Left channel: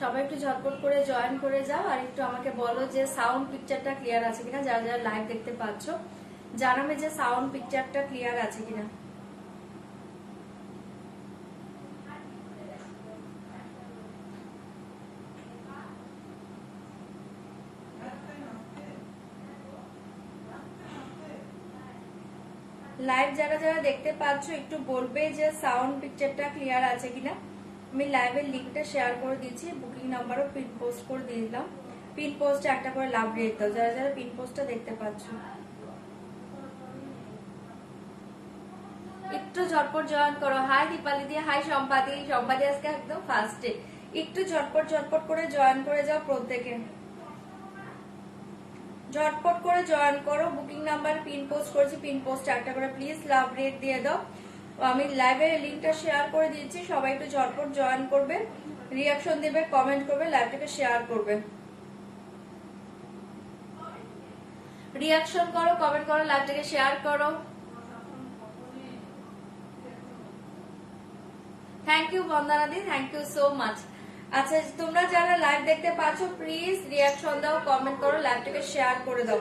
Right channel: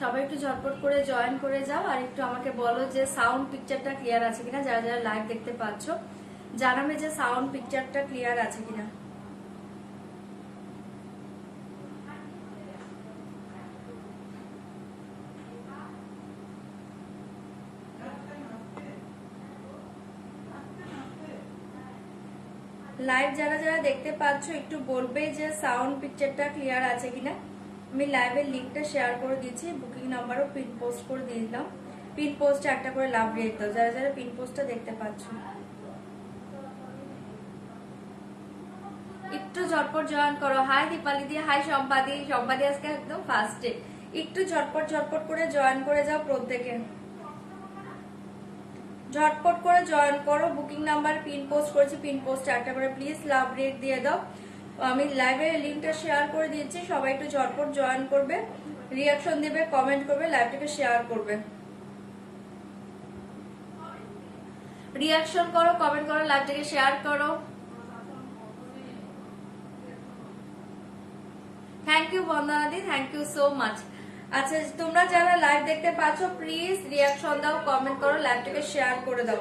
সবাই একটু ঝটপট করে জয়েন করে যাও আর একটু আমাকে বলো যে সাউন্ড পিকচারটা ক্লিয়ার আছে কিনা। যারা যারা লাইভ দেখতে পাচ্ছ জানাবে যে সাউন্ড পিকচারটা ক্লিয়ার আছে কিনা। লাইভ যারা যারা দেখতে পাচ্ছ একটু বলবে যে সাউন্ড পিকচারটা ক্লিয়ার আছে কিনা। আমি লাইভের লিঙ্কটা শেয়ার করে দিয়েছি, বুকিং নাম্বারও পিন পোস্ট করে দিয়ে দিলাম। পিন পোস্টে একটা করে লাভ রেট দাও যারা যারা পিন পোস্টটা দেখতে পাচ্ছ। একটু ঝটপট জয়েন করো। হাই দীপালি দিয়ে, হাই সম্পাদি। সম্পাদি আজকে একদম ফার্স্টে। একটু ঝটপট ঝটপট করে জয়েন করে যাও প্রত্যেকে, ঝটপট করে জয়েন করো। বুকিং নাম্বার পিন পোস্ট করেছি, পিন পোস্টে একটা করে প্লিজ লাভ রেট দিয়ে দাও। আমি লাইভের লিঙ্কটা শেয়ার করে দিয়েছি, সবাই একটু ঝটপট জয়েন করবে, রিয়াকশন দেবে, কমেন্ট করবে, লাইভটাকে শেয়ার করবে। রিয়াকশন করো, কমেন্ট করো, লাইভটাকে শেয়ার করো। থ্যাংক ইউ বন্দনাদি, থ্যাংক ইউ সো মাচ। আচ্ছা তোমরা যারা লাইভ দেখতে পাচ্ছ প্লিজ রিয়াকশন দাও, কমেন্ট করো, লাইভটাকে শেয়ার করে দাও।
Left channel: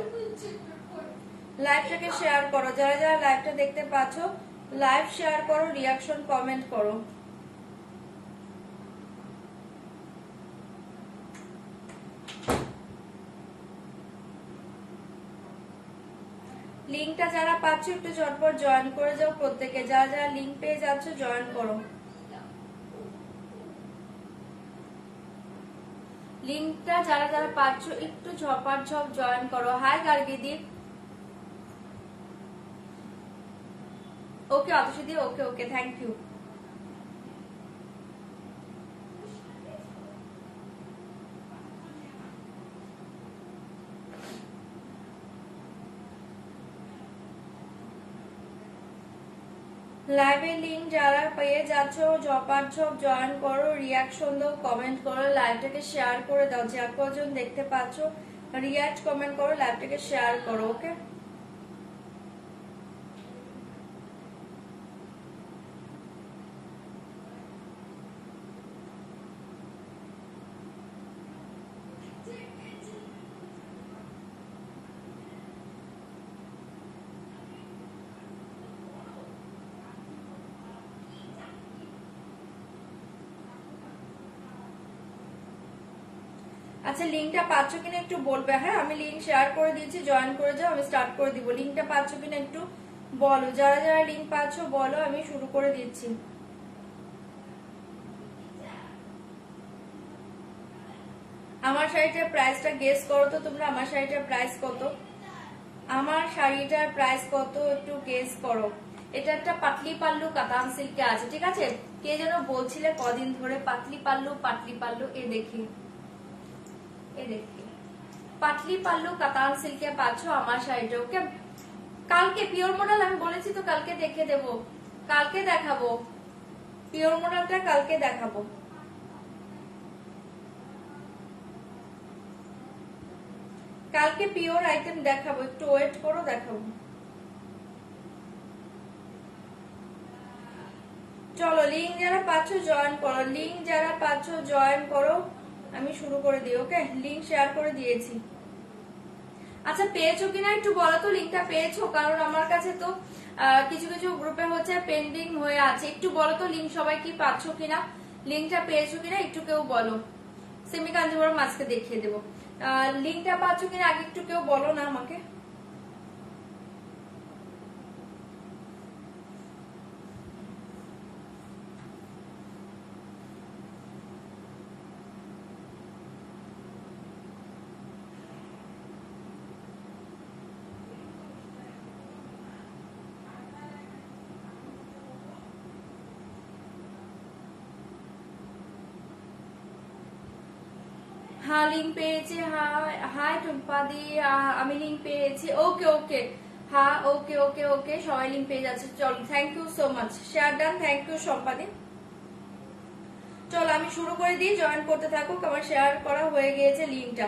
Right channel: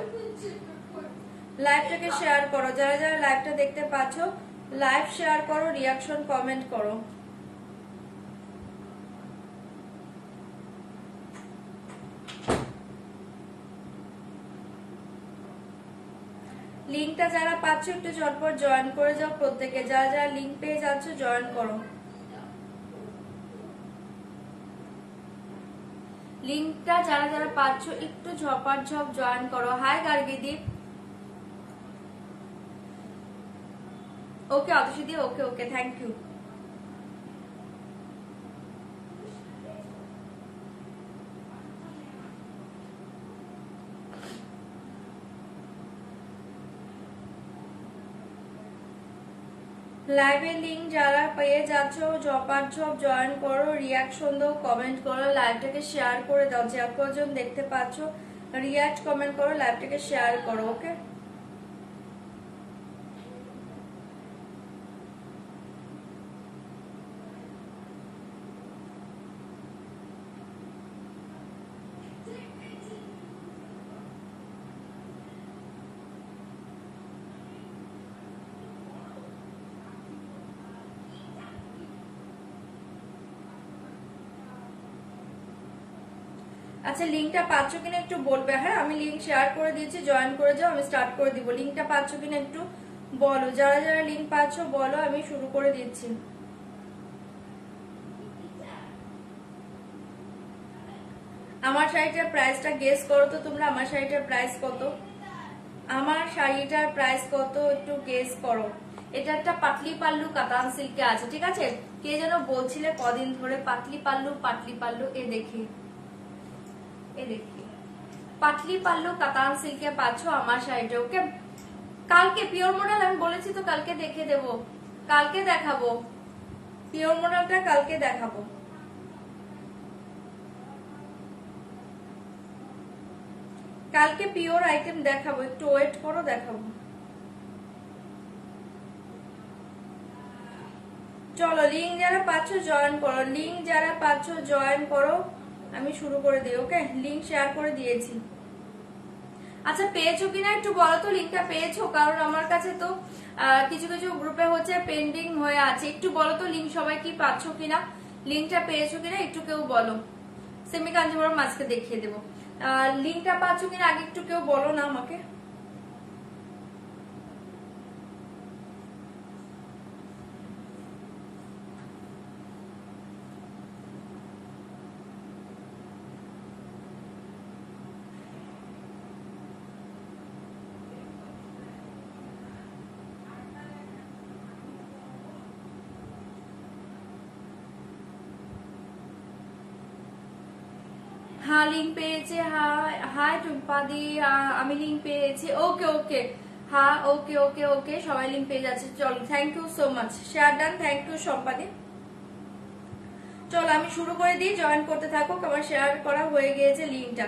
লাইভটাকে শেয়ার করো, যারা যারা লাইভটা দেখতে পাচ্ছ লাইভ শেয়ার করো, রিয়াকশন কমেন্ট করো। লিঙ্কটা যারা পাচ্ছ একটু ঝটপট জয়েন করে যাও প্রত্যেকে, যারা যারা লিঙ্ক পেয়ে যাচ্ছ জয়েন করো। লিঙ্কটা যারা যারা পাচ্ছ একটু ঝপাঝপ জয়েন করো। হাই গার্গিদি, ওকে অতসিদি, ওকে ওকে, থ্যাংক ইউ। লাইভের লিঙ্ক যারা পেয়ে যাচ্ছ ঝপাঝপ জয়েন করো, রিয়াকশন দাও, কমেন্ট করো, লাইভটাকে শেয়ার করে দাও। যে কজন দেখতে পাচ্ছ রিয়াক্ট কমেন্ট করো, লাইভটাকে শেয়ার করো। ওকে আচ্ছা লিঙ্কটা পাচ্ছ কিনা একটু বলবে। হ্যাঁ আমি লিঙ্ক শেয়ার করে দিয়েছি, জয়েন করে যাও, আমি স্টার্ট করে দিব। লিঙ্কটা পাচ্ছ কিনা একটু বলো, যারা যারা লিঙ্ক পাচ্ছ বলো, আমি শুরু করে দিচ্ছি। আমার শাড়িটার প্রাইসটা গেস করো তো তোমরা, আমার শাড়িটার প্রাইস কত? আমার শাড়িটার প্রাইস কত একটু গেস করো। এটা একটা পাতলি পাল্লু কাতান সিল্কে আছে, ঠিক আছে? কে যেন বলছিলে কদিন ধরে পাতলি পাল্লু, এ দেখি পাতলি পাল্লু কাতান সিল্কে পাচ্ছ আমার শাড়িটা। ওকে কালকে পিওর মডেল আমি বলেছি তো কালকে দেখে দেবো, কালকে দেখাবো পিওর মডেলটা, কালকে দেখাবো। কালকে পিওর আইটেম দেখাবো, একটু ওয়েট করো, দেখাবো। চলো লিঙ্ক যারা পাচ্ছ জয়েন করো, লিঙ্ক যারা পাচ্ছ জয়েন করো, আমি শুরু করে দিই। ওকে লিঙ্ক শেয়ার করে দিয়েছি। আচ্ছা পেয়েছো কিনা একটু বলো তো, লিঙ্কটা পেয়েছো? কারণ আমার কাছে তো কিছু কিছু গ্রুপে হচ্ছে পেন্ডিং হয়ে আছে। একটু বলো তো লিঙ্ক সবাই কি পাচ্ছ কিনা, লিঙ্কটা পেয়েছো কিনা একটু কেউ বলো। সেমি কাঞ্জিবরম আজকে দেখিয়ে দেবো। লিঙ্কটা পাচ্ছ কিনা আগে একটু কেউ বলো না আমাকে। হ্যাঁ লিঙ্ক পেয়েছি। হাই টুম্পাদি, আমি লিঙ্ক পেয়েছি। ওকে ওকে হ্যাঁ ওকে ওকে ওকে, সবাই লিঙ্ক পেয়ে যাচ্ছে। চলো thank you so much, share done, thank you সম্পাদি। চলো আমি শুরু করে দিই, জয়েন করতে থাকো। আমার শেয়ার করা হয়ে গিয়েছে লিঙ্কটা,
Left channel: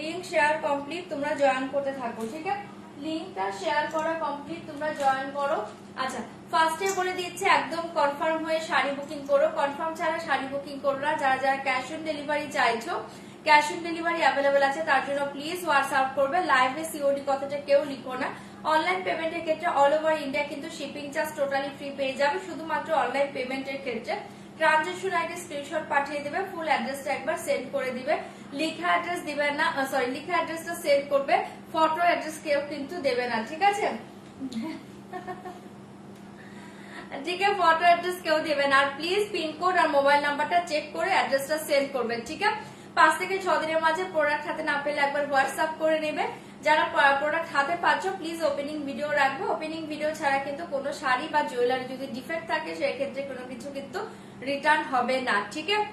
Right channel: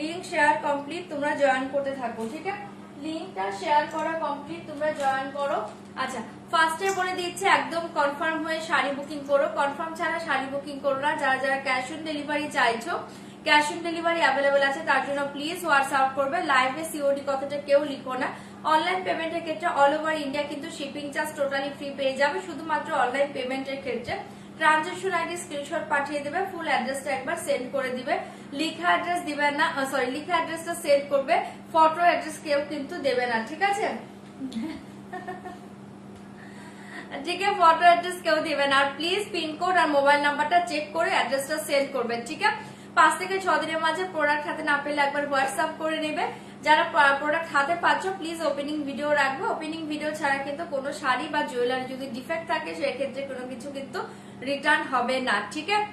লিঙ্ক শেয়ার কমপ্লিট, তোমরা জয়েন করতে থাকো। ঠিক আছে, লিঙ্কটা শেয়ার করা কমপ্লিট, তোমরা জয়েন করো। আচ্ছা ফার্স্টে বলে দিচ্ছে একদম কনফার্ম হয়ে শাড়ি বুকিং করো, কনফার্ম ছাড়া শাড়ি বুকিং করো না। যারা যারা ক্যাশ অন ডেলিভারি চাইছো, ক্যাশ অন ডেলিভারি অ্যাভেলেবেল আছে, তার জন্য প্লিজ হোয়াটসঅ্যাপ করবে। লাইভে সিওডি কথাটা কেউ লিখো না। অনলাইন পেমেন্টের ক্ষেত্রে অল ওভার ইন্ডিয়া কিন্তু শিপিং চার্জ টোটালি ফ্রি পেয়ে যাবে, শুধুমাত্র অনলাইন পেমেন্টের ক্ষেত্রে ট্রানজেকশন আইডি স্ক্রিনশট পাঠিয়ে দেবে, ফুল অ্যাড্রেসটা একবার সেন্ড করে দিবে। লিখা অ্যাড্রেস দিবে না, সরি লিখা অ্যাড্রেসটা সেন্ড করবে, ফটো অ্যাড্রেস কেউ কিন্তু দেবে না। ঠিক আছে, ঠিক আছে, ফটো অ্যাড্রেস কেউ দেবে না। আর প্লিজ পিনকোড আর মোবাইল নাম্বারটা চেক করে অ্যাড্রেসটা সেন্ড করবে। ঠিক আছে, 5 থেকে 6 দিনের মাঝে প্রোডাক্ট হাতে না পেলে একবার হোয়াটসঅ্যাপ করে নেবে। যারা প্রোডাক্ট হাতে পাচ্ছ প্লিজ ওপেনিং ভিডিও রাখবে। ওপেনিং ভিডিও ছাড়া কিন্তু কোনো শাড়ি বা জুয়েলারি যদি ডিফেক্ট থাকে সেক্ষেত্রে কোনো কিছু কিন্তু রিটার্ন হবে না। ঠিক আছে,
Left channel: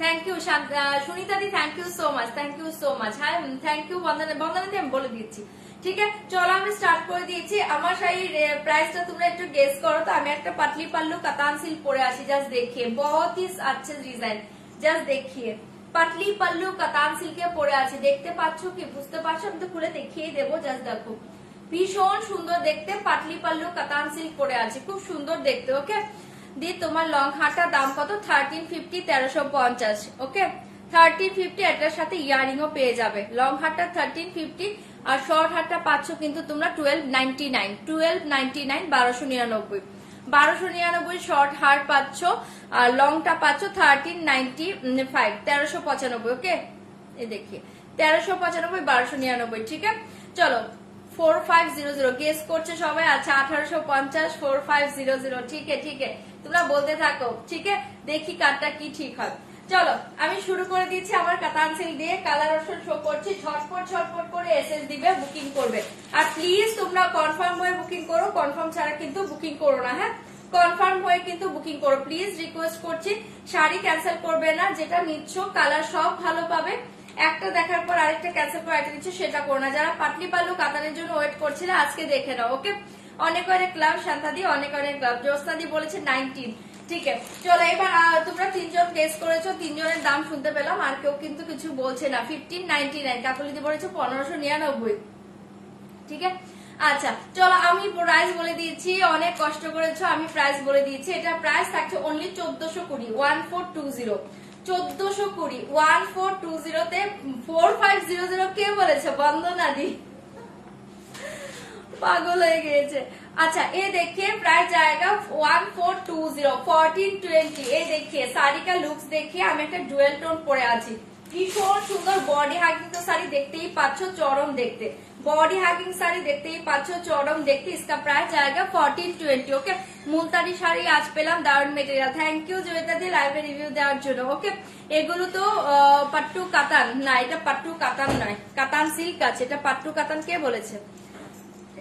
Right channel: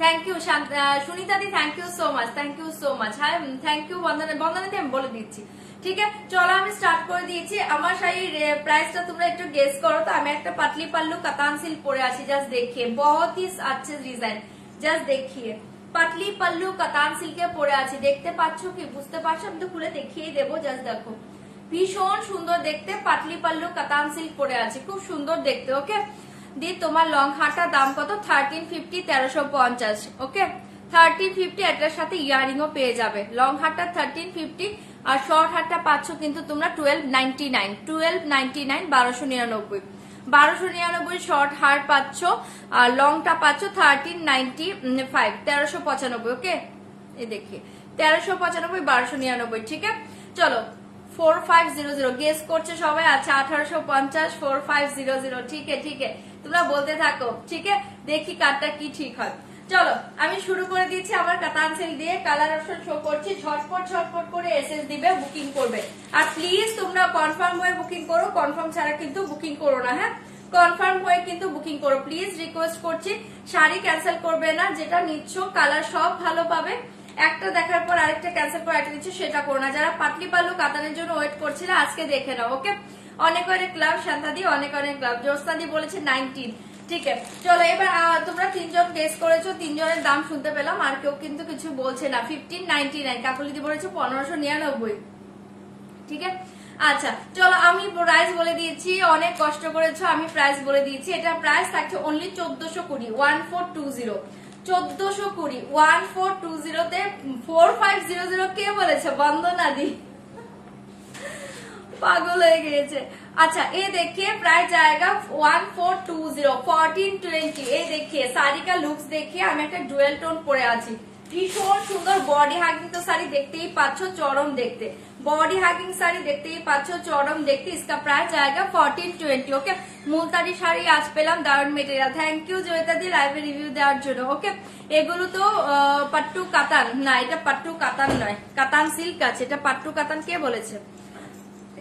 thank you Sunita di, thank you so much, thank you so much. হ্যাঁ থ্যাংক ইউ বন্দনা, বন্দনাতে আমি বলে দিচ্ছি। ঠিক আছে, চলো আমি স্টার্ট করে দিয়েছি। আমার শাড়ির প্রাইসটা তোমরা একটু গেস করো তো। আমি একটা পাতলি পাল্লু কাতান সিল্ক পরে আছি, জাস্ট দেখিয়ে, বহুত হি আচ্ছা ডিজাইন, জাস্ট দেখিয়ে পাতলি পাল্লু কাতান সিল্কে পরে আছি। দেখতে পাচ্ছ কি, বুঝতে পারছো? আমি তো খুলে দেখিয়ে দেবো, জাস্ট দেখো, ভীষণ সুন্দর দেখতে। পাতলি পাল্লু কাতান সিল্ক পরে আছে, খুব সুন্দর দেখতে। ওকে দি, তোমার লং হারটার দাম কত? 1350, 1350। ওকে 1350, এটার সাথে ইয়ারিং ও পেয়ে যাবে। লং হারটা 1350 আর শর্ট হারটা পাচ্ছ কিন্তু তোমরা 1299, 1299, 1299, 1299 শর্ট হার পাচ্ছ, আর লংটা পাচ্ছ 1395, 1395। ওকে এই দেখি 1395, 1299। ঠিক আছে, চলো 4500 গেস করছে সবাই। আচ্ছা 1850, 4500। ঠিক আছে, ঠিক আছে, তোমরা বলতে থাকো। ঠিক আছে, দেখি কারটা কি ঠিক হয়। চলো আমি শুরু করে দিচ্ছি আমার কাতান সিল্ক দিয়ে। কালার অপশন শো করছি, ঝটপট ঝটপট করে এসএস দিবে, বুকিং করবে। আর প্লিজ তোমরা কনফার্ম হয়ে বুকিং করো, কনফার্ম ছাড়া কিন্তু বুকিং করো না। হ্যাঁ কনফার্ম হয়ে কিন্তু বুকিং করো, প্লিজ রিকোয়েস্ট করছি। শাড়ি ক্যান্সেল করবে না, যেটা নিচ্ছ কালার সব ভালো পাবে। একটা দেখার পর আরেকটা ক্যান্সেল করে আরেকটা দিচ্ছে, সেটা করো না। যারা পাতলি পাল্লু কাতানের জন্য ওয়েট করছিল আজকে দেখে নাও। ওকে অনেক অনেক ক্লাব, শান্তাদি অনেক অনেক ক্লাব, জ্যোৎস্নাদি বলেছে 19। ঠিক আছে, চলো এবার তোমরা 3 জন গেস করেছো, 3 জনের দাম শুনতে পেলাম, আর কেউ কিন্তু কিছু বলছে না। 1599, কাকুলিদি বলেছে 1599। ঠিক আছে, আচ্ছা চলো আমি প্রাইস বলে দিয়েছি, অনেক কষ্ট করেছো, আমি প্রাইস বলে দিয়েছি। এটা প্রাইস থাকছে অনলি 1420, 1420, 1420, 1420 তে 4500। কে বলেছে? বন্দনা দি, পাগল হয়ে গিয়েছে। আচ্ছা এই देखिए प्राइस जाएगा 1420, 1420। এই देखिए শাড়ি কা লুকস देखिए, আমি একটা ডুয়েল টোন পরে আছি, ভীষণ সুন্দর বডি হাগিং তো শাড়ি দেখতেই পাচ্ছ, চরম দেখতে বডি হাগিং শাড়ি দেখতেই পাচ্ছ, চরম দেখতে। इसका प्राइस जाएगा 1420। ওকে মুলতানি শাড়ি আজ পেলাম, দারুন মেটেরিয়াল। থ্যাংক ইউ জয়িতা দি লাইভে রিভিউ দেওয়ার জন্য। ওকে এগুলো তো পাট্টু কাতান না, এটা পাট্টু কাতান নয়, কাতান সিল্ক আছে। এটা পাট্টু কাতান কে বলেছে?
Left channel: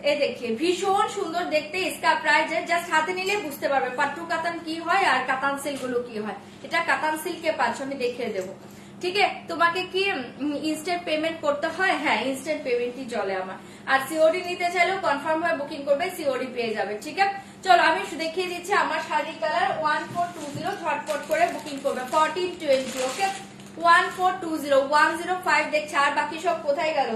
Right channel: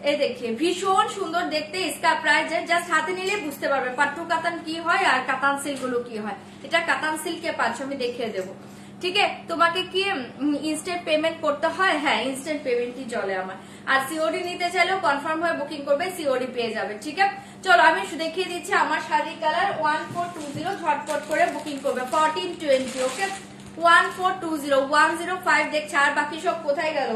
এই দেখে ভীষণ সুন্দর দেখতে। इसका प्राइस জাস্ট হাতে নিলে বুঝতে পারবে পাট্টু কাতান কি হয় আর কাতান সিল্ক গুলো কি হয়। এটা কাতান সিল্কে পাচ্ছ, আমি দেখিয়ে দেবো। ঠিক আছে, তোমাকে কি ইনস্ট্যান্ট পেমেন্ট করতে হয়? হ্যাঁ ইনস্ট্যান্ট পেমেন্টই চলে আমার। আর সিওডি নিতে চাইলেও কনফার্ম হয়ে বুকিং করবে, সিওডি পেয়ে যাবে। ঠিক আছে, চলো আমি দেখিয়ে দিচ্ছি আমার শাড়ির কালার 1420, ঝটপট করে বুকিং করবে 1420। ওকে 1420, 105 দেখছে, আর বাকি সব কোথায় গেল?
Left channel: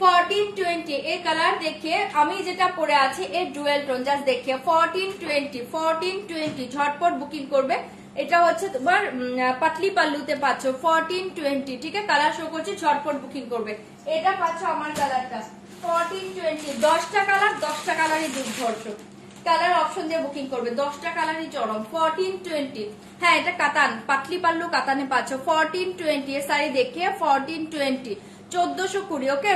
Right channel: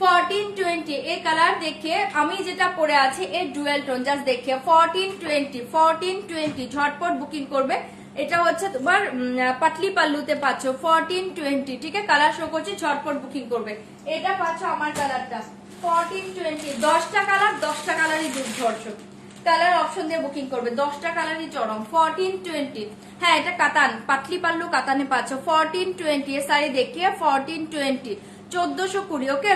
1420 এই কালার দেখে আমি যেটা পরে আছি এই ডুয়েল টোন, জাস্ট দেখে 1420, 1420 ঝটপট বুকিং করবে। এটা হচ্ছে তোমার পাতলি পাল্লুতে পাচ্ছ 1420। ঠিক আছে, কালার শো করছি, ঝটপট বুকিং করবে। এটা পাচ্ছ আমার কালারটা 1420। 10টা কালার, 10টা কালারই দুর্ধর্ষ। কালার অপশন দিয়ে বুকিং করবে, 10টা কালারই চরম। 1420, হ্যাঁ এটা কাতান, পাতলি পাল্লু কাতানে পাচ্ছ 1420। এর শাড়ি দেখিয়ে 1420, 1420। ওকে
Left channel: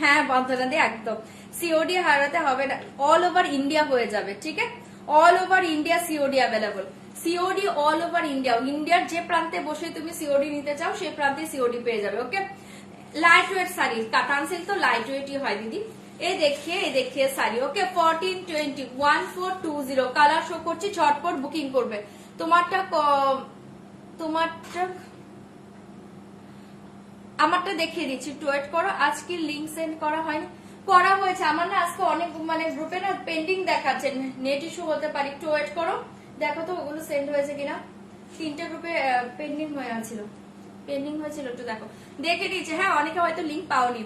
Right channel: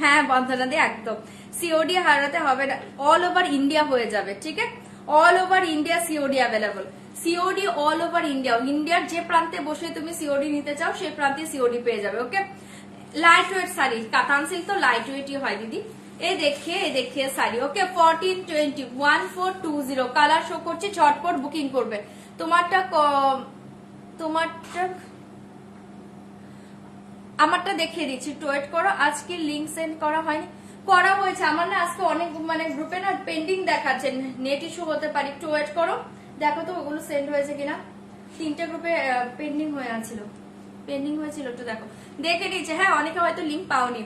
হ্যাঁ বন্ধনা দিয়ে একদম সিওডি হারাতে হবে না, অল ওভার ইন্ডিয়া হয়ে যাবে। ঠিক আছে, all over India COD available, COD all over India. ইন্ডিয়ার যে প্রান্তে বসে তুমি সিওডি নিতে চাও সেই প্রান্তে সিওডি পেয়ে যাবে। ওকে লাইট ওয়েট শাড়ি, কাতান সিল্ক তো লাইট ওয়েটই হয় দিদি। এই দেখিয়ে শাড়ি। ওকে 1420, 1420 কালার শো করছে, ঝটপট বুকিং করবে। তোমারটা আমারটা দেখিয়ে দিচ্ছি, একটু ওয়েট করো। আজকে লিঙ্ক সেন্ড করা হয়নি, করা হয়েছে আমার না, আজকে অনেক মানে গ্রুপে না পেন্ডিং দেখাচ্ছে, নেট ইস্যু হতে পারে, একটু ওয়েট করো দেখো তো ওগুলো সেন্ড হয়েছে কিনা। 3টে গ্রুপে পেন্ডিং হয়ে আছিল, একটু দেখো, দেখে নিচ্ছে। হ্যাঁ, অনেকে হয়তো লিঙ্ক পাওনি।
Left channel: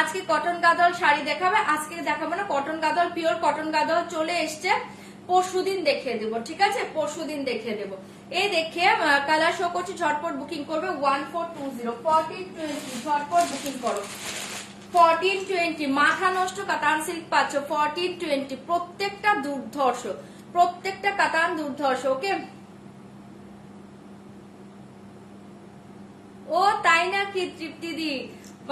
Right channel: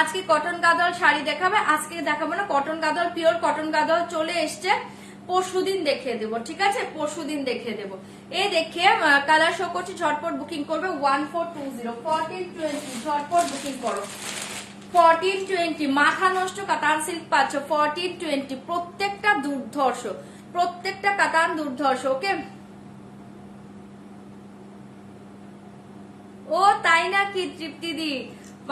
আজকে কটন গাদল শাড়ি দেখাবে, আজকে দেখাবো না cotton Gadwal, pure cotton Gadwal চলে এসছে, পরশুদিন দেখিয়ে দেবো, ঠিক আছে, পরশুদিন দেখিয়ে দেবো। এই দেখিয়ে কালার শো করছি, ঝটপট বুকিং করবে 1420 1420, ঝটপট বুকিং করো 1420। মাথা নষ্ট কাতান সিল্ক পাচ্ছ 1420, প্রত্যেকটা দুর্ধর্ষ, প্রত্যেকটা কাতান দুর্ধর্ষ। ওকে, ও তাই না কি তৃপ্তি দি,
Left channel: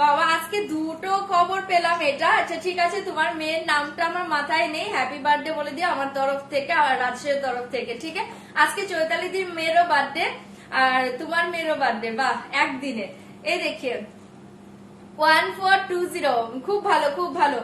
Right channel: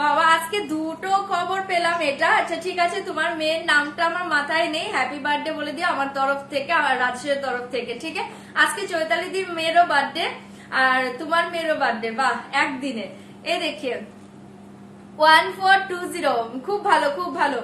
বাবা আজকে দুটো খবর পেলাম এটা। আচ্ছা ঠিক আছে, তোমার মেয়ের নামটা আমার মাথায় নেই, হ্যাপি বার্থডে বলে দিও আমার তরফ থেকে আর রাজেশের তরফ থেকে, ঠিক আছে। আজকে চৈতালি দির মেয়েরও বার্থডে আর তোমার মেয়েরও বার্থডে, বাহ একদিনে। এই দেখে 1420, খুব ভালো খুব ভালো।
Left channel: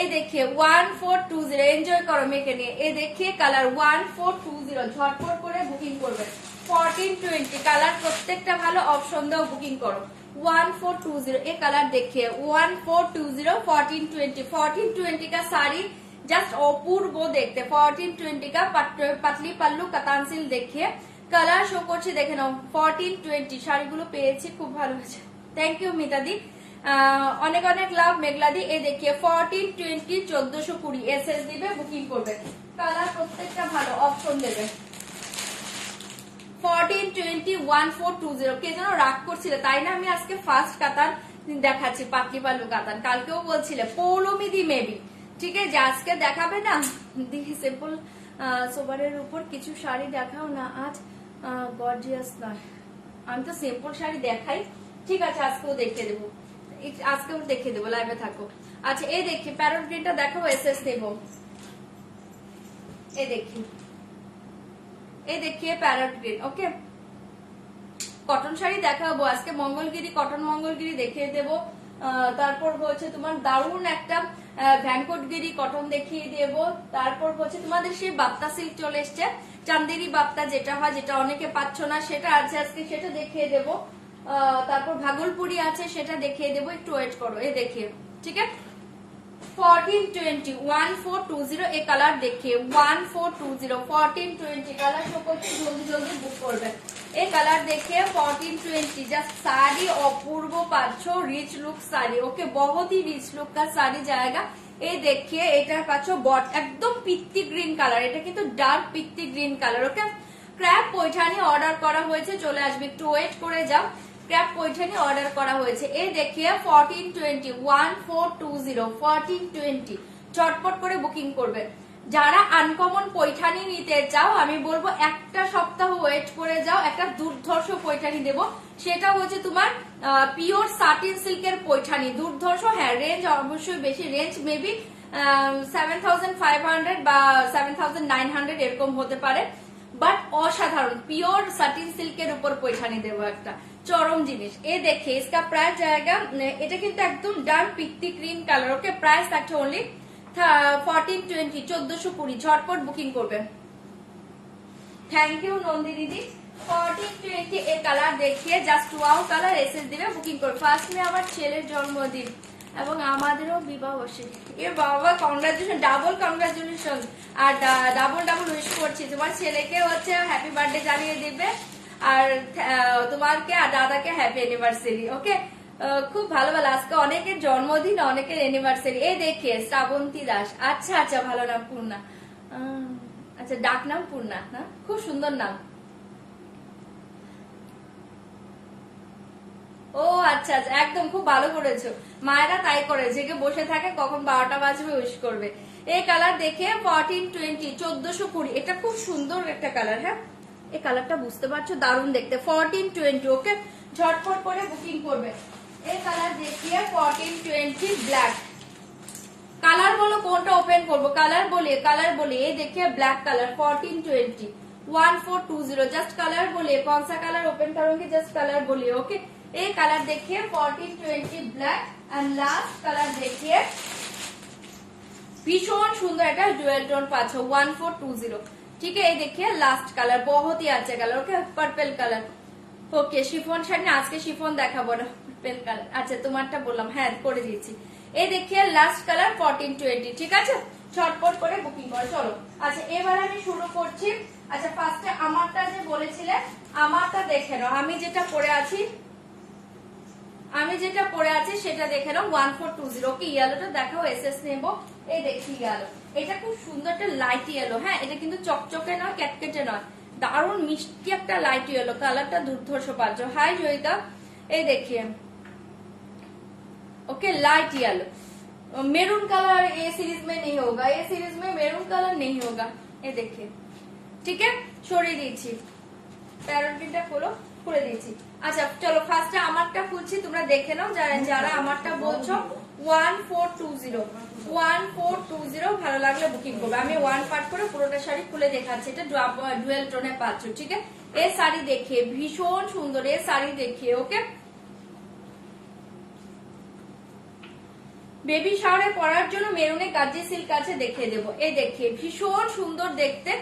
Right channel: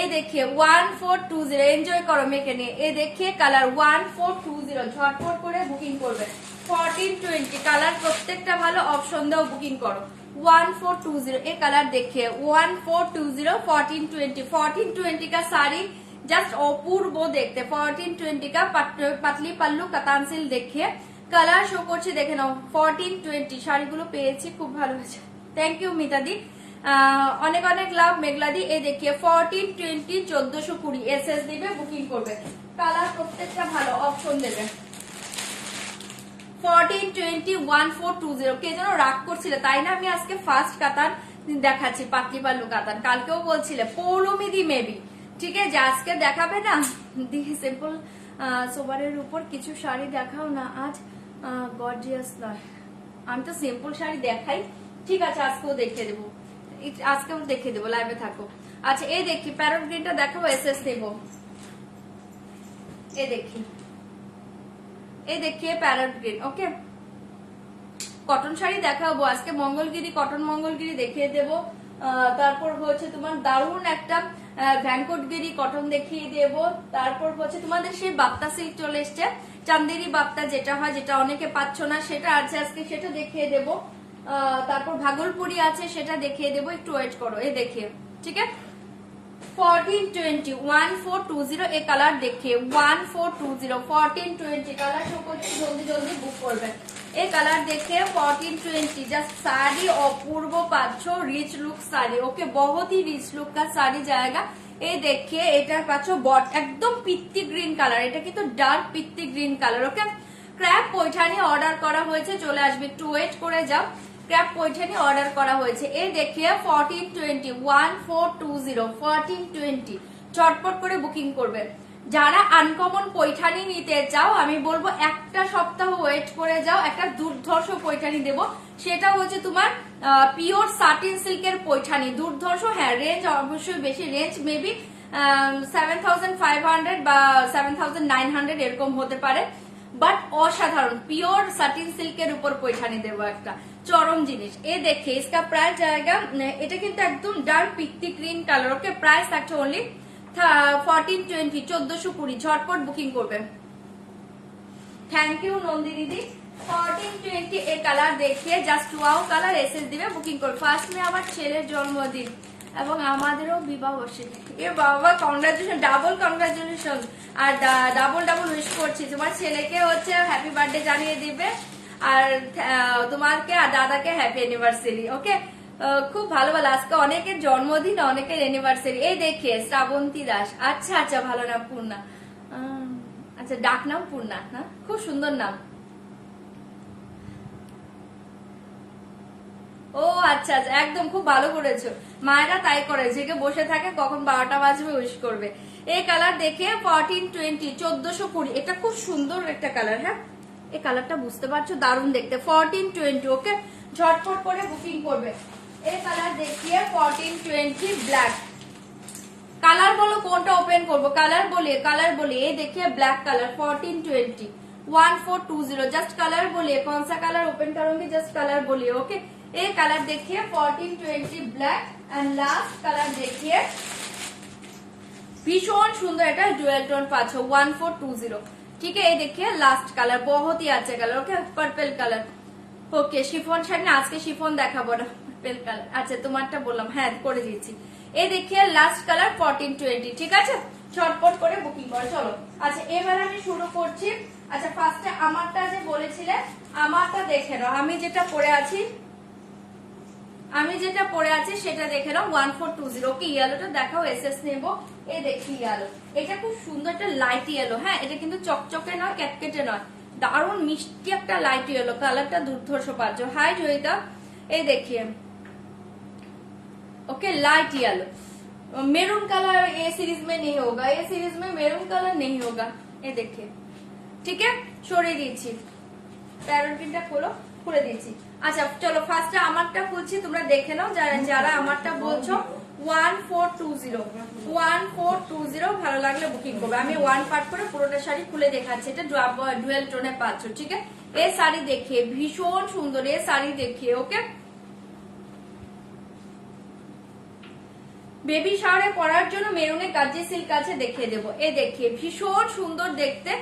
এই দেখে 1420, এনজয় করো মেয়েকে নিয়ে। এই দেখে কালার 1420, ঝটপট করে বুকিং করবে 1420 কালার, প্রত্যেকটা ভালো, অপশন দাও বুকিং করো 1420। এই কালার দেখে 1420 1420, 1420 का साड़ी जस्ट অপূর্ব দেখতে, 1420 का পাতলি পাল্লু কাতানসিল দেখিয়ে কালার শো করছি, দেখে নাও 1420 শাড়িগুলো পেয়েছি, খুব ভালো হয়েছে, থ্যাংক ইউ মিতাদি, অনেক অনেক লাভ মেঘলাদি। এই দেখিয়ে 1420 1420 এসএস দিবে, বুকিং করবে, কালার প্রত্যেকটা ভালো, অপশন দেবে 1420 1420। কে যেন রাগ করছিল তাই না, আমি আজকে ফার্স্ট কাতান দেখাচ্ছি, পাতলি পাল্লু কাতান, কালকেও বলছিলে পৌলমিদি মেবি, ঠিক আছে, আজকে দেখাবে না দিদি সিম্পল সোবারের উপর কিছু শাড়ি দেখাও না আজ, গর্জিয়াস নয়, আমি তো সিম্পল শাড়ি দেখাই, ঠিক আছে আজকেও দেখিয়ে দেবো, আজকেও দেখিয়ে দেবো, লাইভে থাকো। আচ্ছা এই দেখি প্যারট গ্রিনটা দেখাবো, এসএস দেবো, এই দেখি, এই দেখিয়ে প্যারট গ্রিন। ওকে, কটন শাড়ি দেখাবো আজকে, মঙ্গলগিরি কটন মঙ্গলগিরি দেখিয়ে দেবো, তারপর হচ্ছে তোমার দারুণ একটা ভ্যানকোটগিরি কটন দেখিয়ে দেবো, তারপর হচ্ছে তোমাদের সেই বাপ্তা সিল্ক চলে এসছে, চান্দেরি বাপ্তা যেটা হয়, যেটা অনেকে পাচ্ছ না সেটা আছে আজকে, সেটা দেখিয়ে দেবো, তারপর ভাগলপুরি আছে সেটা দেখিয়ে দেবো, একটু ওয়েট করো। এই দেখিয়ে, ঠিক আছে 1420 1420, এই কালার দেখিয়ে 1420 1420 কালার সকলকে জলদি জলদি বুক করবে। এই কালার দেখে 1420, জাস্ট শাড়ি অপূর্ব পাচ্ছ, রিচ লুক শাড়ি। ওকে, বহুত ही রিচ লুক का শাড়ি জায়গা। এই দেখে এটা পাচ্ছ বট একদম পিত্তি গ্রিন কালার, এটা কিন্তু ডার্ক পিত্তি গ্রিন কালার। ওকে, ক্র্যাপ পৈঠানি অর্ডার করা হয়েছে, চলে আসবে, একটু ওয়েট করে যাও, ক্র্যাপ পৈঠানি অর্ডার করা হয়েছে। এই দেখিয়ে 1420 1420 1420, চটপট করে বুকিং করবে। যারা আনকমন পৈঠানি নিতে চাও আমি বলবো একটা সপ্তাহ ওয়েট করে যাও, একটা দুর্ধর্ষ পৈঠানি দেবো, সেটা হচ্ছে তোমার পিওর সাটিন সিল্কের পৈঠানি, দুর্ধর্ষ। হ্যাঁ, রেঞ্জ অবশ্যই বেশি, রেঞ্জ মেবি 7500 বা 7900 এরকম হতে পারে, বাট অসাধারণ পিওর সাটিন সিল্কের উপর পৈঠানি দেবো, একটা চরম জিনিস। এ দেখে इसका প্রাইস জায়গা, এটা কিন্তু একদম ডার্ক পিত্তি গ্রিন কালার। ওকে, প্রাইস থাকছে অনলি 1420 1420, ঝটপট বুকিং করবে। থ্যাংক ইউ নন্দি দিদি। 1420 এই কালার দেখিয়ে জাস্ট ওয়াও কালার এসএস দিবে, বুকিং করবে। ফার্স্ট মে আমার ছেলের জন্মদিন এবং আমাদেরও বিবাহ বার্ষিকী। এ বাবা, কংগ্রাচুলেশন, ডাবল কংগ্রাচুলেশন, আর ডাবল ডাবল উইশ করছি। তোমার ছেলেকে হচ্ছে হ্যাপি বার্থডে জানিয়ে দিবে, আর তোমাকে আর দাদাকে হ্যাপি অ্যানিভার্সারি। ওকে, খুব ভালো ভালো, আজকে অনেকের জন্মদিন, অনেকের অ্যানিভার্সারি। এই দেখে শ্রাবন্তী দাস, আচ্ছা আচ্ছা, ভালো নাম, পূর্ণা, আচ্ছা ডাক নাম পূর্ণা, হ্যাঁ খুব সুন্দর নাম। ও আচ্ছা আচ্ছা, একদম খুব ভালো করেছো, মায়েরা তাই করে, জেগে বসে থাকে কখন 12টা বাজবে উইশ করবে। এই কালার দেখে 1420 1420, এটা খুব সুন্দর একটা কালার। হ্যাঁ, এই কালারটা বুঝতে পারছো, দারুণ দেখতে, 1420। ওকে, ঝটপট করে বুকিং করবে। এই কালার দেখিয়ে 1420 ব্ল্যাক, কালার বলো কোনটা ওপেন করবো, কালার বলে এই देखिए ब्लैक कलर 1420 1420, जस्ट कलर बोलिए कौन सा कलर ओपन करूंगी, जस्ट कलर बोलिए। ओके, ये कलर देखिए 1420 ब्लैक, एंड लास्ट कलर देखिए भीषण सुंदर, এটা ডুয়েল টোন পাচ্ছ 1420। ठीक है, ये देखिए लास्ट कलर, बहुत ही अच्छा colour. Okay, purple colour. Okay, chiffon sari না, আজকে শিফন দেখাবো না, পেল কালার। আচ্ছা তোমারটা বললাম, হ্যাঁ করে দিয়েছি। এই দেখিয়ে লাস্ট কালার 1420, ঠিক আছে, ছটপট করে বুকিং করো। চলো আচ্ছা এবার আমি শুরু করছি। আচ্ছা ফার্স্টে আমারটা যে বলেছিলে, আমারটা দেখে নাও, আমি যেটা পরে আছি সেটা দেখে নাও। 1420, ওকে ইয়েলোটা দেখাও, এসএস নেবো। এই দেখি ইয়েলো, এটা খুব সুন্দর একটা লাইট ইয়েলো। হ্যাঁ এটা কিন্তু চকচকে নয়, ক্যাটকেটে নয়, দারুণ মিষ্টি একটা লাইট ইয়েলো, কালারটা দুর্ধর্ষ পাচ্ছ। হাই জয়িতা, এই দেখিয়ে okay light yellow, maroon colour A series में नहीं होगा, ए सीरीज में मेरून कलर नहीं होगा। ये देखिए, ठीक है, সরিয়ে দিয়েছি, প্যারোটিনটা খুলে দিয়েছি। আচ্ছা চলো ফার্স্টে আমারটা খুলছি, তোমরা দেখে নাও যারা আমারটা বলছো। 1420 ভালো লাগলে বুকিং করবে। আমি ওয়ান পার্ট করে পুরোটা শাড়ি খুলে দেখাচ্ছি। এটা ডুয়েল টোনে পাচ্ছ, ঠিক আছে। এই শাড়ি দেখিয়ে ভীষণ সুন্দর, এই শাড়ি দেখিয়ে ওকে বেবি শাওয়ারে পরার জন্য মেরুনে গাজি সিল্ক আছে, দেখিয়ে দেবো। এই দেখিয়ে ভীষণ সুন্দর দেখতে।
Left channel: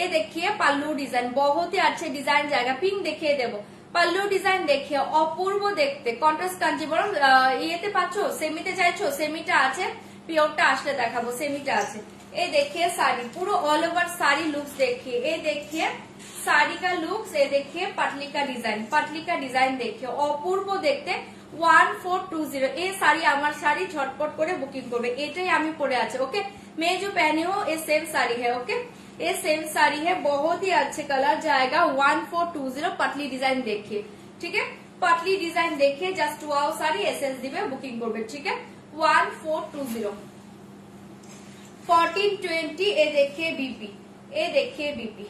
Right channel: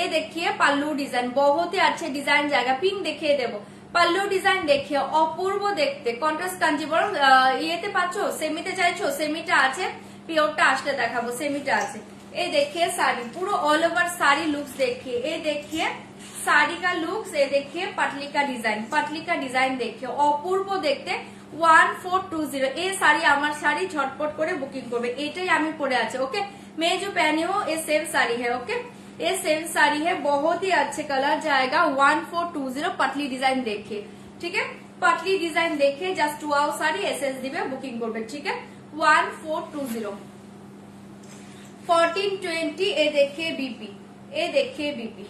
এই দেখিয়ে পাল্লু ডিজাইন বহুতই আছে, ডিজাইন জায়গা পিঙ্ক দেখিয়ে দেবো। পাল্লু ডিজাইন দেখিয়ে অপূর্ব দেখতে, কন্ট্রাস্ট কাঞ্জিবরম ইয়েতে পাচ্ছ, সেমিতে চাইছো, সেমিটা আছে, পিওরটা আসলে দেখাবো, সেমিটা আছে। এই দেখিয়ে শাড়ি পুরো অল ওভার শাড়ি লুকস দেখিয়ে, এই দেখিয়ে শাড়ি কা লুকস, এই দেখিয়ে পাটলি কা ডিজাইন দেখিয়ে অপূর্ব দেখতে। 1420 এই শাড়ি আমার শাড়ি, ঝটপট করে বুকিং করবে। এটাই আমি পরে আছে, ओके। मैं जो पहनी हूँ ये सेम साड़ी है, ओके, ये सेम साड़ी है, बहुत ही अच्छे कलर जाएगा। 1420 पतली डिजाइन देखिए, ठीक है, पतली डिजाइन देखिए, जस्ट वाओ साड़ी एसएस दिबे बुकिंग করবে, ठीक है। 1420 1420 এ দেখিয়ে বিপি, এ দেখিয়ে বিপি,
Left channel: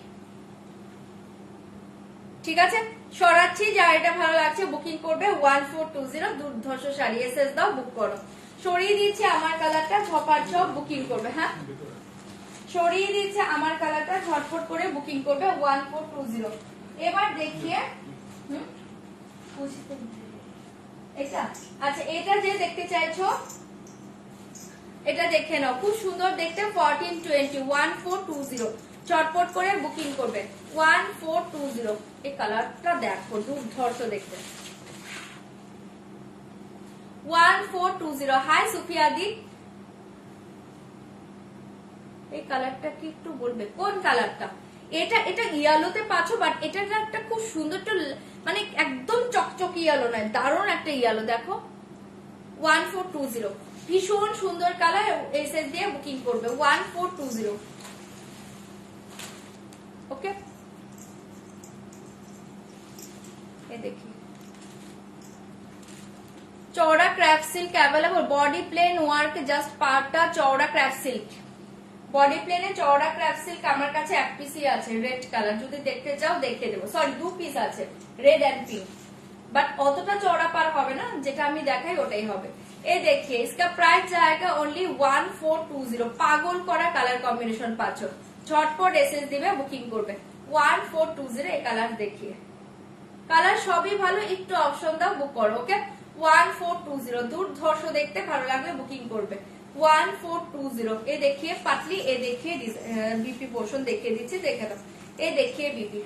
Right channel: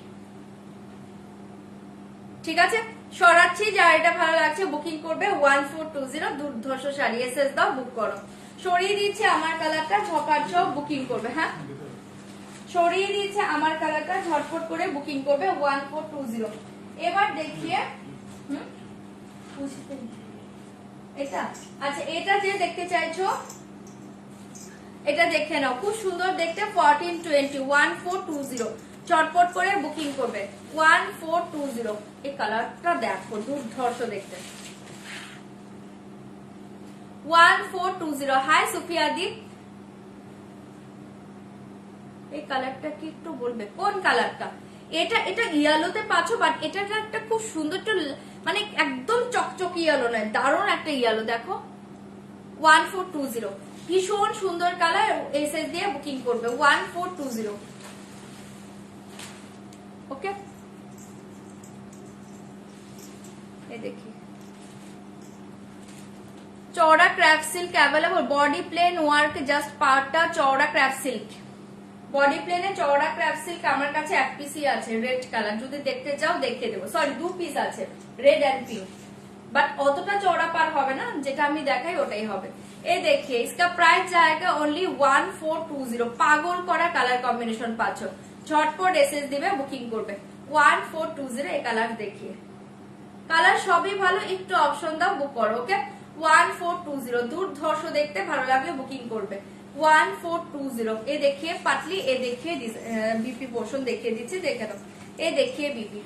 ঠিক আছে। সরাচ্ছি, যার এটা ভালো লাগছে বুকিং করবে। 1420 দুর্ধর্ষ শাড়ি, এসএস দাও, বুক করো। সরিয়ে দিচ্ছে আমার কালারটা, ঝপাট ঝপ বুকিং করবে। হ্যাঁ সরিয়ে দিচ্ছে আমার কালারটা, ঝটপট করে বুকিং করবে। 1420 এবার দেখিয়ে এটা। আচ্ছা এটা যে দেখতে চাইছো এটা দেখে নাও, খুব সুন্দর দেখতে। 1420 1420 চটপট করে বুকিং করবে। 1420 এই কালারটা দেখো দুর্ধর্ষ দেখতে। 1420 হাই সুফিয়া দি, এই কালারটা কি একটু বলবে কোন কালারটা? এটা ইয়েলোতে পাচ্ছ, বাট এটা একটা খুব সুন্দর, মানে একদম চকচকে ইয়েলো নয়, দারুণ একটা ইয়েলো দেখো। 1420 ভীষণ সুন্দর কালার, এসএস দিয়ে বুকিং করবে। 1420 ओके। ये देखिए चौड़ा craft silk available, body plain work, just পার্টটা চৌড়া ক্রাফট সিল্ক, বডি প্লেনে চৌড়া ক্রাফট সিল্ক আমার কাছে এক পিসই আছে, রেড কালার, যদি দেখতে চাও দেখে দেবো। সরি 2 পিস আছে, রেড এন্ড পিঙ্ক, বাট অতটা চৌড়া পার হবে না, যেটা আমি দেখাই ওটাই হবে। এই দেখিয়ে इसका प्राइस जाएगा ओनली 1420, পাগল করা কালার কম্বিনেশন পাচ্ছ, ঝটপট এসএস দিবে বুকিং করবে। 1420 এই কালার দেখিয়ে, কালার সবই ভালো, একটু অপশন দাও, বুক করো, ওকে। 1420 দুর্ধর্ষ দেখতে, ভালো লাগলে বুকিং করবে। 1420 এ দেখিয়ে পাতলি, এ দেখিয়ে বিপি পোর্শন দেখিয়ে দিচ্ছি, দেখে নাও। এ দেখিয়ে বিপি,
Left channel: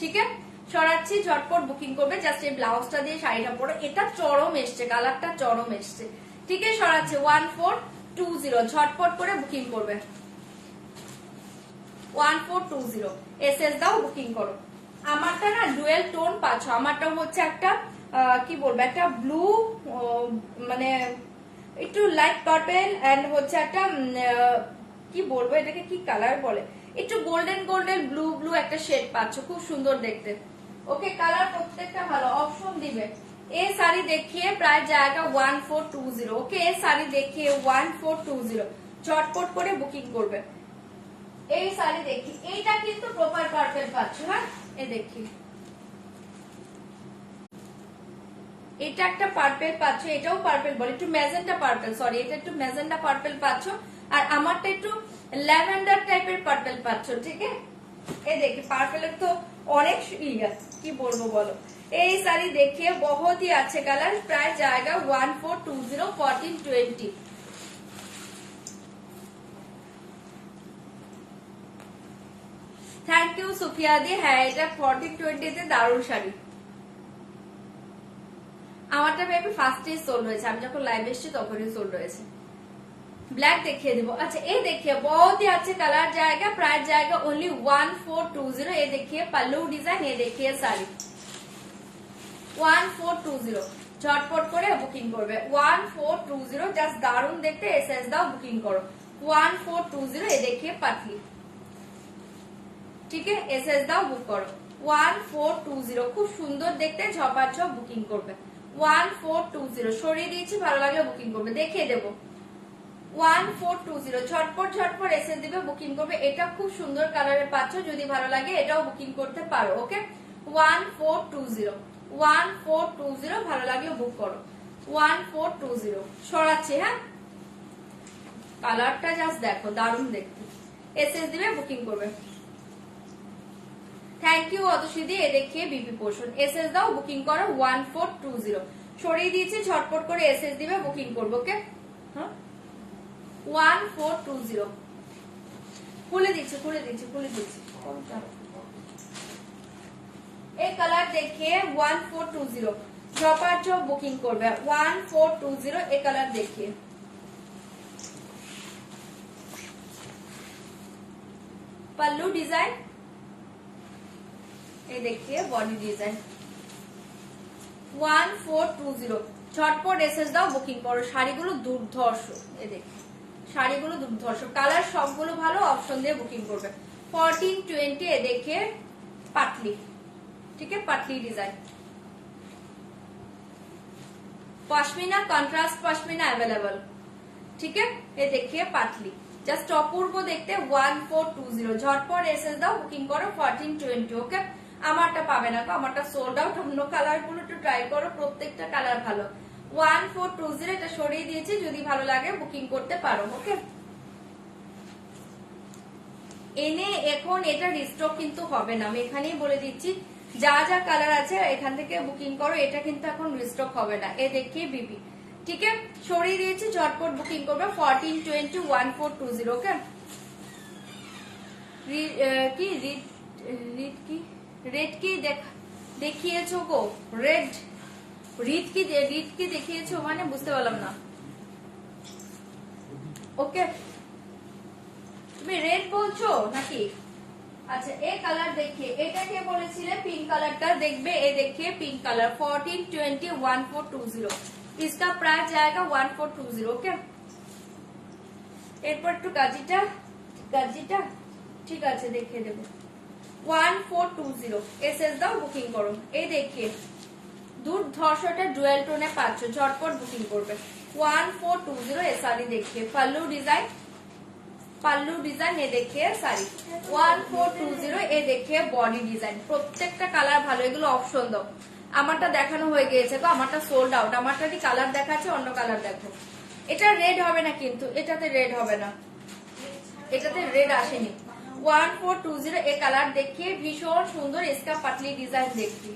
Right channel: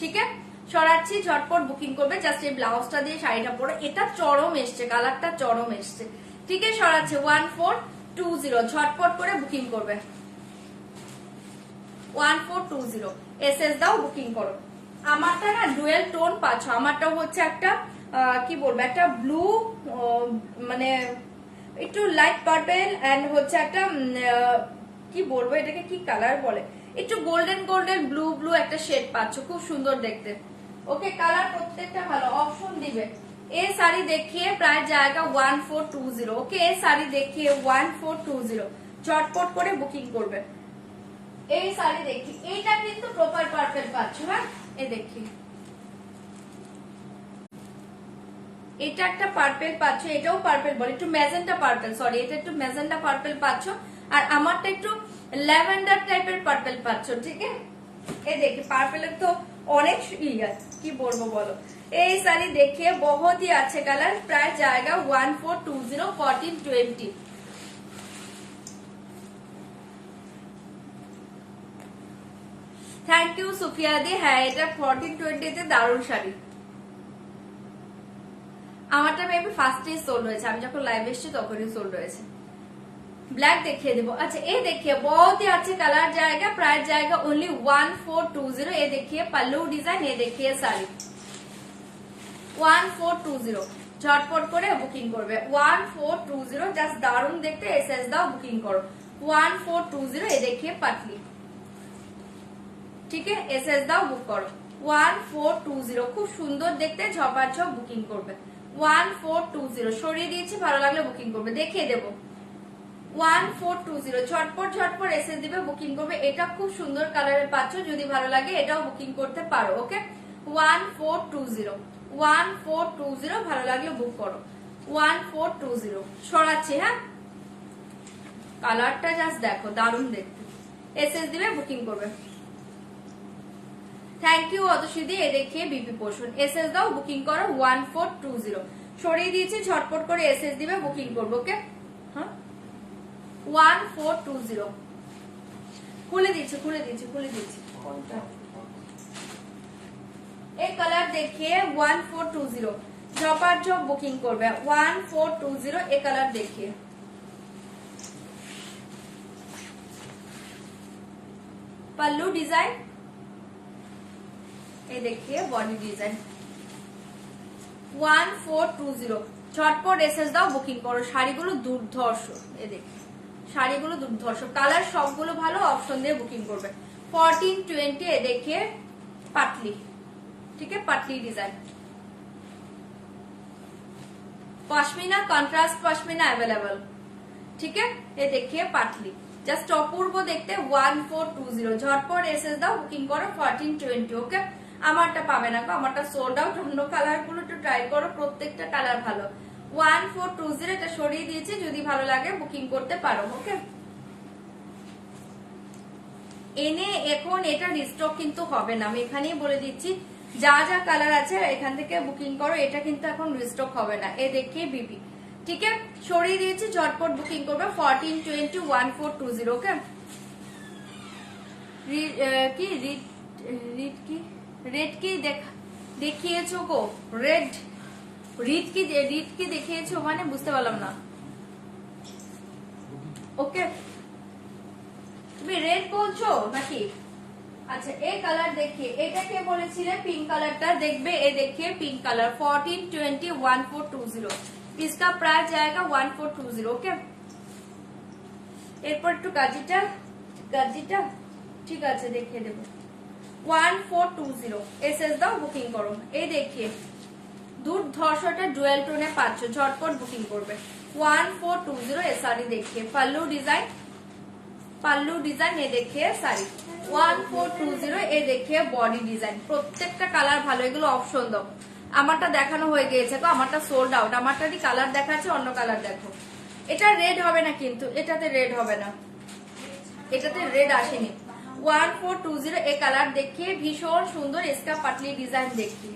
ঠিক আছে। সরাচ্ছি, ঝটপট বুকিং করবে। জাস্ট এই ব্লাউজটা দিয়ে শাড়িটা পরে, এটা চরম এসছে, কালারটা চরম এসছে, ঠিক আছে। সরাচ্ছে 1420 ঝটপট করে বুকিং করবে। 1420 এসএস দাও, বুকিং করো। আমারটা না ডুয়েল টোন পাচ্ছ, আমারটা হচ্ছে একটা কি বলবো, একটা ব্লু, মানে একটু লাইট পার্পেল, এন্ড হচ্ছে একটা কি বলবো এটাকে কি কালার বলে, একটু গোল্ডেন গোল্ডেন ব্লু ব্লু একটা শেড পাচ্ছ, খুব সুন্দর দেখতে, ওকে। কালার প্রত্যেকটা ভালো, অপশন দিবে। এই শাড়ি দেখিয়ে প্রায় জায়গা 1420, ওকে। এই শাড়ি দেখিয়ে 1420 চটপট করে বুকিং করবে। এই শাড়ি দেখি, এইটা কিন্তু প্রপার পার্পেল পাচ্ছ, হ্যাঁ এই দেখি, এটা একটা পার্পেল পাচ্ছ, এটাও পার্পেল বলে, একটু ম্যাজেন্টা পার্পেল, সরি এটা একটু ম্যাজেন্টা পার্পেল পাচ্ছ, আর আমারটা একটু ল্যাভেন্ডার টাইপের পার্পেল পাচ্ছ, ঠিক আছে। এই দেখি পার্পেলের তো অনেক কি বলবো বলো। এই শাড়ি দেখিয়ে বহুত ही अच्छे कलर, প্রায় জায়গা 1420 1420। থ্যাংক ইউ সুফিয়া দি। হ্যাঁ এটা 1420 তে দারুণ শাড়ি, আমারটা মেবি ফার্স্টেই সোল্ড হয়েছে, আমি যখন লাইভ এসেছি তখনই সোল্ড হয়েছে। ব্ল্যাক দেখিয়ে দেবো। अच्छा ये देखिए बहुत ही अच्छे कलर जाएगा, प्राइस जाएगा ओनली 1420। ये देखिए पल्लू डिजाइन, ये देखिए साड़ी 1420। झटपट করে বুকিং করবে 1420। জাস্ট দারুণ দেখতে, এসএস দাও বুকিং করো 1420। ये देखिए पतली, ঠিক আছে, এসএস দাও বুক করো 1420। খুব সুন্দর দেখতে, ঝপাঝপ বুকিং করবে 1420। সরিয়ে দিয়েছি, ভালো লাগলে বুকিং করবে, দেখিয়ে দেবো 1420। ঝটপট ঝটপট এসএস দিবে, বুকিং করবে। এটা খুব সুন্দর কালারের পাচ্ছ, যদি ভালো লাগে এটাও বুকিং করতে পারো। ওকে 1420 1420, ভালো লাগলে বুক করো 1420। সরাচ্ছি, হ্যাঁ, কালারটা জাস্ট দেখো, দারুণ দেখতে, এসএস দিবে বুকিং করবে। Thank you অতসিদি। এ দেখিয়ে বিপি পোর্শন, এসএস দাও বুকিং করো 1420। সরিয়ে দিয়েছি, ঝটপট করে এসএস দিবে বুকিং করবো। ওকে 1420। খুলে দিচ্ছি খুলে দিচ্ছি খুলে দিচ্ছি। এই কালার দেখিয়ে 1420, ঝপাঝপ বুকিং করবে 1420। এই কালার দেখিয়ে पल्लू डिजाइन, ये देखिए बॉडी डिजाइन 1420। ঝটপট এসএস দাও বুকিং করো। শাড়িগুলো দুর্ধর্ষ, এই দেখো শাড়িগুলো দুর্ধর্ষ, কালার সবগুলো ভালো, অপশন দিয়ে বুকিং করবে 1420। ये देखिए पतली, ठीक है, पतली design pashmina, contrast pashmina available, ठीक है। ये देखिए पतली, জাস্ট অপূর্ব দেখতে 1420। ঝটপট এসএস দাও বুকিং করো 1420। ওকে আমারটা পাবে না, আমারটা সোল্ড আউট। অন্য কালার গুলো একটু ট্রাই করো, প্রত্যেকটা কালার ভালো 1420। এটা সরিয়ে দিয়েছি, যদি ভালো লাগে বুকিং করতে পারো। ওকে এনে এখন এটা রিস্টক কিন্তু হবে না, আমি এখানেই বলে দিচ্ছি, যা যা কালার আছে এখান থেকে বুকিং করো, এটা কিন্তু এখন রিস্টক হবে না। এ দেখিয়ে বিবি, ঠিক আছে, সরিয়ে দিয়েছি, ঝটপট বুকিং করবে 1420 1420। ওকে কি রেড কি দেখিয়েছো গো, রেড রিড কি দেখিয়েছো, মানে বুঝতে পারলাম না। ওকে তুমি রেড বলছো নাকি? আচ্ছা এই কালার দেখিয়ে, এটাকে বলেছিলে পিঙ্ক কালারটা দেখবে। এ দেখিয়ে পিঙ্ক কালার 1420 1420। इसका प्राइस जाएगा 1420। ओके এরপর একটু গাজিটা ঠিক আছে দেখিয়ে দেবো 1420। এসএস দাও বুকিং করো। এই দেখিয়ে দুর্ধর্ষটা ডুয়েল টোনে পাচ্ছ, ঝটপট বুকিং করবে 1420। এ শাড়ি দেখিয়ে पल्लू डिजाइन, ये देखिए শাড়ি 1420। এ দেখিয়ে বডি ডিজাইন, প্রত্যেকটা কালার ভালো, এগুলো অপশন দাও। আমারটা দেখানো হয়ে গিয়েছে তো, আমারটা সোল্ড আউট। আমারটা কি কালার দেখাচ্ছে, অন্য কালার দেখো। এটা রেড হবে না কিন্তু, এটাতে রেড হবে না, এটাতে রেড আসেনি। 1420। এই কালার দেখিয়ে ভীষণ সুন্দর, इसका पतली डिजाइन देखिए,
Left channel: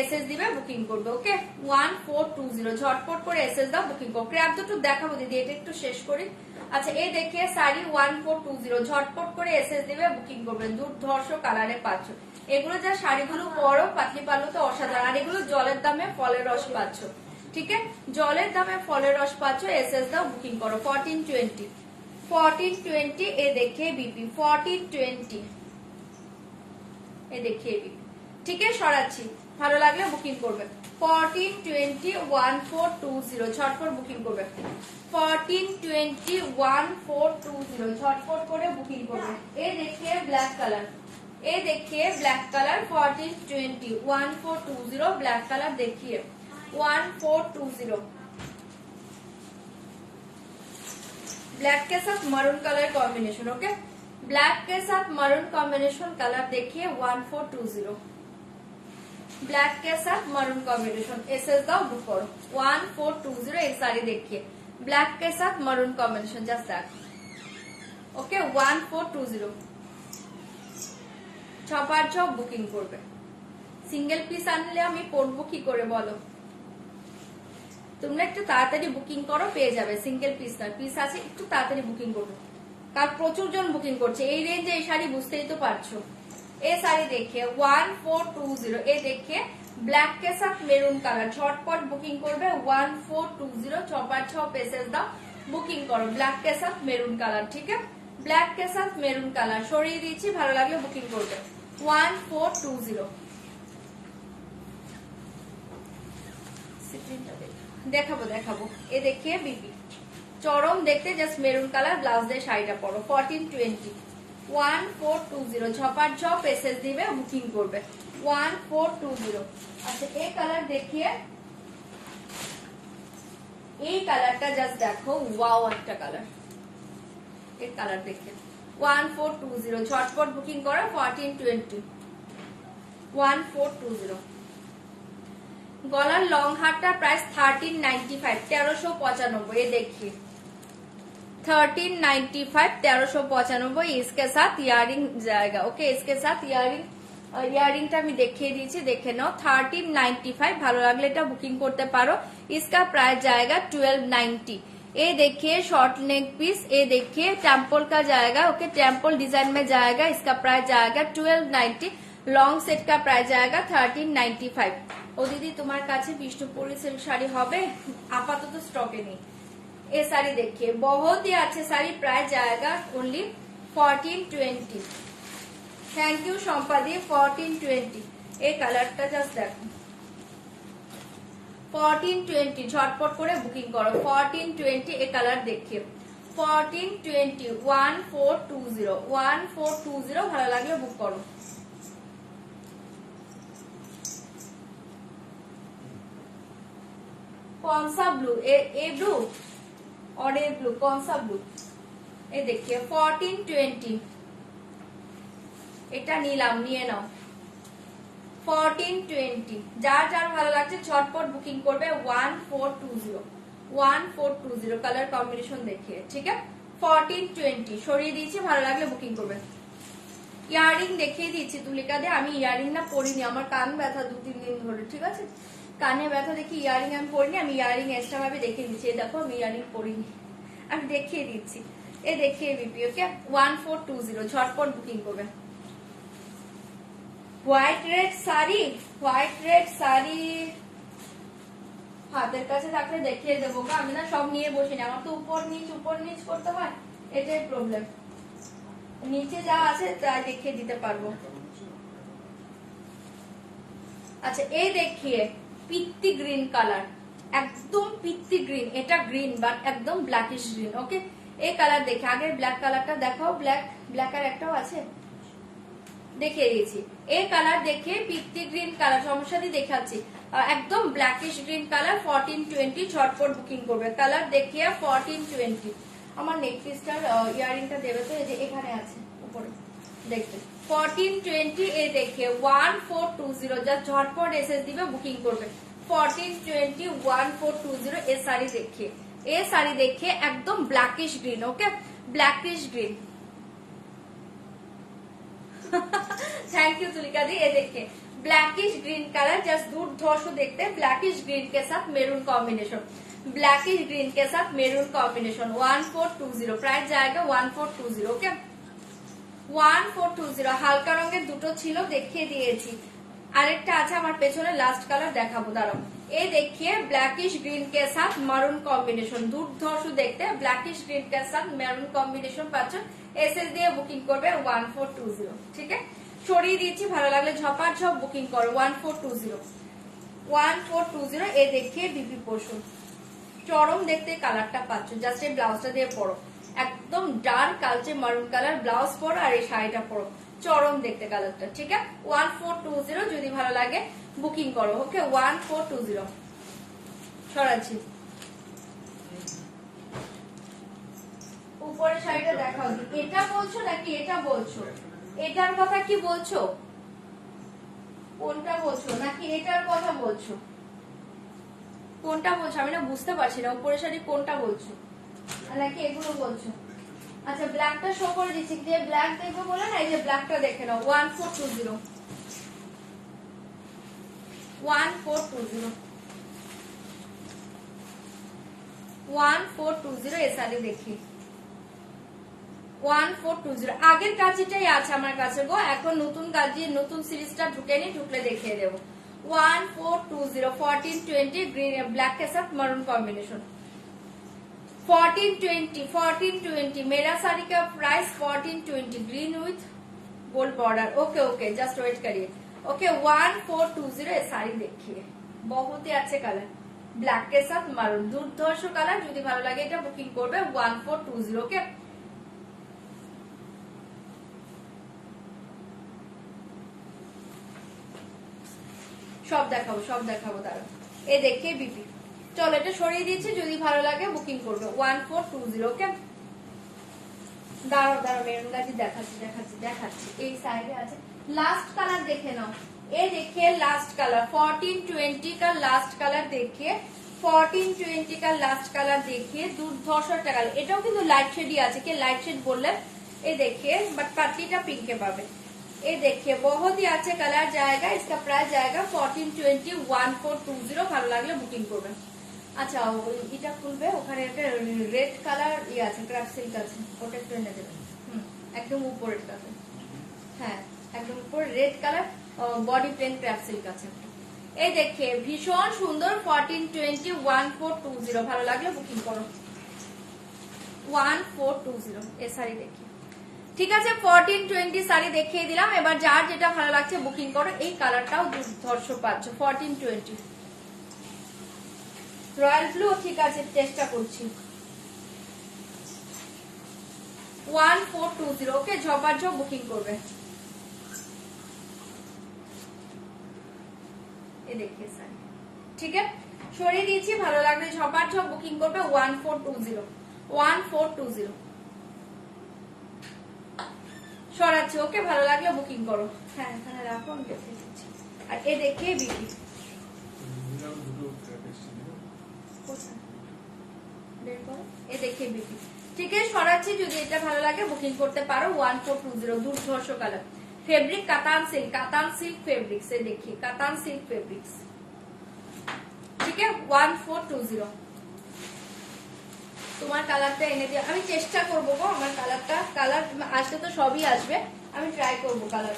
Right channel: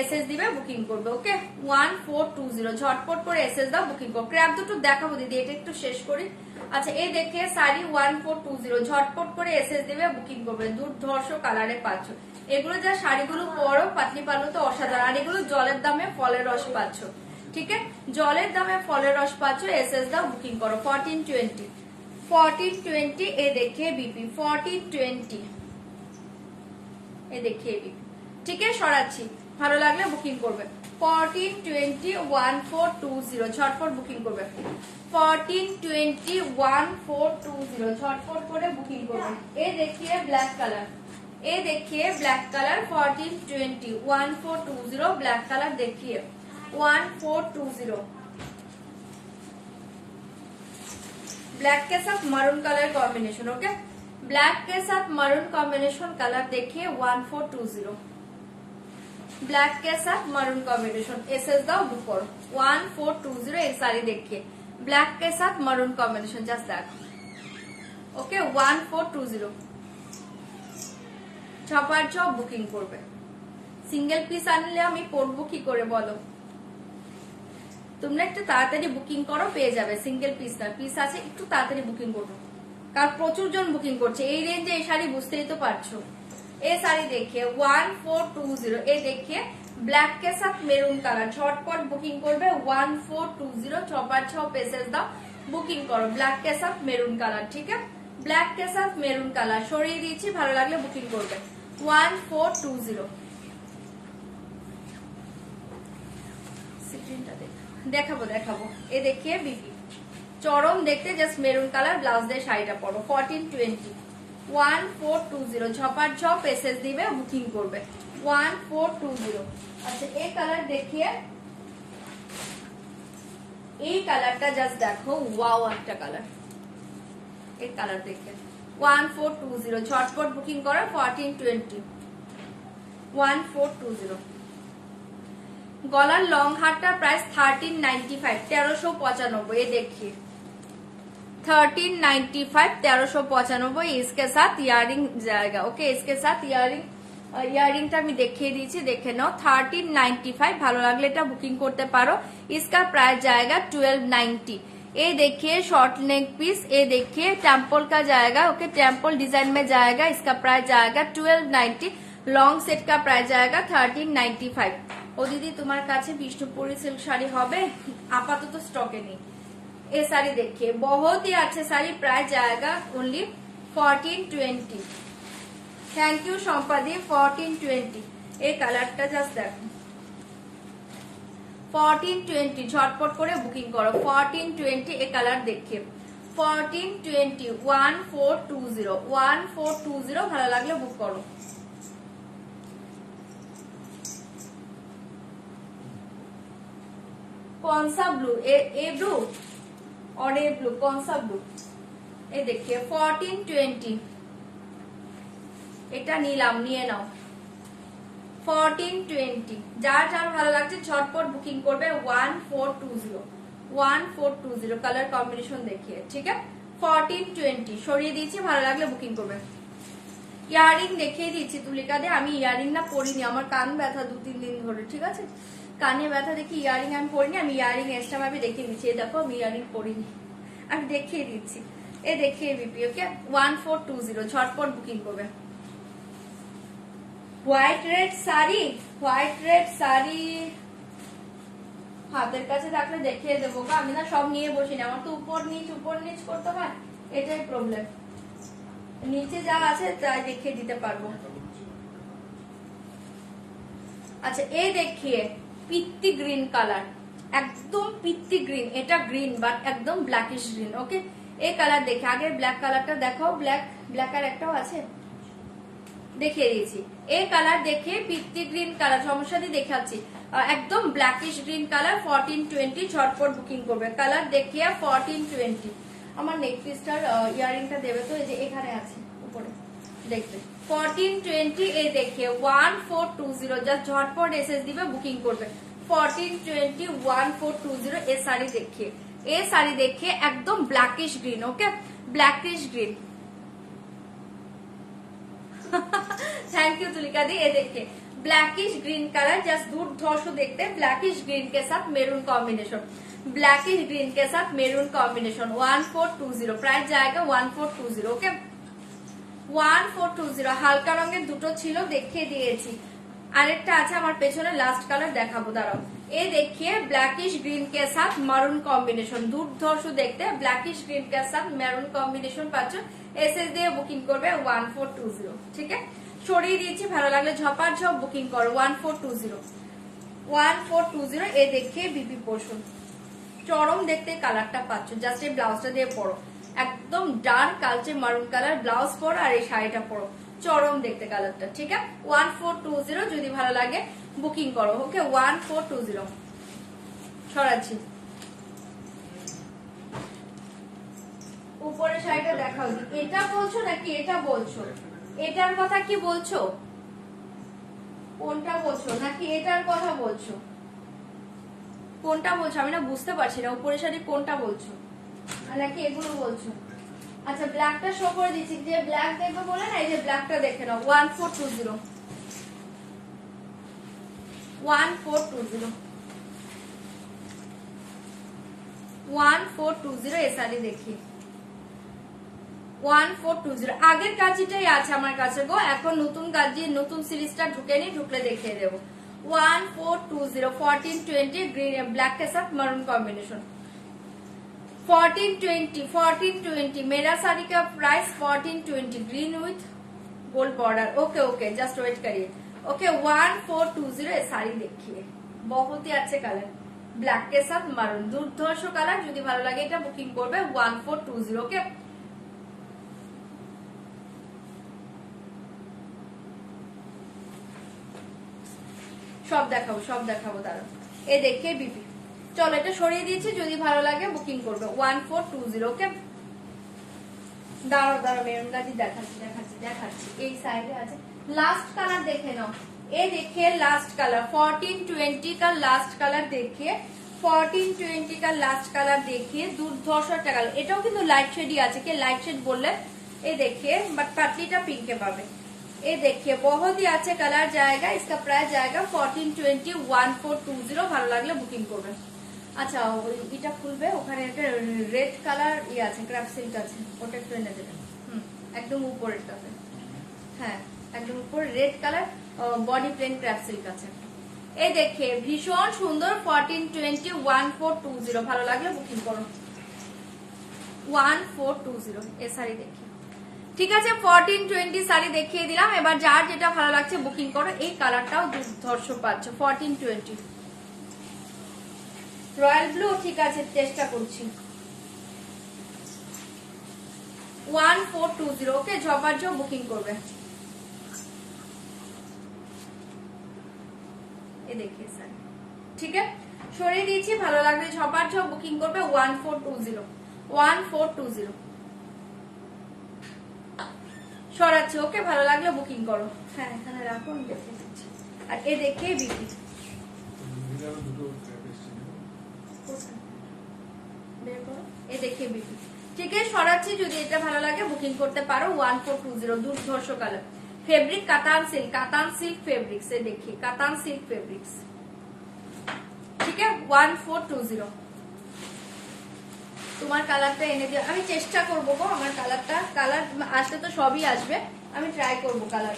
এসএস দিবে বুকিং করবে। ওকে 1420। ঝটপট করে এসএস দাও বুকিং করো। ক্র্যাপ দুটো দেখাবো দিদি, এটা একটু শেষ করি। আচ্ছা এই দেখিয়ে শাড়ি 1420। ঝটপট করে এসএস দিবে বুকিং করবে। দুর্ধর্ষ কালারে পাচ্ছ, এগুলো যা শাড়িগুলো পরো পাতলি পাল্লুতে অসাধারণ। আর এগুলো জলের দামে ফলের রস পাচ্ছ, ঠিক আছে, জলের দামে ফলের রস পাচ্ছ। এসএস দাও বুকিং করো 1420 1420। এ দেখিয়ে বিপি 1420। এ দেখিয়ে বিপি, ঠিক আছে, সরাচ্ছি, ভালো লাগলে বুকিং করবে 1420 1420। ঝটপট বুকিং করবে 1420 1420। ঝটপট করে বুকিং করবে। এ দেখিয়ে ব্ল্যাক কালার, এ देखिए ब्लैक कलर 1420 1420। ब्लैक कलर देखिए 1420। ब्लैक के साथ maroon colour combination. Okay black के साथ मरून कॉम्बिनेशन कलर देखिए 1420। ब्लैक के साथ मरून कॉम्बिनेशन, एसएस दाओ दुपर 1420। এই শাড়ি देखिए ब्लैक के साथ maroon combination, just that. Okay 1420। ঝপাঝপ বুকিং করবে। সিঙ্গেল পিস আনলে আমি পরবো কি করে বলো? তোমরা একটু তাড়াতাড়ি বুকিং করো, পেয়ে যাবে। সিঙ্গেল পিস না, পিস আছে, একটু তাড়াতাড়ি বুকিং করো, কারণ প্রচুর জন বুকিং করছে এই রেঞ্জে এই শাড়ি, বুঝতেই তো পারছো। ये साड़ी देखिए 1420। ये देखिए ब्लैक के साथ मेरून कलर, झटपट बुकिंग करबे 1420 चौपार 6 पेसेस दाओ बुकिंग करो ब्लैक के साथ मेरून कलर। ठीक है, ब्लैक के साथ मेरून कलर सरिए दिएछि, भालो लागले बुकिंग करबे 1420। দেখাবো দেখাবো এ দেখিয়ে বিপি চরম দেখতে, জাস্ট মেরুন কালার ব্লাউজ দিয়ে শাড়িটা পরো 1420 1420 ঝপার ঝপ পেসেস দিবে বুকিং করবে 1420। আচ্ছা এই কালার দেখিয়ে, এই কালারটা জাস্ট দেখো, ওয়াও একটা কালার, এই কালার দেখে 1420 ঝটপট বুকিং করো 1420 1420। गलार लॉन्ग हारटा प्राइस 1395 1395। ये देखिए 1395 1395। इसके साथ इयरिंग जाएगा। ओके, इसके साथ इयरिंगটা আমি দেখিয়ে দিয়েছি, দেখে নাও 1395। ভালো লাগলে এটা বুকিং করতে পারো। इसका प्राइस जाएगा 1290। ये देखिए शॉर्ट नेक पीस, ये देखिए टेम्पल का जाएगा। ओके, टेम्पल डिजाइन में जाएगा। इसका प्राइस जाएगा 1290। लॉन्ग सेट का प्राइस जाएगा 1395। ও দিদি তোমার কাছে বিষ্ণুপুরি সিল্ক শাড়ি হবে? আপাতত স্টকে নেই। এই শাড়ি देखिए बहुत ही अच्छे শাড়ি, प्राइस जाएगा ओनली 1420। थैंक यू সম্পাদি 1420। এই কালারটা জাস্ট দেখো 1420 ঝটপট করে বুকিং করো 1420। এই কালার देखिए 1420 1420 ভালো লাগলে বুক করো। कौन सा ब्लू? ए ब्लू और ए ब्लू, कौन सा ब्लू? ये देखिए 1420। এটা নিলাম, নিয়ে নাও 1420। যার যার ভালো লাগছে ঝটপট বুকিং করবে 1420 1420 কালার কম্বিনেশন দেখিয়ে। ঠিক আছে 1420 সরিয়ে দিয়েছি, ভালো লাগলে বুকিং করবে। ইয়ারিং দেখিয়ে দিচ্ছি তুলিকা দে, আমি ইয়ারিং না পরিনি, আমার কান ব্যথা 2-3 দিন ধরে। ঠিক আছে, কানে ব্যথা দেখি ইয়ারিং আমি পরিনি, আমি ইয়ারিং এক্সট্রা ভাবে দেখিয়ে দিচ্ছি। দেখো আমি ইয়ারিং পরিনি, আমি দেখিয়ে দিচ্ছি। এ দেখিয়ে বিপি। ওকে 1420 ঝটপট বুকিং করবে। White red sari, white red sari হাতের কাছে থাকলে দেখিয়ে দেবো। আমি না সব নিয়ে বসিনি, আমার তো উপর নিচ করতে হয়, এটাই প্রবলেম। নিচে যা আছে প্রায় দেখিয়ে দিতে পারবো। আচ্ছা এই দেখিয়ে পিত্তি গ্রিন কালার, একদম পিত্তি গ্রিন। এটা গ্রিন বাট একদম ব্ল্যাকিশ গ্রিন। ওকে, এই কালার দেখে আগে ব্ল্যাক কালারটা দেখাও। ব্ল্যাক আর একটাও আছে, দেখিয়ে দিয়েছি। এই কালার দেখে পিত্তি গ্রিন কালার সমস্যা দিয়ে দেখাচ্ছি, একদম ব্ল্যাকিশ গ্রিন কালার 1420 ঝটপট বুকিং করবে। কালার দেখিয়ে 1420। আমার নেক পিসটার ইয়ারিংটা দেবে তো, এই যে এখানে আছে উপরে দেখবে 1420। এই দেখে 1420 যা ঝটপট এসএস দিবে বুকিং করবে 1420 1420। এই শাড়ি দেখে, এই শাড়ি দেখে একদম blackish green. Okay, blackish green. Thank you Tulika di. ये देखिए ब्लैकिश ग्रीन कलर जस्ट दुर्धर्ष देखते, ब्लैकिश ग्रीन के साथ मेरून कॉम्बिनेशन, ब्लैकिश ग्रीन के साथ मेरून कॉम्बिनेशन 1420। प्राइस जाएगा 1420। ओके 1420। হালকা রঙের দুটো ছিল দেখিয়ে দিয়েছি, আরেকটা আছে আমার পেছনে, লাস্ট কালার দেখাবো দাঁড়াও। এই देखिए ब्लैकिश ग्रीन के साथ मैरून कॉम्बिनेशन दुर्धर्ष देखते, ब्लैकिश ग्रीन के साथ मैरून कॉम्बिनेशन পাচ্ছ। এসএস দিয়ে বুকিং করবে 1420। ঠিক আছে, সরিয়ে দিয়েছি, ভালো লাগলে ঝপার ঝপ বুকিং করো 1420 1420। এই দেখে বিপি পোষণ চরম দেখতে কালারটা পাচ্ছ, জাস্ট এই ব্লাউজটা দিয়ে পরো, একদম ডার্ক কালচে মারুন কালার ব্লাউজ পরো আর এই শাড়িটা পরো, চরম দেখতে কালারটা। ঠিক আছে 1420 যদি ভালো লাগে বুকিং করো। ওকে 1420 সরাচ্ছি। উপরে শাড়িটা দেখাও, এটা বলছো নাকি এটা বলছো? এটার কথা কি বলছো? কোনটা বলছো নাকি এটার কথা বলছো? কোনটা বলছো আমি না বুঝতে পারছি না। উপরে শাড়ি কোনটা বলছো নাকি এগুলো বলছো? আচ্ছা ব্ল্যাকটা শো করে দিচ্ছি, যে ব্ল্যাক দেখবো বলে না, এই যে ব্ল্যাকটা দেখে নাও 1420 1420 1420। এই শাড়ি দেখি 1420 আগের কাজিটাই আছে আমার কাছে গো, এখন নতুন কাজি নতুন সিরিজটা ঢুকেনি, ঢুকলে দেখিয়ে দেবো। 1420 1420 গ্রিন ব্ল্যাক के साथ मरून कॉम्बिनेशन 1420 मेरा साड़ी का price 1420 green with gold border. Okay okay just wait करिए। ओके 1420 साड़ी देखिए बहुत ही अच्छे कलर ब्लैक के साथ मरून दुर्धर्ष कलर যদি ভালো লাগে এটা বুকিং করবে 1420। ওকে সব দেখাবো তারা। এ দেখে বিপি চলো এটা সরিয়ে দিয়েছি, যদি ভালো লাগে বুকিং করবে 1420। ওকে দাঁড়াও মেরুন গাজি দেখাচ্ছি এই সাইডে আছে। लास्ट कलर देखे ना, ये देखिए लास्ट कलर 1420 का लास्ट कलर देखिए 1420 का लास्ट कलर देखिए दुर्धर्ष कलर এটাও কিন্তু লাইট শেডই আছে, কে লাইট শেড বললে ये देखिए बट पतलीটা पिंके पाবে। ये देखिए बहुत ही अच्छे कलर जाएगा, इसका प्राइस जाएगा 1420 1420 ভালো লাগলে বুকিং করবেন। আচ্ছা এটা খুলবে, ওখানে একটা রেড কালার ইয়ে আছে ক্র্যাপ সিল্ক আছে, ওটা একটু এনে দেবেন। একদম উপরেরটাতে, হ্যাঁ একদম উপর red colour body plain crap silk আছে। এই দেখে ভীষণ সুন্দর 1420 1420 ভালো লাগলে বুকিং করো 1420 এই শাড়ি দেখি। ঠিক আছে 1420 শাড়ি দেখিয়ে দিলাম, এবার যার যেটা ভালো লাগছে বুকিং করো। এই কালারটাও দুর্ধর্ষ পাচ্ছ 1420 রয়্যাল ব্লু। ঠিক আছে চেষ্টা করছি 1420। ওকে ঝপাঝপ বুকিং করবে। देखिए सर ठीक है সরিয়ে দিয়েছি, ভালো লাগলে ঝপাঝপ বুকিং করবে 1420 সরাচ্ছি। ওকে ভালো লাগলে বুকিং করো। হ্যাঁ এখানে রাখো আমি দেখে দিচ্ছি। আর এ দেখে বিপি বের করো, এ দেখে বিপি ঠিক আছে সরাচ্ছি, যদি এটা ভালো লাগে বুকিং করতে পারো 1420 দুর্ধর্ষ colour fabric katan silk fabric से देखिए कातान सिल्क फैब्रिक्स। ठीक है 1420 তোমার কালারটা এনে দিও, আমি চেষ্টা করবো গো আমার কালার আসলে তো সবই আসবে, আমি ট্রাই করবো কালার।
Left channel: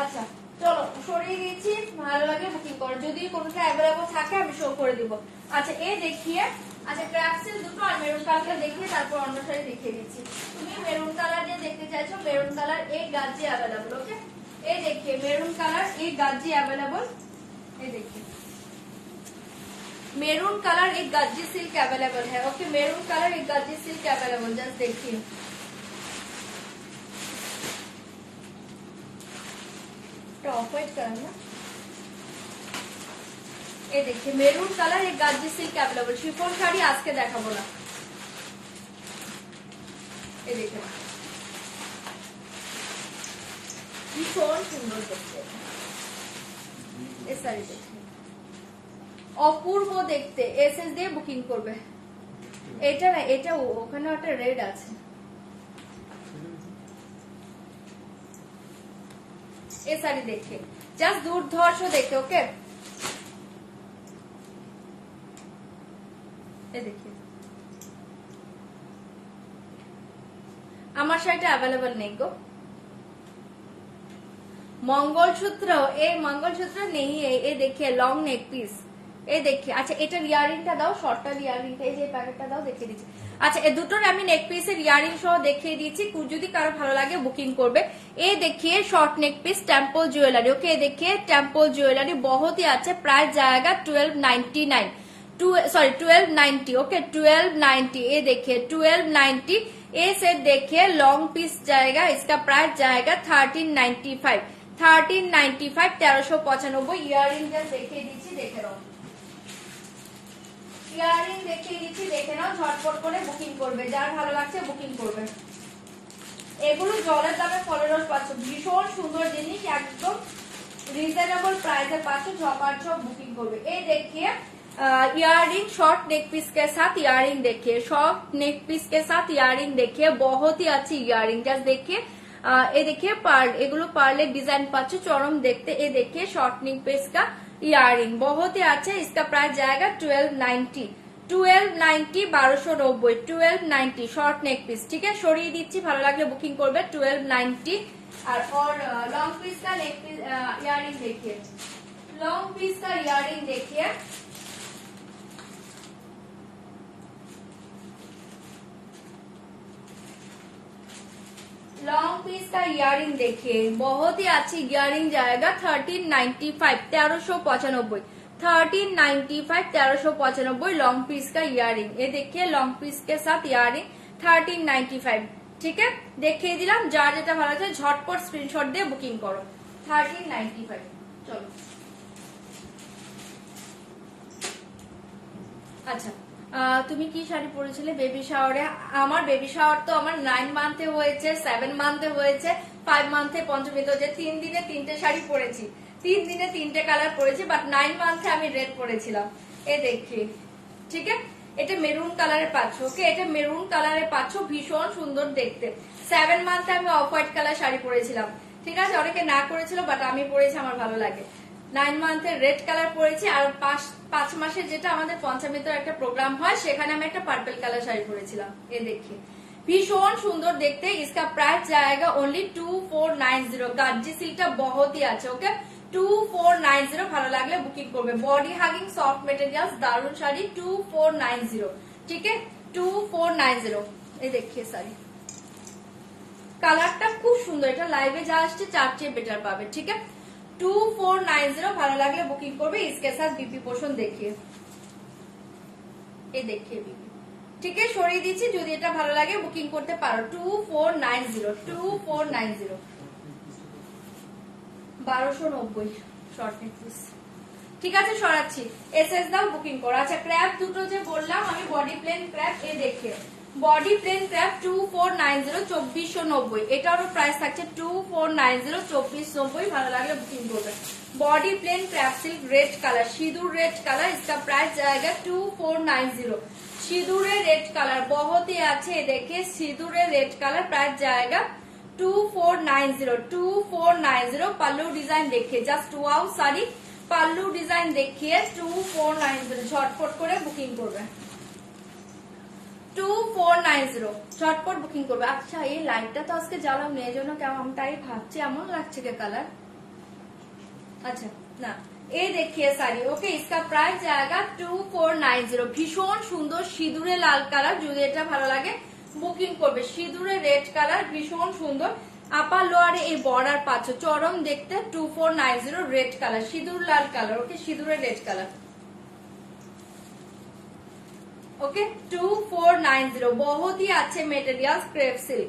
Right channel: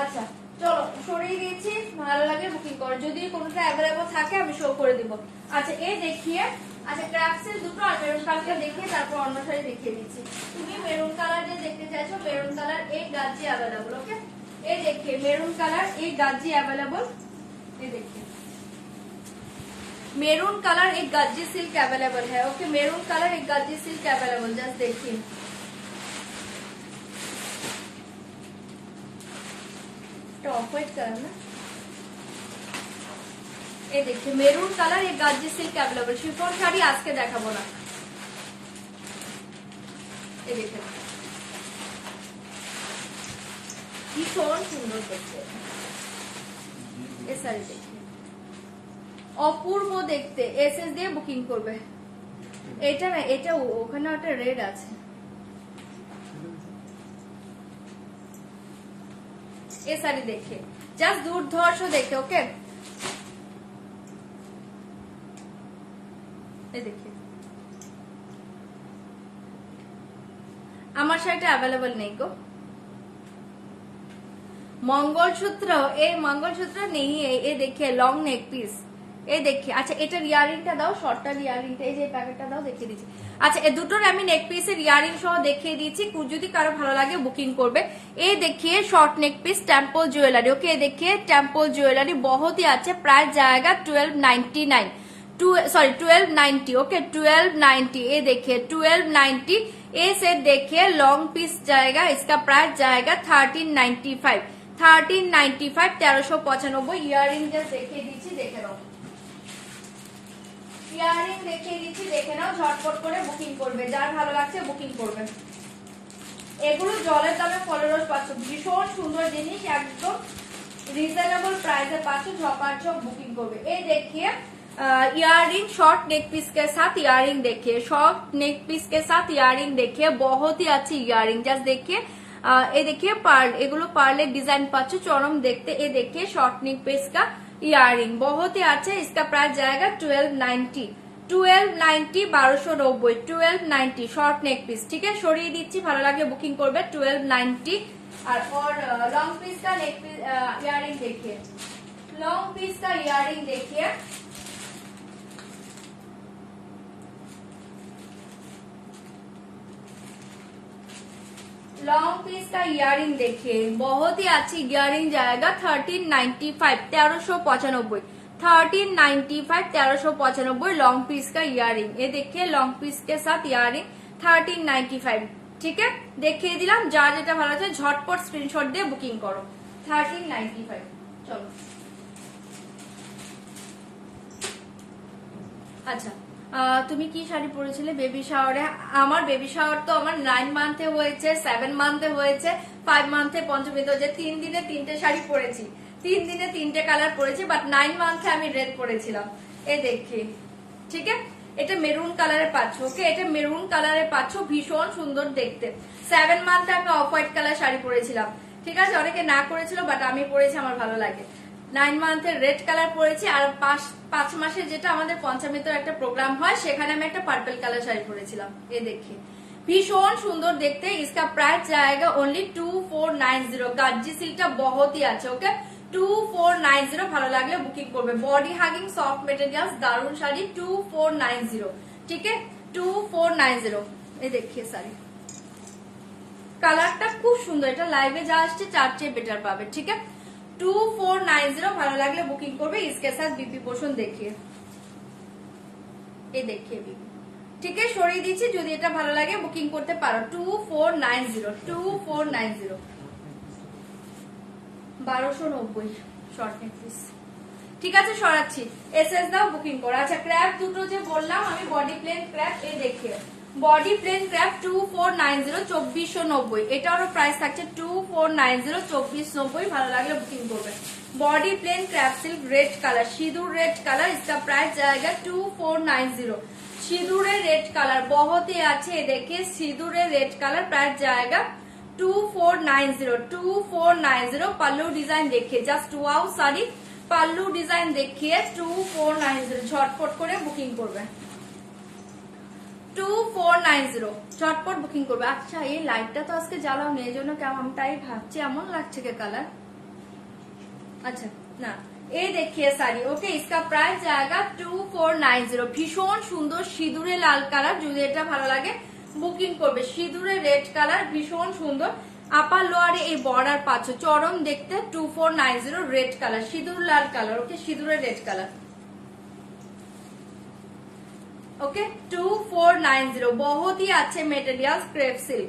আচ্ছা চলো সরিয়ে দিয়েছি, ভালো লাগে বুকিং করো, যদি কোনোটা অ্যাভেলেবল থাকে আমি শো করে দিব। আচ্ছা এ দেখিয়ে, আচ্ছা ক্রাফটসের দুটো আর মেরুন কালারটা দেখিয়ে তারপর অন্য শাড়ি দেখিয়ে দিচ্ছি। তুমি মেরুন কালার যে দেখতে চাইছো মেরুন কালার এই গাজি अवेलेबल। ओके ये देखिए मेरून कलर एक गाजी अवेलेबल, ये देखिए मेरून कलर एक गाजी सिल्क अवेलेबल है। ओके मेरून कलर एक गाजी सिल्क अवेलेबल, जस्ट देखिए टॉप वेट करना। ये देखिए मेरून कलर एक गाजी सिल्क अवेलेबल, शिफॉन শাড়ি আজকে দেখাবো না। ये देखिए ভীষণ সুন্দর দেখতে, এই শাড়ি দেখতে অপূর্ব দেখতে। এসএস দিয়ে বুকিং করবে। এটা না এটা ওখানে একটা রেড আছে, এই শাড়ি দেখে জাস্ট দুর্ধর্ষ দেখে। ওকে এই দেখে আমার শাড়িটা অ্যাভেলেবল নেই গো। मंगलसूत्र ये मंगलसूत्र नहीं है, ये देखिए लॉन्ग नेक पीस, ये देखिए। अच्छा एटार ইয়ারিংটা দাও, শর্টটার ইয়ারিংটা এই যে প্যাকেটটা দাও দেখিয়ে দিচ্ছি। আচ্ছা এই দুটোর আমি নেক পিসের ইয়ারিং সহ দেখিয়ে দিয়েছি, যদি কারো ভালো লাগে বুকিং করবে। ये देखिए short neck piece temple jewellery. Okay ये देखिए टेम्पल ज्वेलरी बहुत ही अच्छा, प्राइस जाएगा 1299 1290। ओके 1290। ये देखिए 1290। ये सेट देखिए लॉन्ग पीस जाएगा, इसका प्राइस जाएगा 1395 1395 ইয়ারিং জাস্ট দেখিয়ে দিচ্ছি, দেখে নাও ইয়ারিং দেখিয়ে দিচ্ছি, দেখে নাও ঝটপট করে বুকিং করবে, যার ভালো লাগছে বুকিং করবে। এগুলো জলের দামে ফলরস পাচ্ছ, ভীষণ সুন্দর জিনিস, একদম রিজনেবল প্রাইসে पास झपाझप बुकिंग করবে। এই দেখিए ইয়ারিং शॉर्ट नेक पीस के साथ ইয়ারিং देखिए, शॉर्ट नेक पीस के साथ ইয়ারিং देखिए, बहुत ही अच्छी ইয়ারিং जस्ट देखिए। ये देखिए पार्ल, एगुलो पार्लेर डिजाइन पाচ্ছ चरम देखते। ये देखिए शॉर्ट नेक पीस का ইয়ারিং बहुत ही अच्छा, इसका प्राइस जाएगा 1290 1290 1290 1290 শর্ট নেক পিস, ठीक है সরিয়ে দিচ্ছি, ভালো লাগলে বুকিং করবে 1290। और लॉन्ग पीस का नेक इयरिंग देखिए, लॉन्ग पीस का इयरिंग देखिए, लॉन्ग पीस का इयरिंग देखिए, बहुत ही अच्छी इयरिंग जाएगा 1395 1395 1395 1395 लॉन्ग पीस का इयरिंग। ये देखिए लॉन्ग पीस के साथ इयरिंग 1395, ठीक है দেখিয়ে দিলাম। যার যেটা ভালো আছে ঝটপট স্ক্রিনশট দিয়ে বুকিং করো 1395। চলো আচ্ছা তুমি কি শাড়ি পরেছিলে বেবি শাওয়ারে? আমার বেবি শাওয়ার তো আমার 9 মান্থে হয়েছে, 7 মান্থে হয়েছে, 5 মান্থে পঞ্চমীতে, যে 3 দিনে 3টে শাড়ি পরেছি, 3 দিনে 3টে কালার পরেছি, বাট 9 মান্থে আমি রেড পরেছিলাম। এ দেখি, ঠিক আছে এটা মেরুন কালারের পাচ্ছ, ওকে এটা মেরুন কালারের পাচ্ছ, ভীষণ সুন্দর দেখতে। 7 মান্থে আমি অফ হোয়াইট কালার শাড়ি পরেছিলাম, ঠিক আছে অনেকে না করেছিল বাট আমি পরেছি, আমার ভালো লাগে। 9 মান্থের রেড কালার পরেছি, আর 5 মাসের যেটা আমাদের পঞ্চমীতে একটা প্রোগ্রাম হয় সেখানে আমি একটা পার্পল কালার শাড়ি পরেছিলাম। এ দেখি ভীষণ সুন্দর দেখতে। इसका प्राइस जाएगा ओनली 2490। গাজ্জি সিল্কটা বহুতই আছে, ওকে 2490 ভালো লাগলে বুকিং করবে। বডি হাগিং সফট মেটেরিয়ালস দারুন শাড়ি 2490, ঠিক আছে 2490। এই দেখিয়ে শাড়ি কালারটা খুব সুন্দর, এটা লাইভে যা আসছে চার চেয়ে বেটার পাবে, ঠিক আছে 2490 ভালো লাগলে বুকিং করবে। इसके साथ बीपी पोर्शन देखिए, ये देखिए बीपी, ঠিক আছে সরিয়ে দিচ্ছি, যদি এটা ভালো লাগে বুকিং করতে পারো 2490 2490 1290 শর্ট নেক পিস, ঠিক আছে সরাচ্ছি। এসএস দাও বুকিং করো। আচ্ছা ক্র্যাপ দুটো যে বললাম আমি বডি প্লেন ক্র্যাপ, এই দেখিয়ে বডি প্লেন ক্র্যাপ 2490 2490, এটারও প্রাইস থাকছে 2490 2490 ভালো লাগলে বুকিং করবে। Body plain crepe silk red colour, सिंदूर रेड कलर, इसका प्राइस जाएगा 2490। सिंदूरे रेड कलर बहुत ही अच्छे, देखिए सिंदूरे रेड कलर, प्राइस जाएगा 2490 2490। पल्लू डिजाइन देखिए जस्ट वाओ साड़ी, पल्लू डिजाइन देखिए 2490, झटपट করে বুকিং করবে 2490 झटपट বুকিং করবে। আচ্ছা এই লাইটটা তো আজকে জ্বালাও নেই, জন্য কেমনটাই ভাবছি এমন লাগছে কে কালার। अच्छा ना ये देखिए साड़ी, ओके इसका प्राइस जाएगा 2490। ভীষণ সুন্দর সিঁদুরে লাল কালার, যদি এটা ভালো লাগে বুকিং করবে। সিঁদুরে রেড কালার ভীষণ সুন্দর, আপার লোয়ারে এই বর্ডার পাচ্ছ, চরম দেখতে 2490 रेड कलर সিঁদুর লাল কালার, ওকে সিঁদুরে রেড কালার, ओके 2490। बहुत ही अच्छे मटेरियल क्रेप सिल्क,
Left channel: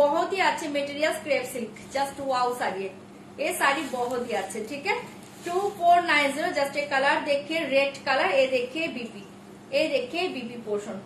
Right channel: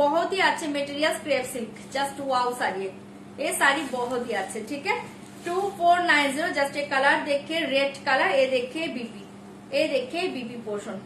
बहुत ही अच्छे material crepe silk, just wow sari, ये साड़ी बहुत ही अच्छे, ठीक है 2490। जस्ट ए कलर देखिए रेड कलर, ये देखिए बीपी, ये देखिए बीपी पोर्शन।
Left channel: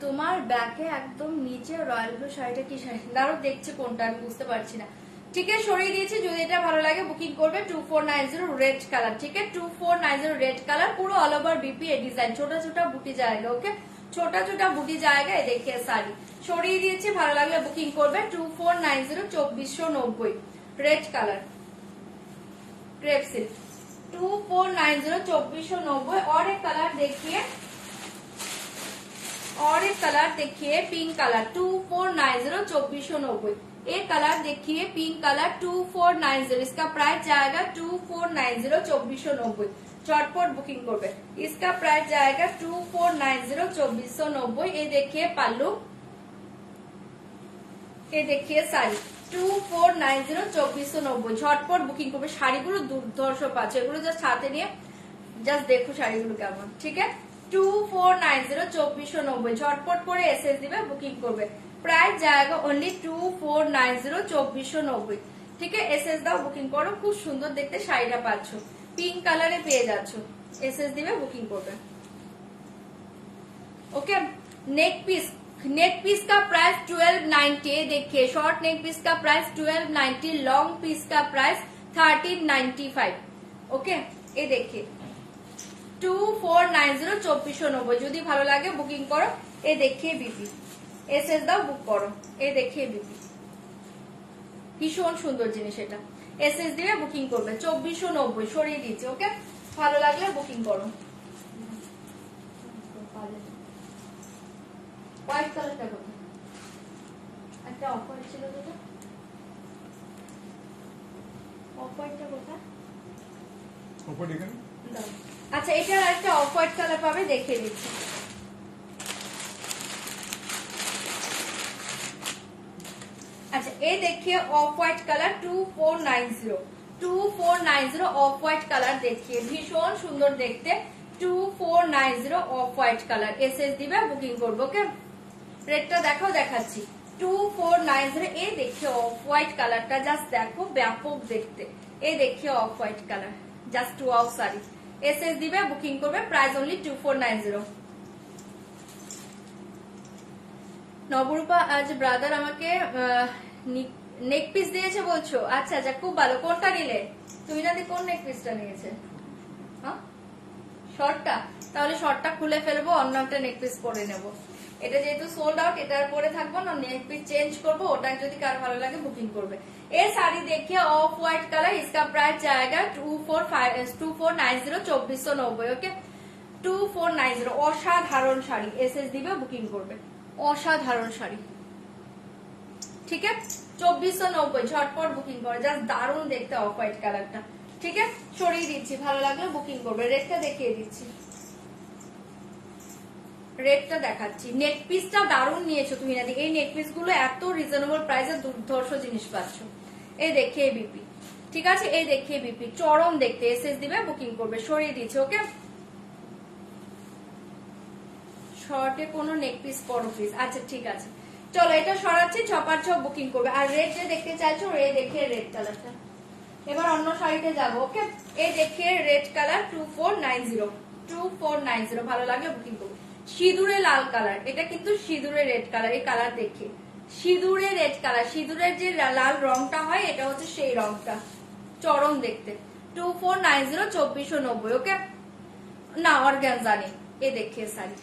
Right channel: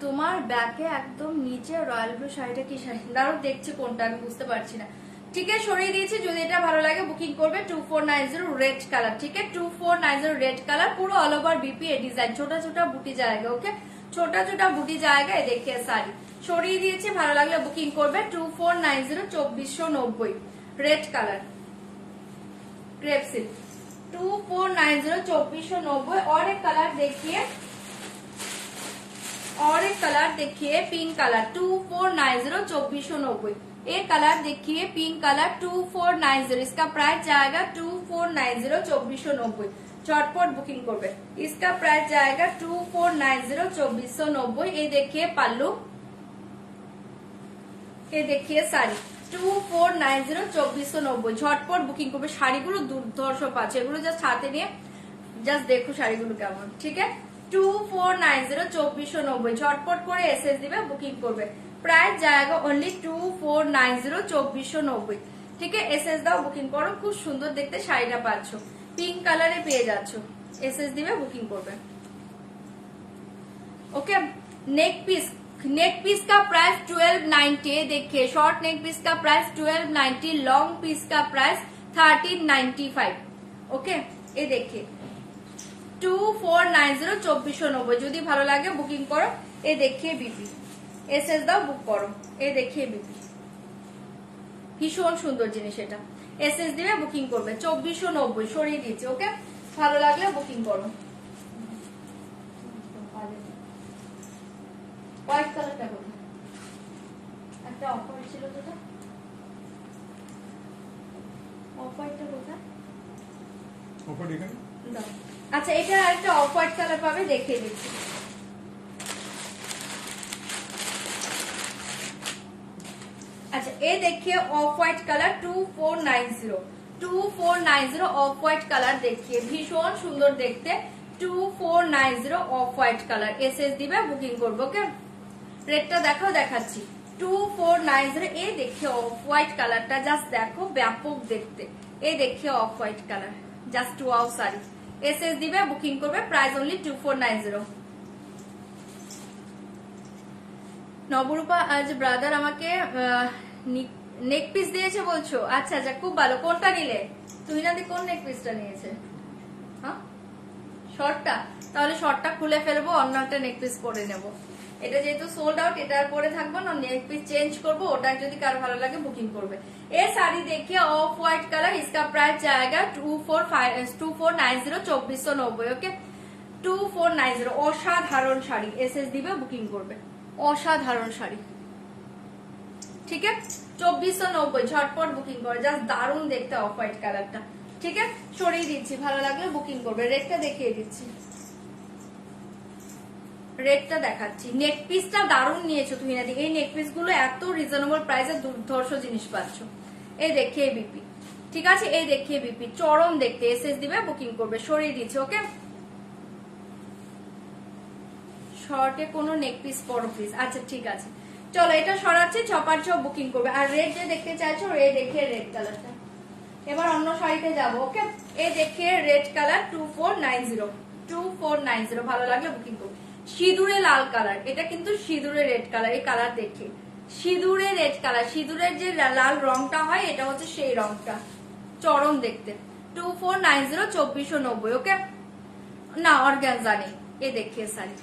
তোমার ব্যাকে একদম নিচে রয়্যাল ব্লু শাড়িটা কি শাড়ি, দাঁড়াও দেখছি কোনটা আমি বুঝতে পারছি না, ঠিক আছে সরিয়ে দিয়েছি। যদি এটা ভালো লাগে বুকিং করবে 2490 रेड कलर, ठीक है 2490 रेड कलर, পুরো অল ওভার বিপি এ ডিজাইন, ছোটা ছোটা বুটি जाएगा, ओके छोटा छोटा बुटी जाएगा। ये देखिए साड़ी সরিয়ে দিয়েছি, ভালো লাগলে বুকিং করবে 2490 2490 रेड कलर क्रेप सिल्क 2490 2490। और एक कलर देखिए, और एक कलर देखिए पिंक कलर 2490 2490। एक कलर देखिए पिंक कलर 2490, इसका प्राइस जाएगा 2490 2490, झटपट बुकिंग करबे। इसका प्राइस जाएगा 2490 2490। ये देखिए पल्लू, ये देखिए साड़ी 2490 2490, झटपट बुकिंग करबे। শাড়িগুলো দুর্ধর্ষ পাচ্ছে, এগুলো জাস্ট হাতে নিয়ে জাস্ট দেখো শাড়িগুলো কেমন, ঠিক আছে 2490 2490, झटपट করে এসএস দিবে বুকিং করবে। प्राइस जाएगा ओनली 2490 2490, ठीक है এসএস দাও বুকিং করো। খুব সুন্দর দেখতে শাড়িটা পাচ্ছ, পিঙ্ক কালারে পেয়ে যাচ্ছ, এসএস দিবে বুকিং করবে, okay. Neck piece, neck piece का प्राइस 1290, देखिए शॉर्ट नेक पीस का प्राइस 1290, लॉन्ग पीस का प्राइस 1395, ओके। ये देखिए 2490 2490, যদি ভালো লাগে বুকিং করো। এ দেখিয়ে বিপি এসএস দাও বুক করো, এ দেখিয়ে বিপি ভীষণ সুন্দর জিনিস, এটা এসএস দিবে বুকিং করবে 2490, সরিয়ে দিচ্ছি, ওকে ভালো লাগলে বুকিং করো। হোয়াইট কালারটা কোথায়? একটা অফার ছিল যেটা, অফ হোয়াইটটা কোথায়? অফ হোয়াইট এখানে। আচ্ছা, এটা একটা অফ হোয়াইট কালার পাবে, দেখিয়ে দিচ্ছি। আচ্ছা, এই দেখিয়ে off white colour 2490, 2490 off white colour দেখিয়ে, ভীষণ সুন্দর দেখতে। 2490 অফ হোয়াইট কালার, এসএস দিবে বুকিং করবো। ওকে, রেটটা দেখো, দেখাচ্ছি। 2490, এই দেখিয়ে অফ হোয়াইট কালারটা জাস্ট দেখো, ব্যাপক দেখতে। এই দেখিয়ে off white colour, just wow sari, SS দিবে বুকিং করবে, প্রাইস অনলি 2490। নবরূপা আজ ব্রাদার আমাকে নেক পিস দিয়েছে বলছো? আচ্ছা আচ্ছা, খুব ভালো। কোনটা নিলে তুমি? না কোন নেক পিসটা নিয়েছে? হ্যাঁ, শর্টটা? তাহলে শর্টটা খুলে ফেলবো, অন্য একটা নেক পিস পরে নেবো। এটা যেহেতু সোল্ড আউট, এটার পরে থাকবো না, নেক পিস চেঞ্জ করবো। ওটা যদি কারো ভালো লাগে বুকিং করবে। এই শাড়ি দেখিয়ে অফ হোয়াইট কালার, इसका प्राइस जाएगा 2490, 2490। ওকে, 2490 অসাধারণ শাড়ি, এসএস দিবে বুকিং করবে। অসাধারণ শাড়ি, ঠিক আছে? 2490, ঝটপট বুকিং করে, জাস্ট দারুণ দেখতে অফ হোয়াইট কালারটা। ঠিক আছে, সরিয়ে দিচ্ছি, ভালো লাগলে বুকিং করবে। রেটটা দেখিয়ে দিচ্ছি, রেটটা দেখাচ্ছি। নেক পিসটা দারুণ নিয়েছো তুমি। এই নেক পিস গুলো এত রিজনেবল প্রাইসে দুর্ধর্ষ জিনিস পাচ্ছ। এই দেখিয়ে বিপি, ঠিক আছে? এই দেখিয়ে বিপি, চরম দেখতে, এসএস দিবে বুকিং করবে। সরিয়ে দিচ্ছি। ওকে, শর্টে কোনো নেক পিস করো প্লিজ। আচ্ছা ঠিক আছে, চলো এটা সরাচ্ছি, ছপার ছপ বুকিং করবে। আর রেড যে দেখতে চাইছো, রেড দেখে রেড কালারটা। এবার অন্য শাড়িতে যাবো। ওকে, এই দেখে রেড কালার 2490, 2490, ভালো লাগলে বুকিং করবে। সিঁদুরে লাল কালার, এটা কিন্তু সিঁদুরে রেড কালার। এই কালার দেখে সিঁদুরে রেড কালার, সিঁদুরের যে লাল রংটা হয়, এটা হচ্ছে সেই রংটা, চরম দেখতে। 2490, 2490। ওকে, না অর্গানজা নেই। এই দেখিয়ে শাড়ি,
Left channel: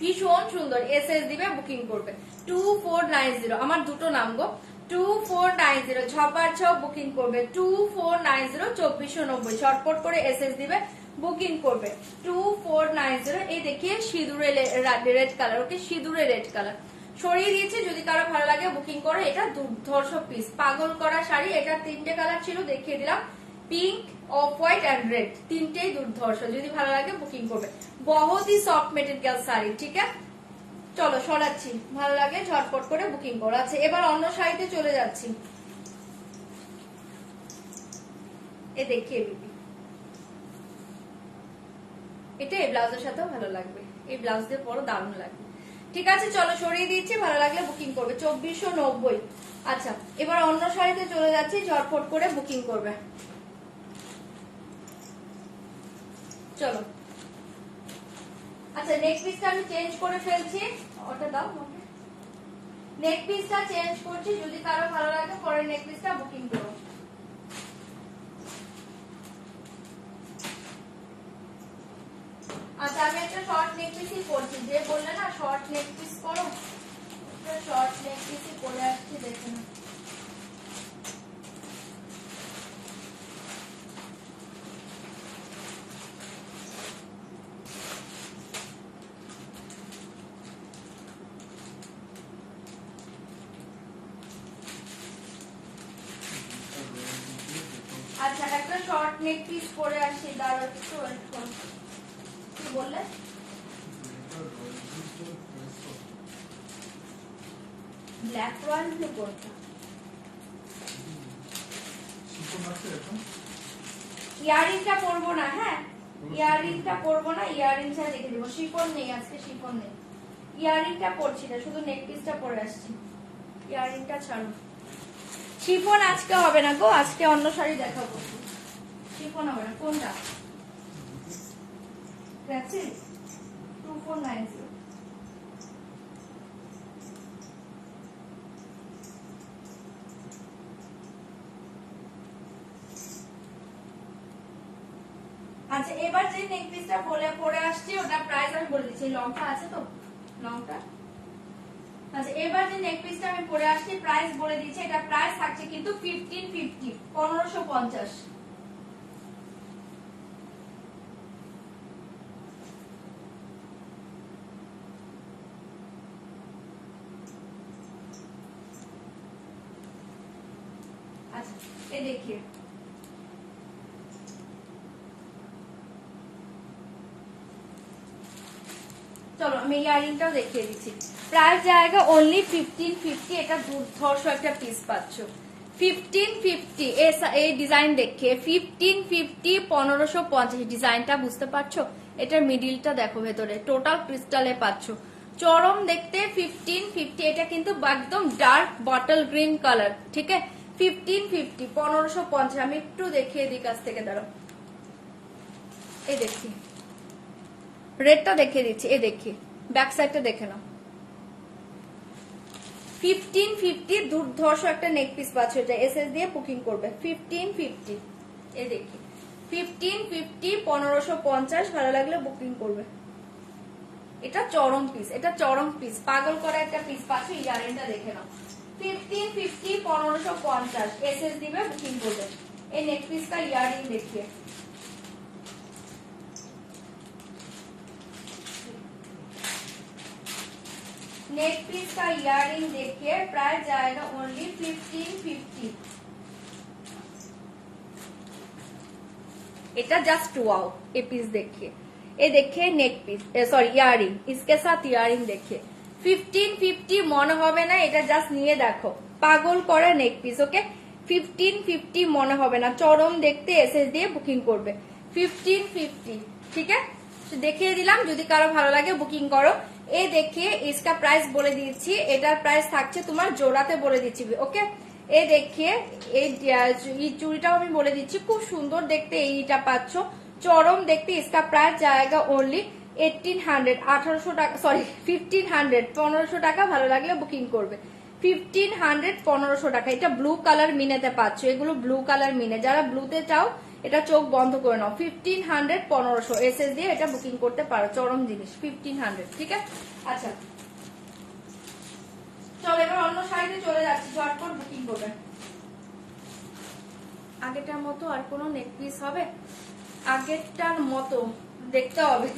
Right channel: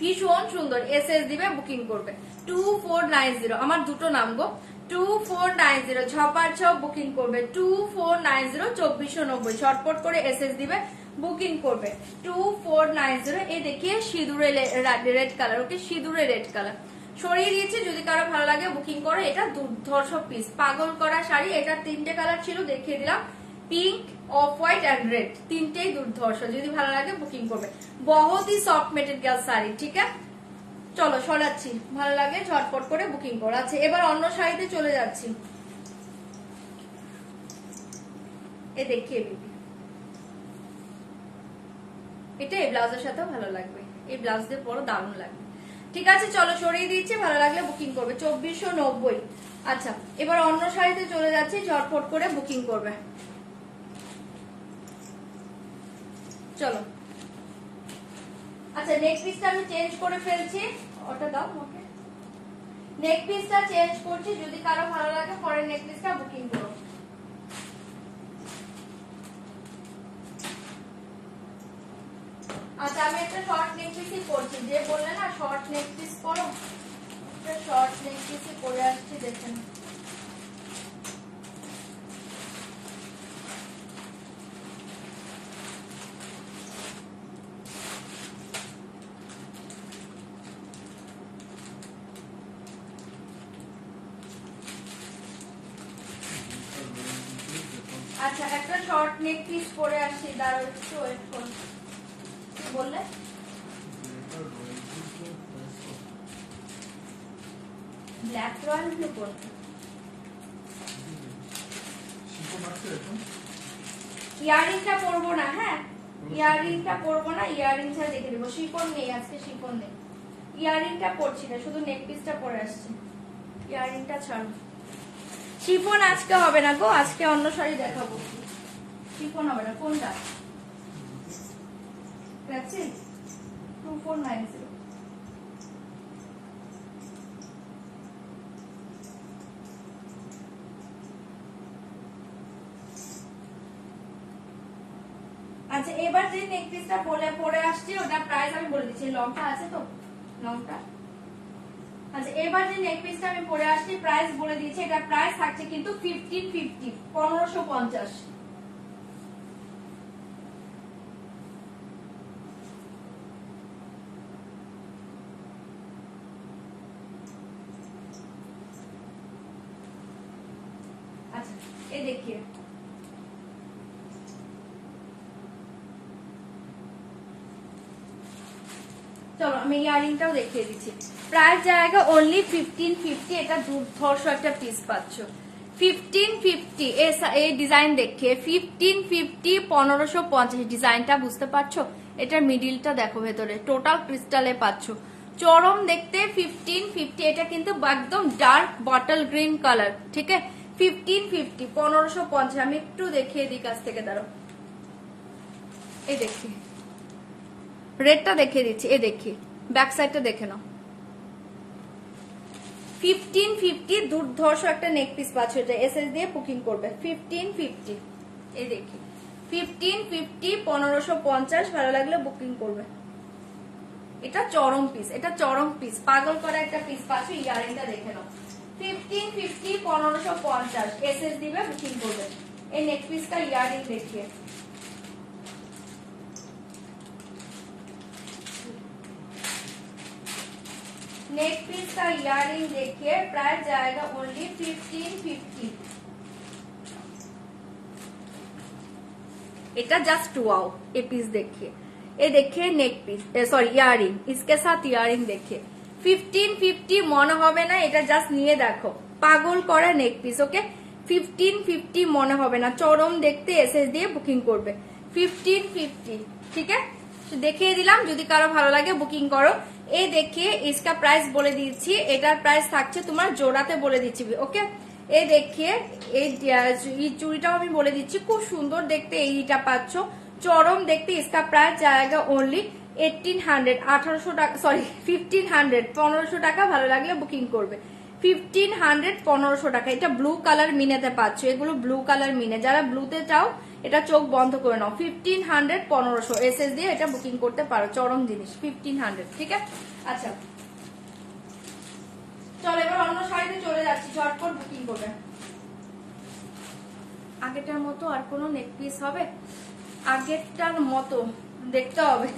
ভীষণ সুন্দর, এসএস দিবে বুকিং করবে। 2490, আমার দুটো নামবো, 2490, ঝপার ছপ বুকিং করবে। 2490, 2490, ঝটপট করে এসএস দিবে বুকিং করবে। 2490, এই দেখিয়ে সিঁদুরে রেড কালার। ওকে, সিঁদুরে রেড কালার সরিয়ে দিয়েছে, যদি কারো ভালো লাগে বুকিং করে। এটা দুর্ধর্ষ পিস, পাগল করা শাড়ি। এটা তিনটে কালার ছিল, দেখিয়ে দিলাম, pink, off white and red, তিনটেই দুর্ধর্ষ। যদি ভালো লাগে বুকিং করবে। বহুতই সফট মেটেরিয়াল শাড়ি, ঠিক আছে? চলো সরাচ্ছি, ভালো লাগে ঝটপট করে বুকিং করো। আচ্ছা, এবার অন্য শাড়িতে চলে যাচ্ছি। এ দেখিয়ে দিবি, এটা এই ব্লাউজের সাথেও ভালো লাগবে। এই ব্লাউজ দিয়ে পরো, দারুণ লাগবে। ঠিক আছে, চলো সরিয়ে দিচ্ছি, ভালো লাগলে বুকিং করবে। 2490। আচ্ছা, এবার অন্য শাড়িতে চলে যাচ্ছি, ঝটপট করে বুকিং করবে। চলো, আচ্ছা নেক পিসটা আমি চেঞ্জ করে ফেলছি। ওটা দাও আমাকে, নেক পিসটা চেঞ্জ করছি, যদি কারো ভালো লাগে পরে নেক পিসটা বুকিং করো। আচ্ছা, আমি একটা শর্ট নেক পিসই করছি। যে বললে না শর্ট নেক পিস করো, একটা শর্ট নেক পিসই করে আসছি, দেখেন। আচ্ছা, একটা শর্ট নেক পিস পরে আসছি, দাঁড়াও একটু ওয়েট করো। কি বললে? ব্ল্যাক রয়্যাল ব্লু কোনটা? ইয়ারিংটা পরবো না, হ্যাঁ ইয়ারিংটা পরবো না, ইয়ারিংটা দেখে দেবো। শিফন নেই আজকে, শিফন নেই, ইয়ারিংটা পরছি না, শুধু নেক পিসটা পরে আসছি। ইয়ারিংটা ছাড়ো, শিফন আজকে হবে না গো, আজকে অন্য শাড়ি দেখাবো। শিফন হবে না। কোনটা? 2490। আচ্ছা, এবার যে নেক পিসটা পরে আসছি, ওটা প্রাইস আমি বলে দিচ্ছি। লংটা আছে তো, লংটা আচ্ছা এবার যে নেক পিসটা আমি পরে আসছি প্রাইস বলে দিচ্ছি, এটা প্রাইস থাকছে কিন্তু 1550, 1550। अच्छा ये देखिए চলো আমি ইয়ারিংটাও দেখিয়ে দিচ্ছি। প্রাইস জায়গা অনলি 1550, এটা দুর্ধর্ষ একটা পিস পাচ্ছ 1550। এই ডিজাইন দেখিয়ে 1550, 1550 ডিজাইনটা বুঝতে পারছো? এটার মিডিলটা দেখো, ভেতরে টোটাল ক্রিস্টালে পাচ্ছ, চরম দেখতে 1550। এটা কিন্তু একদম ডার্ক বটল গ্রিন কালার, ঠিক আছে? 1550, 1550। আমি একটু দেখিয়ে দিই কাছ থেকে, দাঁড়াও এই দেখি রেডটা দেখিয়ে দিচ্ছি, এই দেখি ব্যাক সাইডটা দেখে নাও। 1550 দুর্ধর্ষ একটা নেক পিস পাচ্ছ, এটা এসএস দিয়ে বুকিং করবে 1550। এই দেখি 1550, 1550 ভালো লাগলে বুকিং করবে। এটা চরম পিস, এটা চরম পিস, পাগল করা একটা পিস পাচ্ছ। ইয়ারিংটা দেখে নাও 1550, 1550 এসএস দিবে বুকিং করবে। এই নেক পিসটা ইয়ারিং দেখিয়ে नेक पीस का इयरिंग देखिए, प्राइस जाएगा ओनली 1550। এটা জাস্ট ওয়াও। এই পিস देखिए, ये देखिए नेक पीस, सॉरी ইয়ারিং, इसके साथ ইয়ারিং देखिए 1550 মনে হবে না, এটা জাস্ট নিয়ে দেখো, পাগল করা নেক পিস। ওকে 1550 মনে হবে না, চরম দেখতে এসএস দিয়ে বুকিং করবে 1550, ঠিক আছে? দেখিয়ে দিলাম, যদি কারো ভালো লাগে বুকিং করো। এই দেখিয়ে इसका প্রাইস বলে দিচ্ছি, এটার প্রাইস থাকছে তোমার জোড়াতে বলে দিচ্ছি। ওকে এই দেখিয়ে এই চুড়িটাও আমি বলে দিচ্ছি, খুব সুন্দর দেখতে এইটা পাচ্ছ, চরম দেখতে। इसका প্রাইস জায়গা অনলি 1800, 1800 টাকা, সরি 1500, 1500 টাকা। ভালো লাগলে বুকিং করবে 1500, 1500 টাকা। এটা ব্লু কালার মিনেতে পাচ্ছ, এগুলো ব্লু কালার মিনে, যারা ব্লুতে চাও এটা চোখ বন্ধ করে নাও 1500, 1500 এসএস দিয়ে এটা বুকিং করতে পারো, চরম জিনিস 1500, ঠিক আছে? আচ্ছা চলো এবার অন্য শাড়িতে চলে যাচ্ছি, ঝটপট বুকিং করবে। আগেরটার মতো আর কোনো নেক পিস হবে? আগেরটার মতো দেখতে হবে,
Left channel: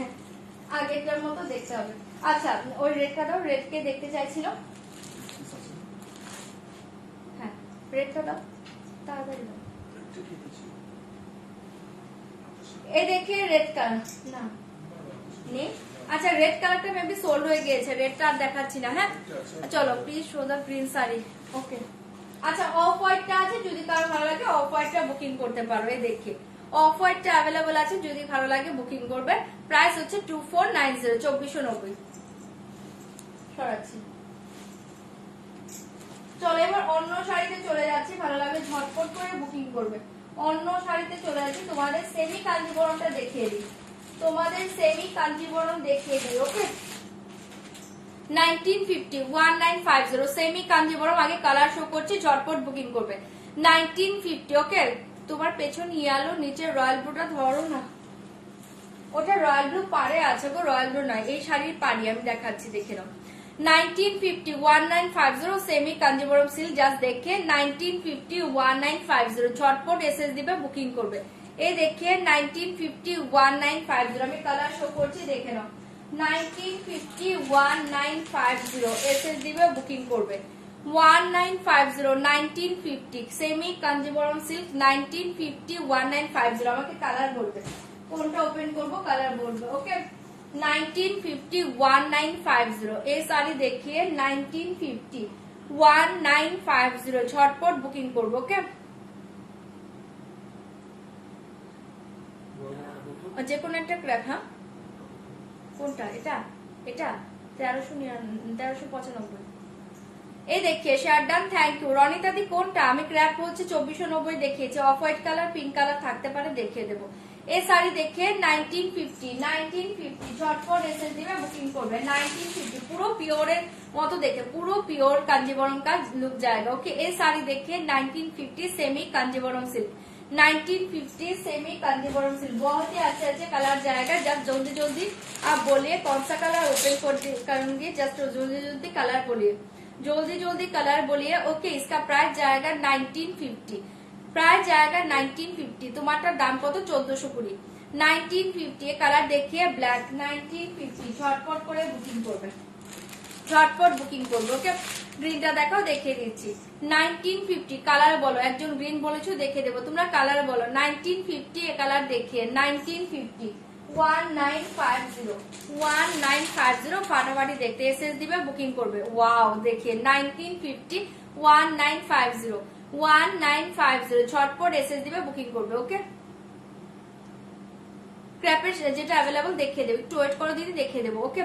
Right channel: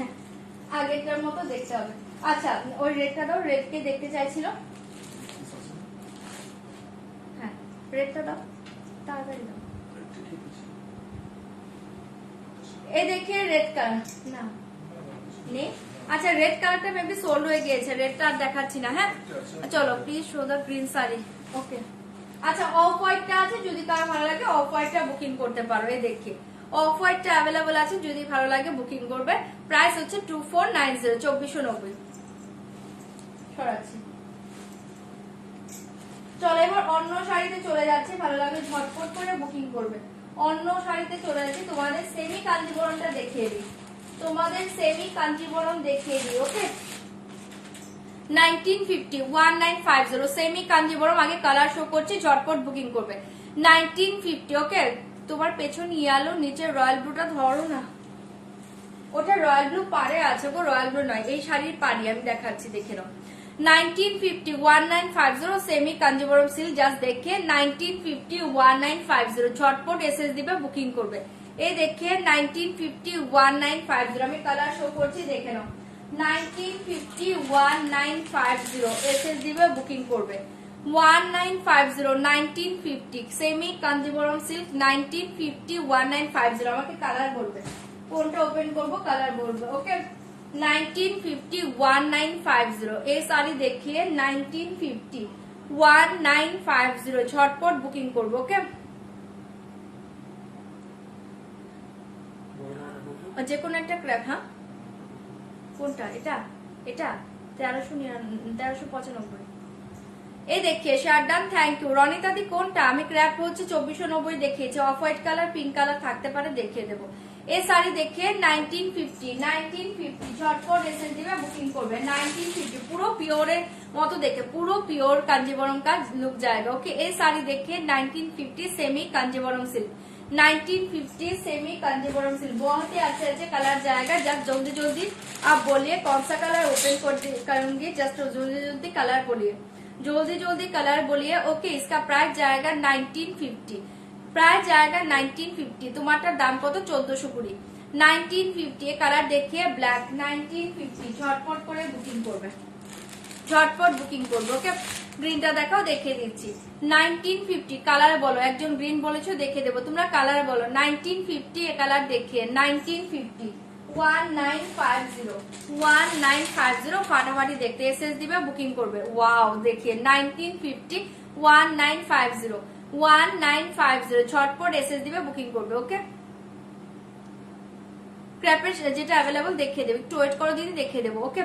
আগেরটার মতো দেখতে হবে। আচ্ছা ওই রেডটা দাও, রেডকে দেখতে চাইছিল, হ্যাঁ রেডটা দাও তাড়াতাড়ি দাও। এই দেখে রেড কালার না নেই। আচ্ছা রেড কালারটা মেবি সোল্ড হয়ে গিয়েছে, রেডটা আর দেখাচ্ছি না। হ্যাঁ চলো please show the green sari. Okay আচ্ছা অফ হোয়াইটটা আছে, যদি কারো ভালো লাগে অফ হোয়াইটটা বুকিং করতে পারো। এই দেখি অফ হোয়াইটটা অ্যাভেলেবল আছে, যদি ভালো লাগে বুকিং করবে। প্রাইস হচ্ছে 2490, 2490 সরাচ্ছি। চলো এবার অন্য শাড়িতে চলে যাচ্ছি, ভালো লাগলে ঝটপট করে বুকিং করবে। অন্য শাড়িতে চলে যাচ্ছি, তোমাদের সেমি কাঞ্জিবরমটা দেখিয়ে দিই, তোমাদের সেমি কাঞ্জিবরম দেখিয়ে দিই। ওকে 1950, 1950 সেমি কাঞ্জিবরম। আগে কালার শো করছি, ঝটপট বুকিং করবে 1950। ওকে তোমার পেছন ইয়ালো, নিচে রয়্যাল ব্লুটা ধরো না, ওটা রয়্যাল ব্লু পারে আছে গো, রয়্যাল ব্লু নয়, এই শাড়ির পারি আমি দেখাচ্ছি, দেখে নাও 1950, 1950 সেমি কাঞ্জিবরম সিল্ক। জাস্ট দেখে 1950, 1950 ঝটপট এসএস দিবে বুকিং করবে। এই দেখে 1950, 1950 আমি কালার শো করছি, দেখে নাও 1950, 1950 এসএস দিবে বুকিং করবে 1950, 1950 সেমি কাঞ্জিবরম সিল্ক 1950, 1950। আমাকে কালার বলবে, কোনটা ওপেন করবো কালার বলবে। ওকে 1950, 1950 এই শাড়ি দেখিয়ে 1950, 1950 ঝটপট বুকিং করবো। ওকে যে কোনো একটা ক্র্যাপ। হ্যাঁ কোনটা? এটা এটা 1395। এই দেখিয়ে শার্টডান, থ্যাংক ইউ রনিতা দি। কোনটা? আমি ক্র্যাপ হচ্ছে 2490 দেখিয়েছি, off white colour pink colour থাকতে পারে, দেখিয়ে দেবো। এই শাড়ি দেখে 1950, 1950 ঝটপট এসএস দিবে বুকিং করবে 1950। পুরো পিওরের মতো দেখে, পুরো পিওর কাঞ্জিবরম का लुक जाएगा। ओके এই শাড়ি দেখে 1950 semi Kanjivaram silk 1950 semi Kanjivaram silk, बहुत ही अच्छे अच्छे कलर जाएगा। जब जल्दी जल्दी आप बोलिए कौन सा कलर ओपन करूंगी, जस्ट जल्दी जल्दी कलर बोलिए, जल्दी जल्दी कलर बोलिए। ओके, इसका प्राइस जाएगा 1950, प्राइस जाएगा 1950। तुम्हारा दाम কত? 1420। 1950 কালার দেখিয়ে ব্ল্যাক 1950, ঝটপট করে বুকিং করবে, ঝটপট বুকিং করবে। ওকে, গ্রিনটা দেখাও, দেখিয়ে দিচ্ছি। 1950 কালার বলো, একজন গ্রিন বলেছো, দেখে দেবো। তোমরা কালার বলো। 1950 এ কালার দেখিয়ে 1950 1950 1950 ফাটাফাটি দেখতে এসএস দিবে, বুকিং করবে। ওয়াও, দেখিয়ে 1950 1950 1950 ঝটপট এসএস দিবে, বুকিং করবে। ওকে, ক্র্যাপের যেটা অ্যাভেলেবল দেখিয়ে দেবে, একটু ওয়েট করো দিদি, দেখিয়ে দেবো। ওকে,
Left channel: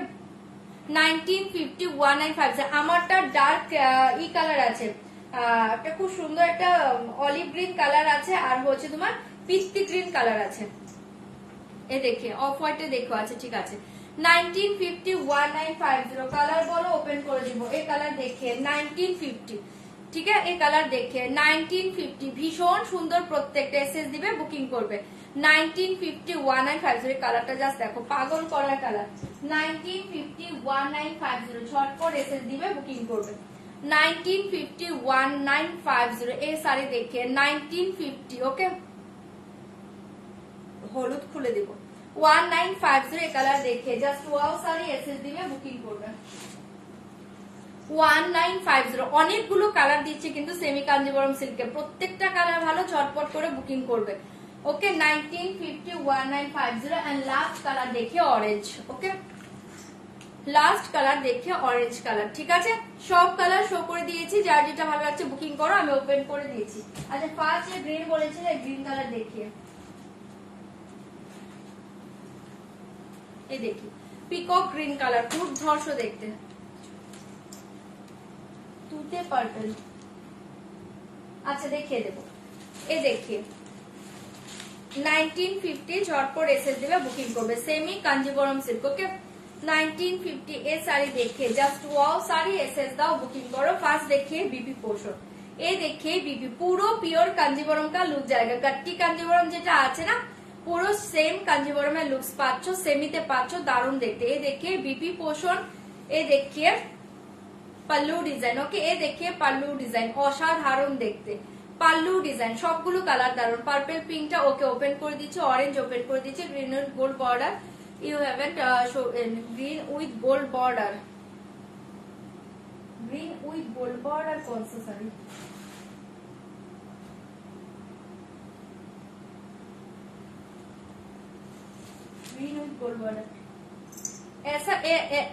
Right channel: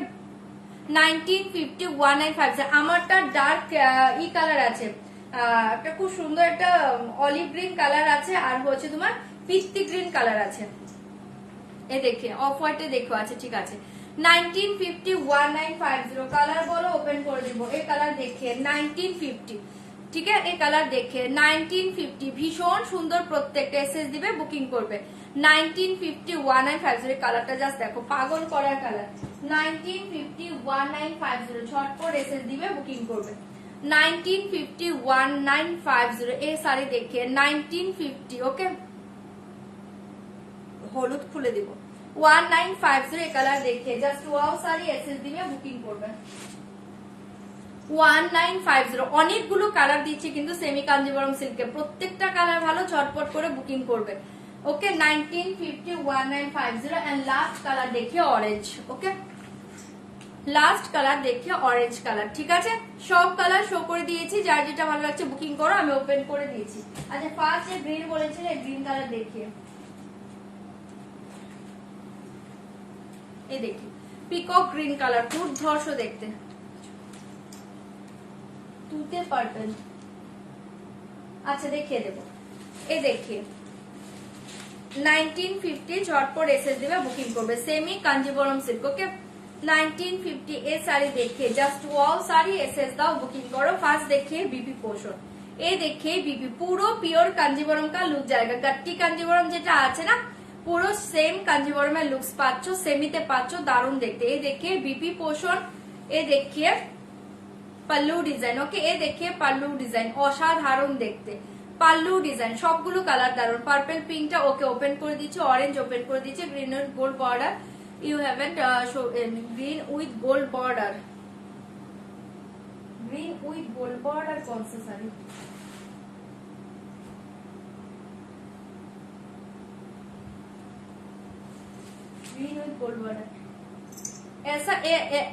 1950 1950 আমারটা ডার্ক ই কালার আছে, একটা খুব সুন্দর একটা অলিভ গ্রিন কালার আছে, আর হচ্ছে তোমার পিস্তি গ্রিন কালার আছে। এই দেখে অফ হোয়াইটে দেখো আছে, ঠিক আছে। 1950 1950 কালার বলো, ওপেন করে দিব। এই কালার দেখে 1950, ঠিক আছে, এই কালার দেখে 1950 ভীষণ সুন্দর, প্রত্যেকটা এসএস দিবে, বুকিং করবে। 1950 1950 এর কালারটা জাস্ট দেখো, পাগল করার কালার। 1950 1950 ঝটপট এসএস দিবে, বুকিং করবে। 1950 1950 এই শাড়ি দেখে 1950। ওকে, হলুদ খুলে দিব। 1950 এই কালার দেখে জাস্ট ওয়াও শাড়ি এসএস দিবে, বুকিং করবে। 1950 অনেকগুলো কালার দিচ্ছে কিন্তু সেমি কাঞ্জিবরম সিল্কে, প্রত্যেকটা কালার ভালো, ঝটপট করে বুকিং করবে। ওকে, 1950 1950 এন্ড লাস্ট কালার দেখে অরেঞ্জ। ওকে, লাস্ট কালার দেখে অরেঞ্জ কালার, ঠিক আছে। সব কালার শো করে দিয়েছি, যার যেটা ভালো লাগছে বুকিং করো, আমি ওপেন করে দিয়েছি। আচ্ছা, ফার্স্ট যে গ্রিন বলেছিলে, গ্রিন কালার দেখিয়ে, এই দেখি পিকক গ্রিন কালার, খুব ধর্ষ দেখতে, তুতে পার্পল। আচ্ছা, দেখিয়ে দেবো, এই দেখিয়ে 1950 ঝটপট এসএস দিবে, বুকিং করবে। Semi Kanjivaram silk. ওকে, 1950 এ শাড়ি দেখে জাস্ট ওয়াও শাড়ি এসএস দাও, বুকিং করো। ফার্স্ট देखिए बीपी पोर्शन, এই देखिए बीपी পুরো পিওর কাঞ্জিবরম का লুক जाएगा। गट्टी কাঞ্জিবরম যেটা আছে না, পুরো সেম কাঞ্জিবরমের লুকস পাচ্ছ, সেমিতে পাচ্ছ, দারুণ দেখতে। এই देखिए बीपी पोर्शन, এই देखिए পাল্লু ডিজাইন। ওকে, এই देखिए পাল্লু ডিজাইন, অসাধারণ দেখতে পাল্লু ডিজাইন, সবগুলো কালার দারুণ। পার্পল পিঙ্কটা ওকে ওপেন করে দিচ্ছে, অরেঞ্জ ওপেন করে দিচ্ছে, green with gold border. You haven't green with gold border, green with gold border कौन सा sari? Green with gold border, ऐसा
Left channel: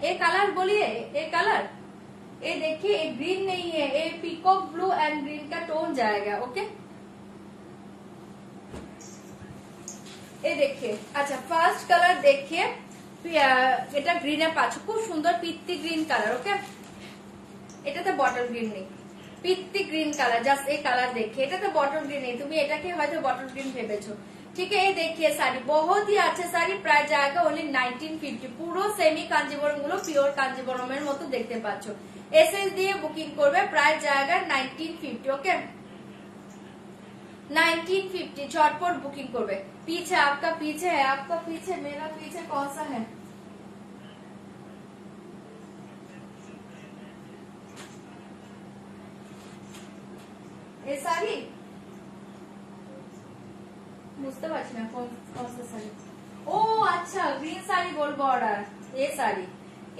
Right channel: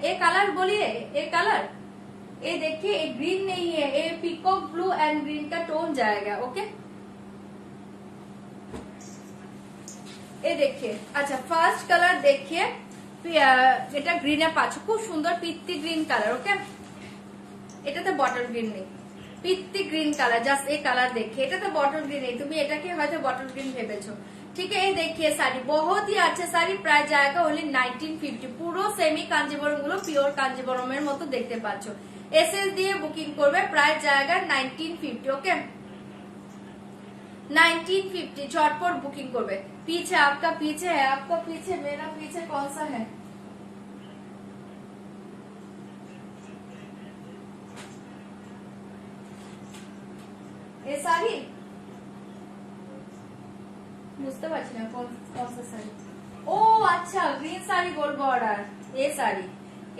ए कलर बोलिए, ए कलर, ये देखिए, ये ग्रीन नहीं है, ये पीकॉक ब्लू एंड ग्रीन का टोन जाएगा। ओके, এই देखिए। আচ্ছা, ফার্স্ট কালার দেখিয়ে, এটা গ্রিনে পাচ্ছ, খুব সুন্দর পিত্তি গ্রিন কালার। ওকে, এটাতে বটল গ্রিন নেই, পিত্তি গ্রিন কালার, জাস্ট এই কালার দেখিয়ে। এটাতে বটল গ্রিন নেই, তুমি এটাকে হয়তো বটল গ্রিন ভেবেছো, ঠিক है। ये देखिए साड़ी बहुत ही अच्छा साड़ी, प्राइस जाएगा ओनली 1950। পুরো সেমি কাঞ্জিবরম গুলো পিওর কাঞ্জিবরমের মতো দেখতে পাচ্ছ, এসএস দিয়ে বুকিং করবে, প্রাইস जाएगा 1950। ওকে, 1950 झटपट बुकिंग करबे। पीछे आपका पीछे है, आपका पीछे, मेरा पीछे कौन सा है? ये साड़ी বুঝতে পারছি না কোন সা শাড়ি। ও আচ্ছা, গ্রিন শাড়ি গোল্ড বর্ডার, এই sari,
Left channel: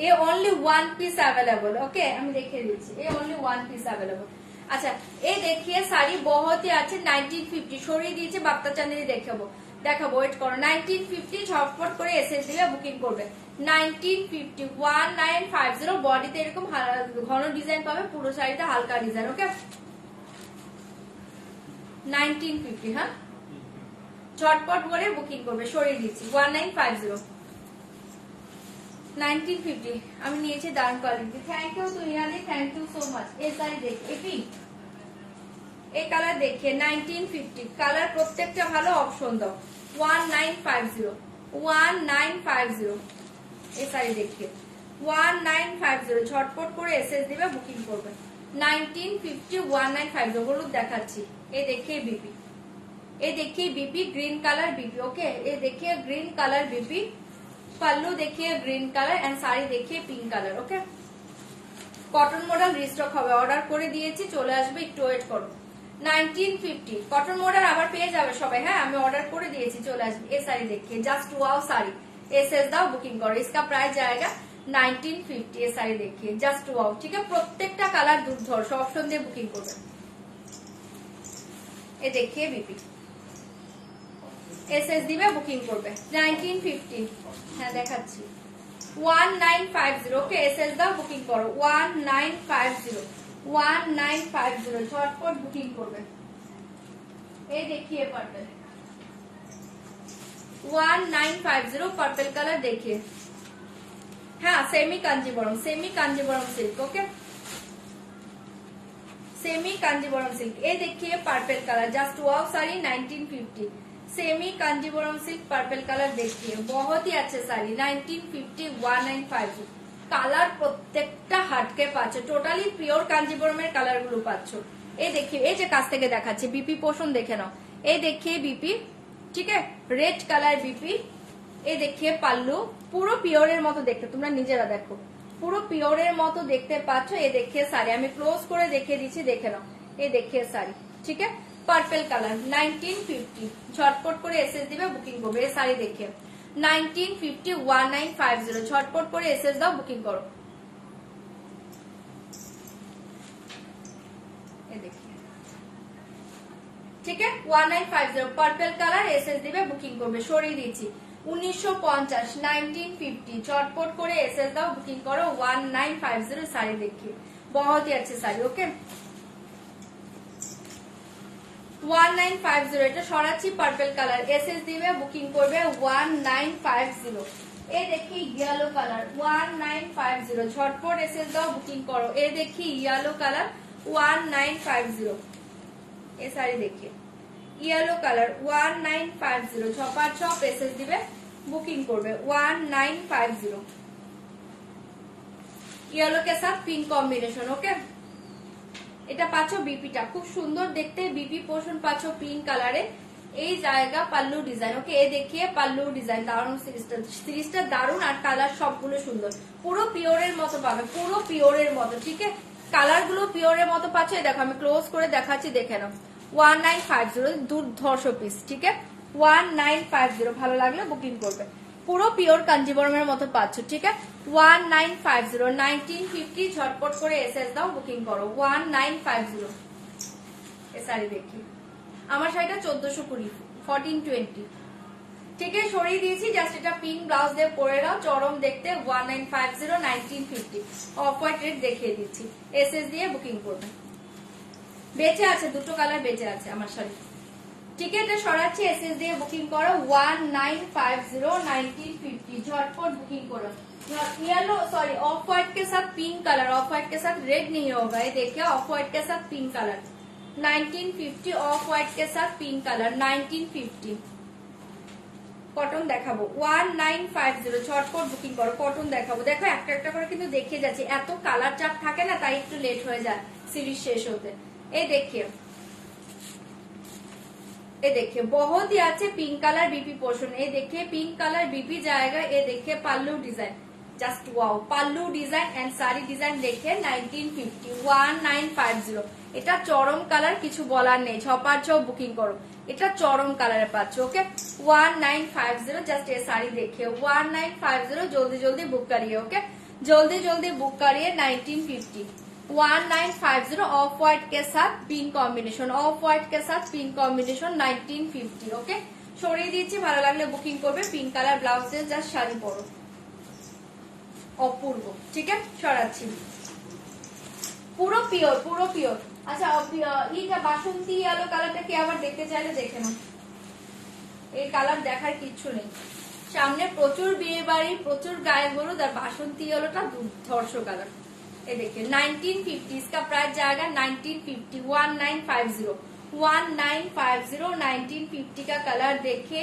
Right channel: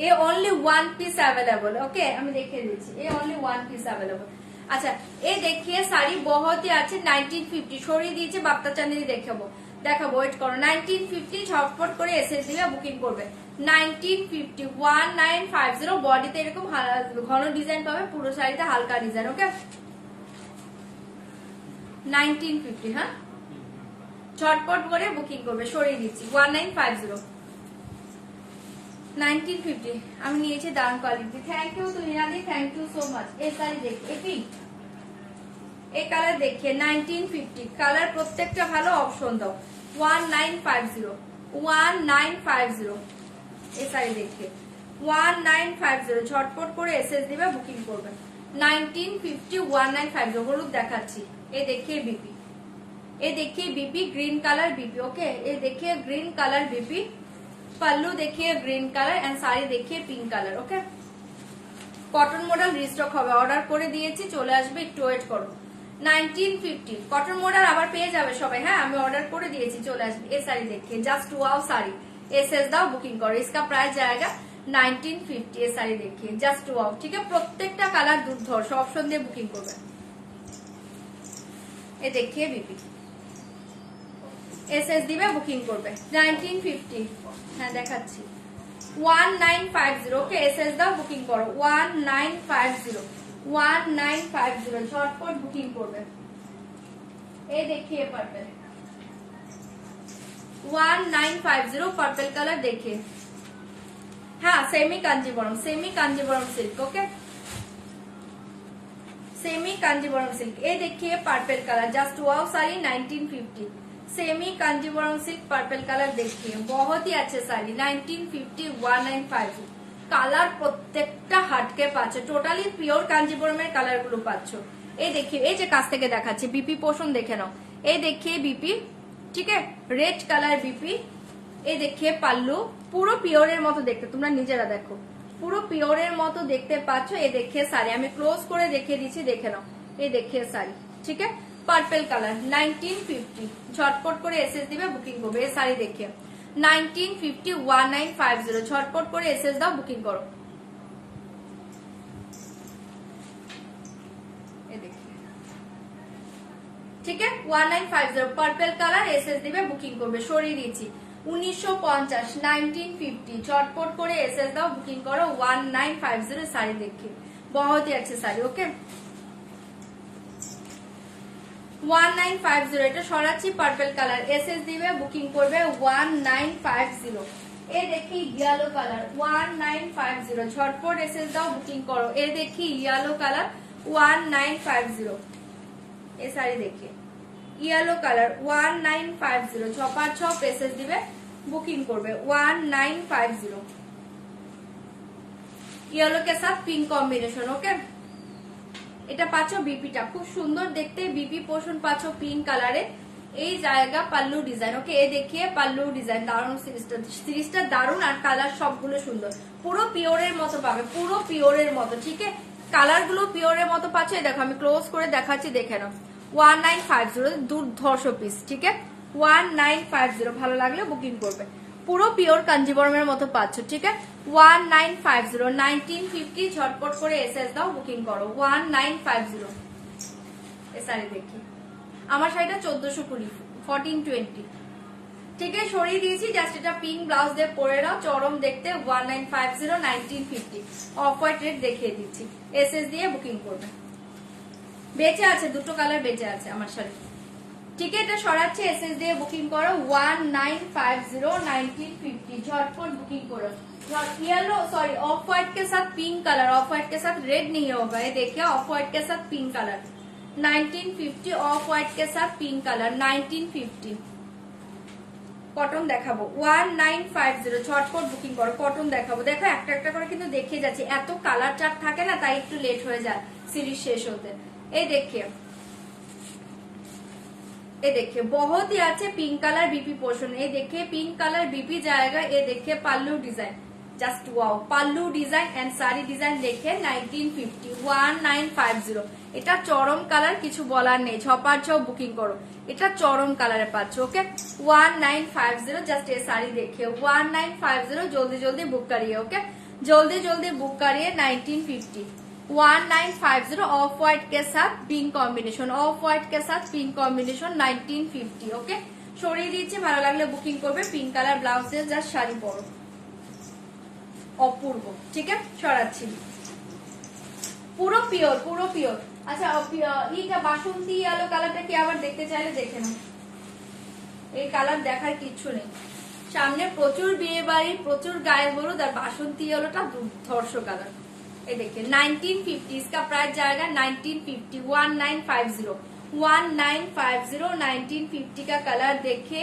A only one piece available. ওকে, আমি দেখিয়ে দিচ্ছি, A only one piece available. আচ্ছা, এই দেখিয়ে শাড়ি বহুত ही আছে, 1950 সরিয়ে দিয়েছে, বাপ্তা চাঁদি দেখাবো, দেখাবো, ওয়েট করো। 1950 ঝটপট করে এসএস দিয়ে বুকিং করবে। 1950 1950 বডিতে এরকম ঘন ডিজাইন পাবে, পুরো শাড়িটা হালকা ডিজাইন। ওকে, 1950, হ্যাঁ, ঝটপট করে বুকিং করবে, সরিয়ে দিচ্ছি। 1950 1950 আমি নিয়েছি ডান কোয়ালিটি। থ্যাংক ইউ তুহিনাদি, থ্যাংক ইউ সো মাচ। এই শাড়ি দেখি, এটি এই কালার দেখিয়ে 1950 কালার, প্রত্যেকটা ভালো, অপশন দাও। 1950 1950 এই শাড়ি দেখিয়ে 1950 ঝটপট করে এসএস দিবে, বুকিং করবে। 1950 1950 হলুদ দেখাচ্ছি, এই দেখিয়ে বিপি, ये देखिए BP green colour BP, okay ये देखिए ग्रीन कलर बीपी, पल्लू देखिए ग्रीन कलर एंड साड़ी देखिए pink colour, okay. Cotton model restock হবে, অর্ডার করে দিয়েছি, চলে আসবে, একটু ওয়েট করো। 1950 কটন মডেল আবার পেয়ে যাবে সবাই, হ্যাঁ আমি অর্ডার করে দিয়েছি, চলে আসবে। এই শাড়ি देखिए जस्ट वाओ साड़ी, एसएस दाओ बुकिंग करो, इसका प्राइस जाएगा 1950। ये শাড়ি देखिए जस्ट वाओ, ठीक है। প্রত্যেকটা কালার দুর্ধর্ষ, অপশন দিয়ে বুকিং করবেন। ये देखिए बीपी एसएस দিবে বুকিং করবে 1950, হ্যাঁ দেখাচ্ছি 1950, ওকে এসএস দাও বুকিং করো 1950 ঝটপট বুকিং করবে। এই দেখিए पर्पल 1950 पर्पल कलर देखिए, हाँ semi Kanjivaram silk, okay semi Kanjivaram silk. ये देखिए purple colour just wow sari 1950, semi Kanjivaram silk purple colour देखिए, बहुत ही अच्छे साड़ी 1950 1950 কালার প্রত্যেকটা হাটকে পাচ্ছে, টোটালি পিওর কাঞ্জিবরমের কালার গুলো পাচ্ছ। এই দেখিए এই যে কাছ থেকে দেখাচ্ছে বিপি পোষণ দেখে নাও, এই देखिए বিপি, ঠিক আছে রেড কালার বিপি। এই देखिए পাল্লু, পুরো পিওরের মতো দেখতে, তোমরা নিজেরা দেখো পুরো পিওরের মতো দেখতে পাচ্ছ। এই देखिए শাড়ি আমি ক্লোজ করে দেখিয়ে দিচ্ছি, দেখে নাও। এই देखिए শাড়ি, ঠিক আছে पर्पल कलर 1950, ঝটপট করে এসএস দিবে বুকিং করবে। এই শাড়ি देखिए 1950 1950 ঝটপট করে এসএস দাও বুকিং করো। ঠিক আছে 1950 पर्पल कलर एसएस দিবে বুকিং করবে। সরিয়ে দিচ্ছি 1950 1950 ঝটপট করে এসএস দাও বুকিং করো 1950 শাড়ি देखिए, बहुत ही अच्छी শাড়ি, ওকে 1950 এটা সরাচ্ছি पर्पल कलर एसएस দিবে বুকিং করবে 1950। এই দেখি ইয়েলো কালার 1950 ঝটপট এসএস দাও বুকিং করো। এই দেখি ইয়েলো কালার 1950, এই শাড়ি देखिए ইয়েলো কালার 1950 ছপার ছপ এসএস দিবে বুকিং করবে 1950। ইয়েলো के साथ पिंक कॉम्बिनेशन, ओके এটা পাচ্ছ বিপিটা খুব সুন্দর দেখতে, বিপি পোষণ পাচ্ছ পিঙ্ক কালারে। এই জায়গা পাল্লু ডিজাইন, ওকে এই দেখিয়ে পাল্লু ডিজাইন, দারুণ সিরিজটা দারুণ, আর কালার সবগুলো সুন্দর, পুরো পিওরের মতো পাবে, পুরো পিওরের মতো, ঠিক আছে কালার গুলো পিওরের মতো পাচ্ছ। দেখো আমি ক্লোজ করে দেখাচ্ছি, দেখে নাও 1950 দুর্ধর্ষ পিস, ঠিক আছে 1950 ভালো লাগলে বুকিং করবে, পুরো পিওর কাঞ্জিবরমের মতো পাচ্ছ, ঠিক আছে 1950 1950 ঝটপট করে এসএস দাও বুকিং করো 1950। এই শাড়ি দেখি আমার শাড়িটা 1420 1420, ঠিক আছে সরিয়ে দিয়েছি, জাস্ট এটা পিঙ্ক ব্লাউজ দিয়ে পরে নাও, চরম দেখতে 1950 1950 অফ হোয়াইট রেড দেখিয়ে দিচ্ছি, এসএস দিয়ে বুকিং করবে। বেঁচে আছে দুটো কালার বেঁচে আছে আমার শাড়ি, ঠিক আছে এটা সরাচ্ছি, এসএস দিয়ে বুকিং করো 1950 1950 झटपट बुकिंग करो। येलो सॉरी ऑफ व्हाइट के साथ पिंक कलर, ऑफ व्हाइट के साथ रेड नहीं होगा, ये देखिए ऑफ व्हाइट के साथ पिंक कलर 1950 ऑफ व्हाइट के साथ पिंक कलर 1950। কটন দেখাবো 1950 ঝটপট বুকিং করো, কটন দেখাবো। দেখো একটা একটা করে কিন্তু দেখিয়ে যাচ্ছে, এত কালার চার্ট থাকে না তাই একটু লেট হয়ে যায় সিরিজ শেষ হতে। এই দেখিয়ে ये देखिए बहुत ही अच्छे पिंक कलर बीपी पोर्शन, ये देखिए पिंक कलर बीपी जाएगा। ये देखिए pallu design just wow, pallu design and sari design देखिए 1950 1950 এটা চরম কালার, কিছু বলার নেই, ছপার ছপ বুকিং করো, এটা চরম কালারে পাচ্ছ, ওকে 1950 জাস্ট ये साड़ी देखिए 1950 जल्दी जल्दी बुक करिए, ओके जल्दी जल्दी बुक करिए 1950 1950 ऑफ व्हाइट के साथ पिंक कॉम्बिनेशन, ऑफ व्हाइट के साथ पिंक कॉम्बिनेशन 1950, ओके সরিয়ে দিচ্ছি, ভালো লাগলে বুকিং করবে। পিঙ্ক কালার ব্লাউজ দিয়ে জাস্ট শাড়ি পরো, অপূর্ব, ঠিক আছে সরাচ্ছি পুরো পিওর পুরো পিওর। আচ্ছা এইটা বাসন্তী আলো কালারটা কি আবার দেখতে চাইলে দেখে নাও, এই কালার দেখার কিচ্ছু নেই, সামনে প্রচুর বিয়ে বাড়ি প্রচুর গায়ে হলুদ, আর বাসন্তী আলোটা দুর্ধর্ষ কালার। ये देखिए 1950 इसका प्राइस जाएगा 1950 1950 1950 का कलर देखिए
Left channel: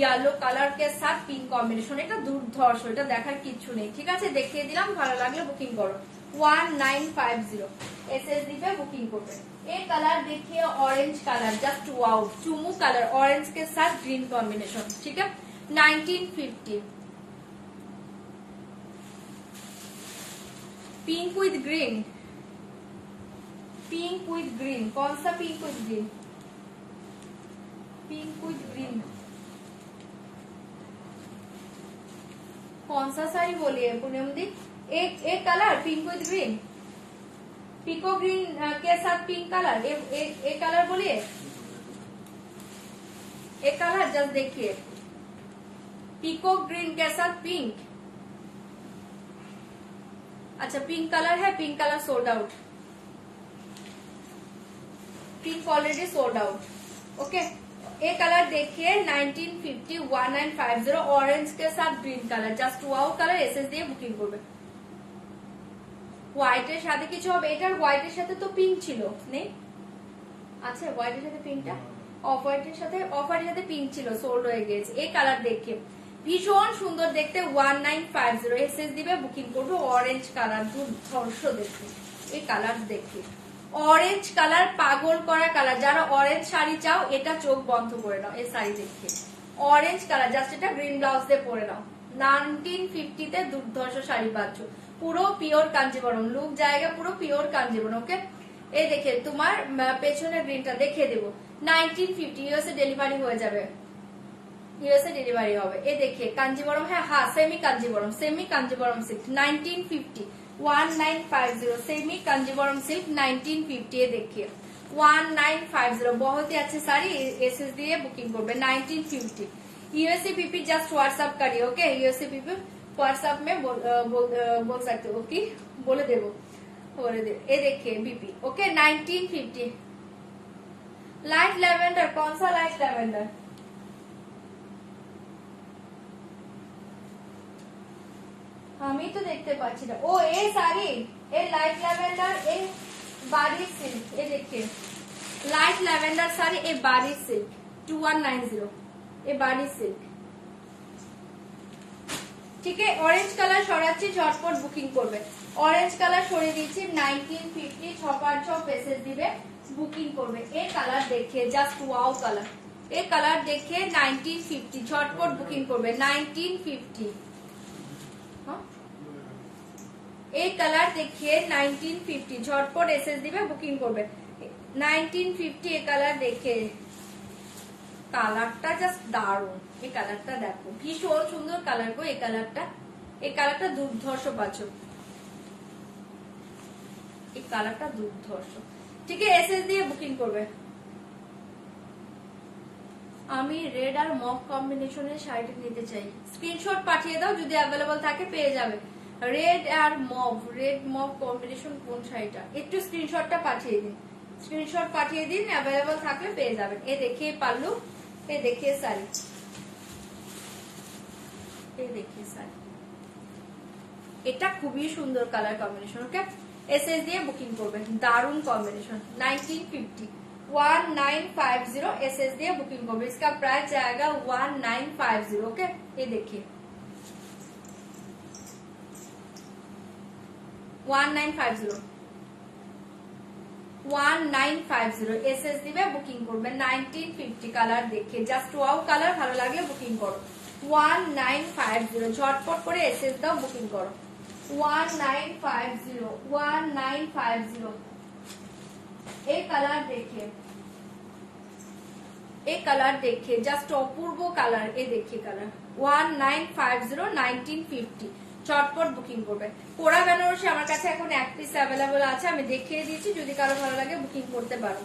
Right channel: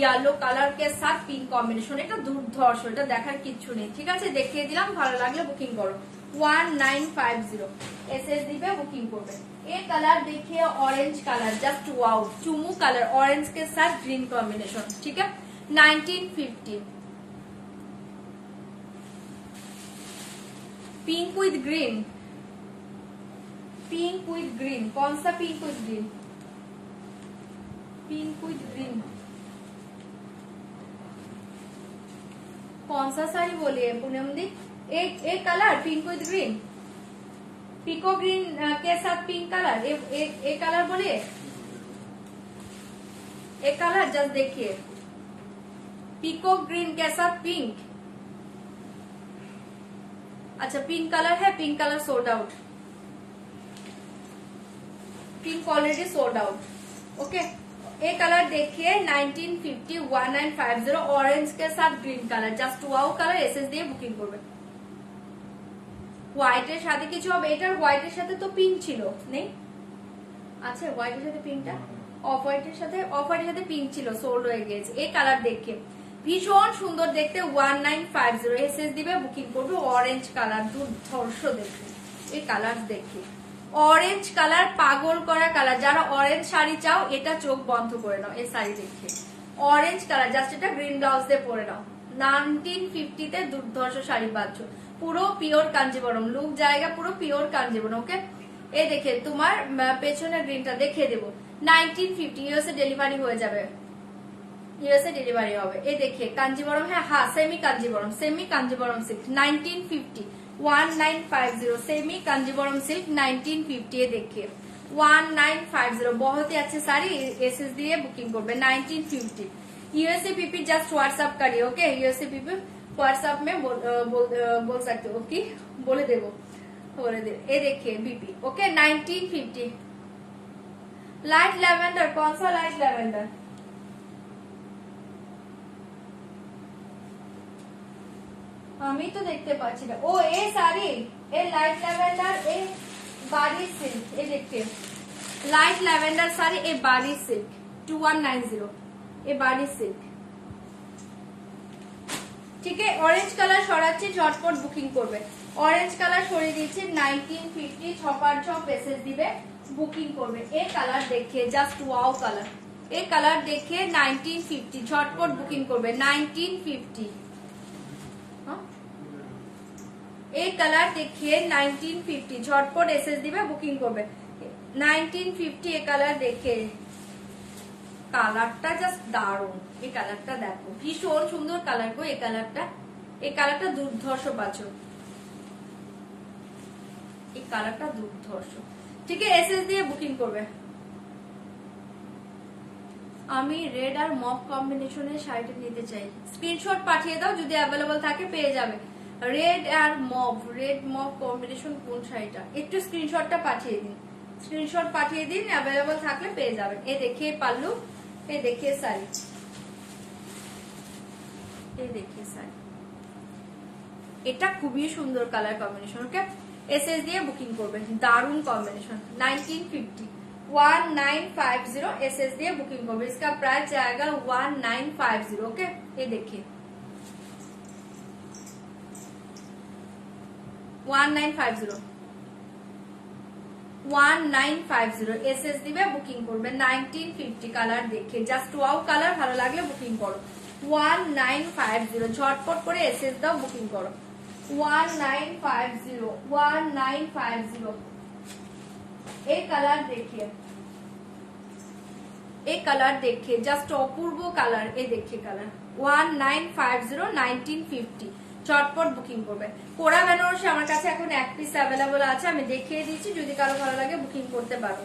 येलो कलर के साथ पिंक कॉम्बिनेशन, এটা দুর্ধর্ষ, এটা দেখার কিচ্ছু নেই, ঠিক আছে দেখিয়ে দিলাম, ভালো লাগলে বুকিং করো 1950 एसएस दिवे बुकिंग করবে। ये कलर देखिए ऑरेंज कलर, जस्ट वाओ, चुमू कलर ऑरेंज के साथ ग्रीन कॉम्बिनेशन, ठीक है। 1950 pink with green, pink with green, कौन सा pink with green? Pink with green कौन सा साड़ी बोलिए पूनम दी? एक कलर पिंक विद ग्रीन, पिको ग्रीन के साथ पिंक कलर, एक कलर बोलिए, एक कलर जस्ट देखिए, पिको ग्रीन के साथ पिंक। अच्छा पिंक कलर है, pink colour sold out, pink already sold out, okay. एक कलर देखिए 1950 1950 ऑरेंज के साथ green colour, just wow colour SS দিয়ে বুকিং করবে। হোয়াইটের সাথে কিছু হবে, এটার হোয়াইটের সাথে তো পিঙ্ক ছিল নেই, আচ্ছা হোয়াইটের সাথে পিঙ্কটা অফ হোয়াইটের সাথে পিঙ্ক ছিল, সোল্ড হয়ে গিয়েছে। এই কালার দেখে ভীষণ সুন্দর দেখতে, 1950 এসএস দিবে বুকিং করবে। অরেঞ্জ কালার দুর্ধর্ষ দেখতে, এই কালার দেখে অরেঞ্জ কালার পাগল করা কালার। যারা অরেঞ্জ শাড়ি চাও এটা চোখ বন্ধ করে নাও, এই শাড়ি দেখে অরেঞ্জ কালার, জাস্ট এটা গ্রিন ব্লাউজ দিয়ে পরে নাও। 1950 তে দুর্ধর্ষ শাড়ি পাচ্ছ, পুরো পিওর কাঞ্জিবরম লুক জায়গা, পুরো পিওর কাঞ্জিবরম, ওকে। এই দেখে তোমার পেছনের গ্রিনটা দেখিয়ে দেবো। 1950 ইউএসএ ডেলিভারি হয়ে যাবে, ইউএসএ ডেলিভারি হবে। এই দেখে কাঞ্জিবরম, হ্যাঁ semi Kanjivaram, semi Kanjivaram silk 1950 1950 semi Kanjivaram silk 1950 ये देखिए 1950 बहुत ही अच्छी साड़ी एसएस दिए बुकिंग করবে। 1950 यूएसए पीपी जस्ट व्हाट्सएप करिए, ओके। यूएसए पीपी व्हाट्सएप में बोल सकते हो कि बोले देवो, बोले दे। ये देखिए बीपी, ओके। 1950 लाइट लैवेंडर, कौन सा लाइट लैवेंडर? আমি তো দেখতে পাচ্ছি না। ও এই শাড়ি, এই লাইট ল্যাভেন্ডার, এই বাড়ির সিল্ক, এই দেখে লাইট ল্যাভেন্ডার শাড়ি, এই বাড়ির সিল্ক 2190, এই বাড়ির সিল্ক, ঠিক আছে। অরেঞ্জ কালার সরাচ্ছি, ঝটপট বুকিং করবে। অরেঞ্জ কালার সরিয়ে দিচ্ছি, 1950 656 পেসেস দিবে বুকিং করবে। এই কালার দেখে জাস্ট ওয়াও কালার, এই কালার দেখে 1950 ঝটপট বুকিং করবে। 1950 এই কালার দেখিয়ে 1950 ঝটপট এসএস দিবে বুকিং করবে। 1950 এই কালার দেখে, কালারটা জাস্ট দারুণ, এই কালারটা দেখো ভীষণ সুন্দর কালার গো। এই কালারটা দুর্ধর্ষ পাচ্ছ, এই কালারটা দুর্ধর্ষ, ঠিক আছে। এসএস দিয়ে বুকিং করবে। আমি রেড আর মভ কম্বিনেশনের শাড়িটা নিতে চাই, স্ক্রিনশট পাঠিয়ে দাও, যদি অ্যাভেলেবল থাকে পেয়ে যাবে। রেড আর মভ, রেড মভ কম্বিনেশন কোন শাড়িটা, একটু স্ক্রিনশটটা পাঠিয়ে দিন, স্ক্রিনশট পাঠিয়ে দিন, অ্যাভেলেবল থাকলে পেয়ে যাবেন। এ দেখিয়ে পাল্লু, এ দেখিয়ে শাড়ি, এ দেখিয়ে শাড়ি, এটা খুবই সুন্দর কালার কম্বিনেশন, ওকে। এসএস দিয়ে বুকিং করবেন, দারুণ কম্বিনেশন। 1950 1950 एसएस दिए बुकिंग को, इसका प्राइस जाएगा 1950, ओके। ये देखिए 1950 एसएस दिए बुकिंग করবে। 1950 কালার দেখে জাস্ট ওয়াও কালার, ভালো লাগলে বুকিং করো। 1950 ঝটপট করে এসএস দাও, বুকিং করো। 1950 एक कलर देखिए, एक कलर देखिए जस्ट अपूर्व कलर, ये देखिए कलर 1950 1950 চটপট বুকিং করবে। কোরা বেনারসি আমার কাছে এখন এক পিস অ্যাভেলেবল আছে, আমি দেখিয়ে দিয়েছি, যদি কারো ভালো লাগে বুকিং করতে পারো।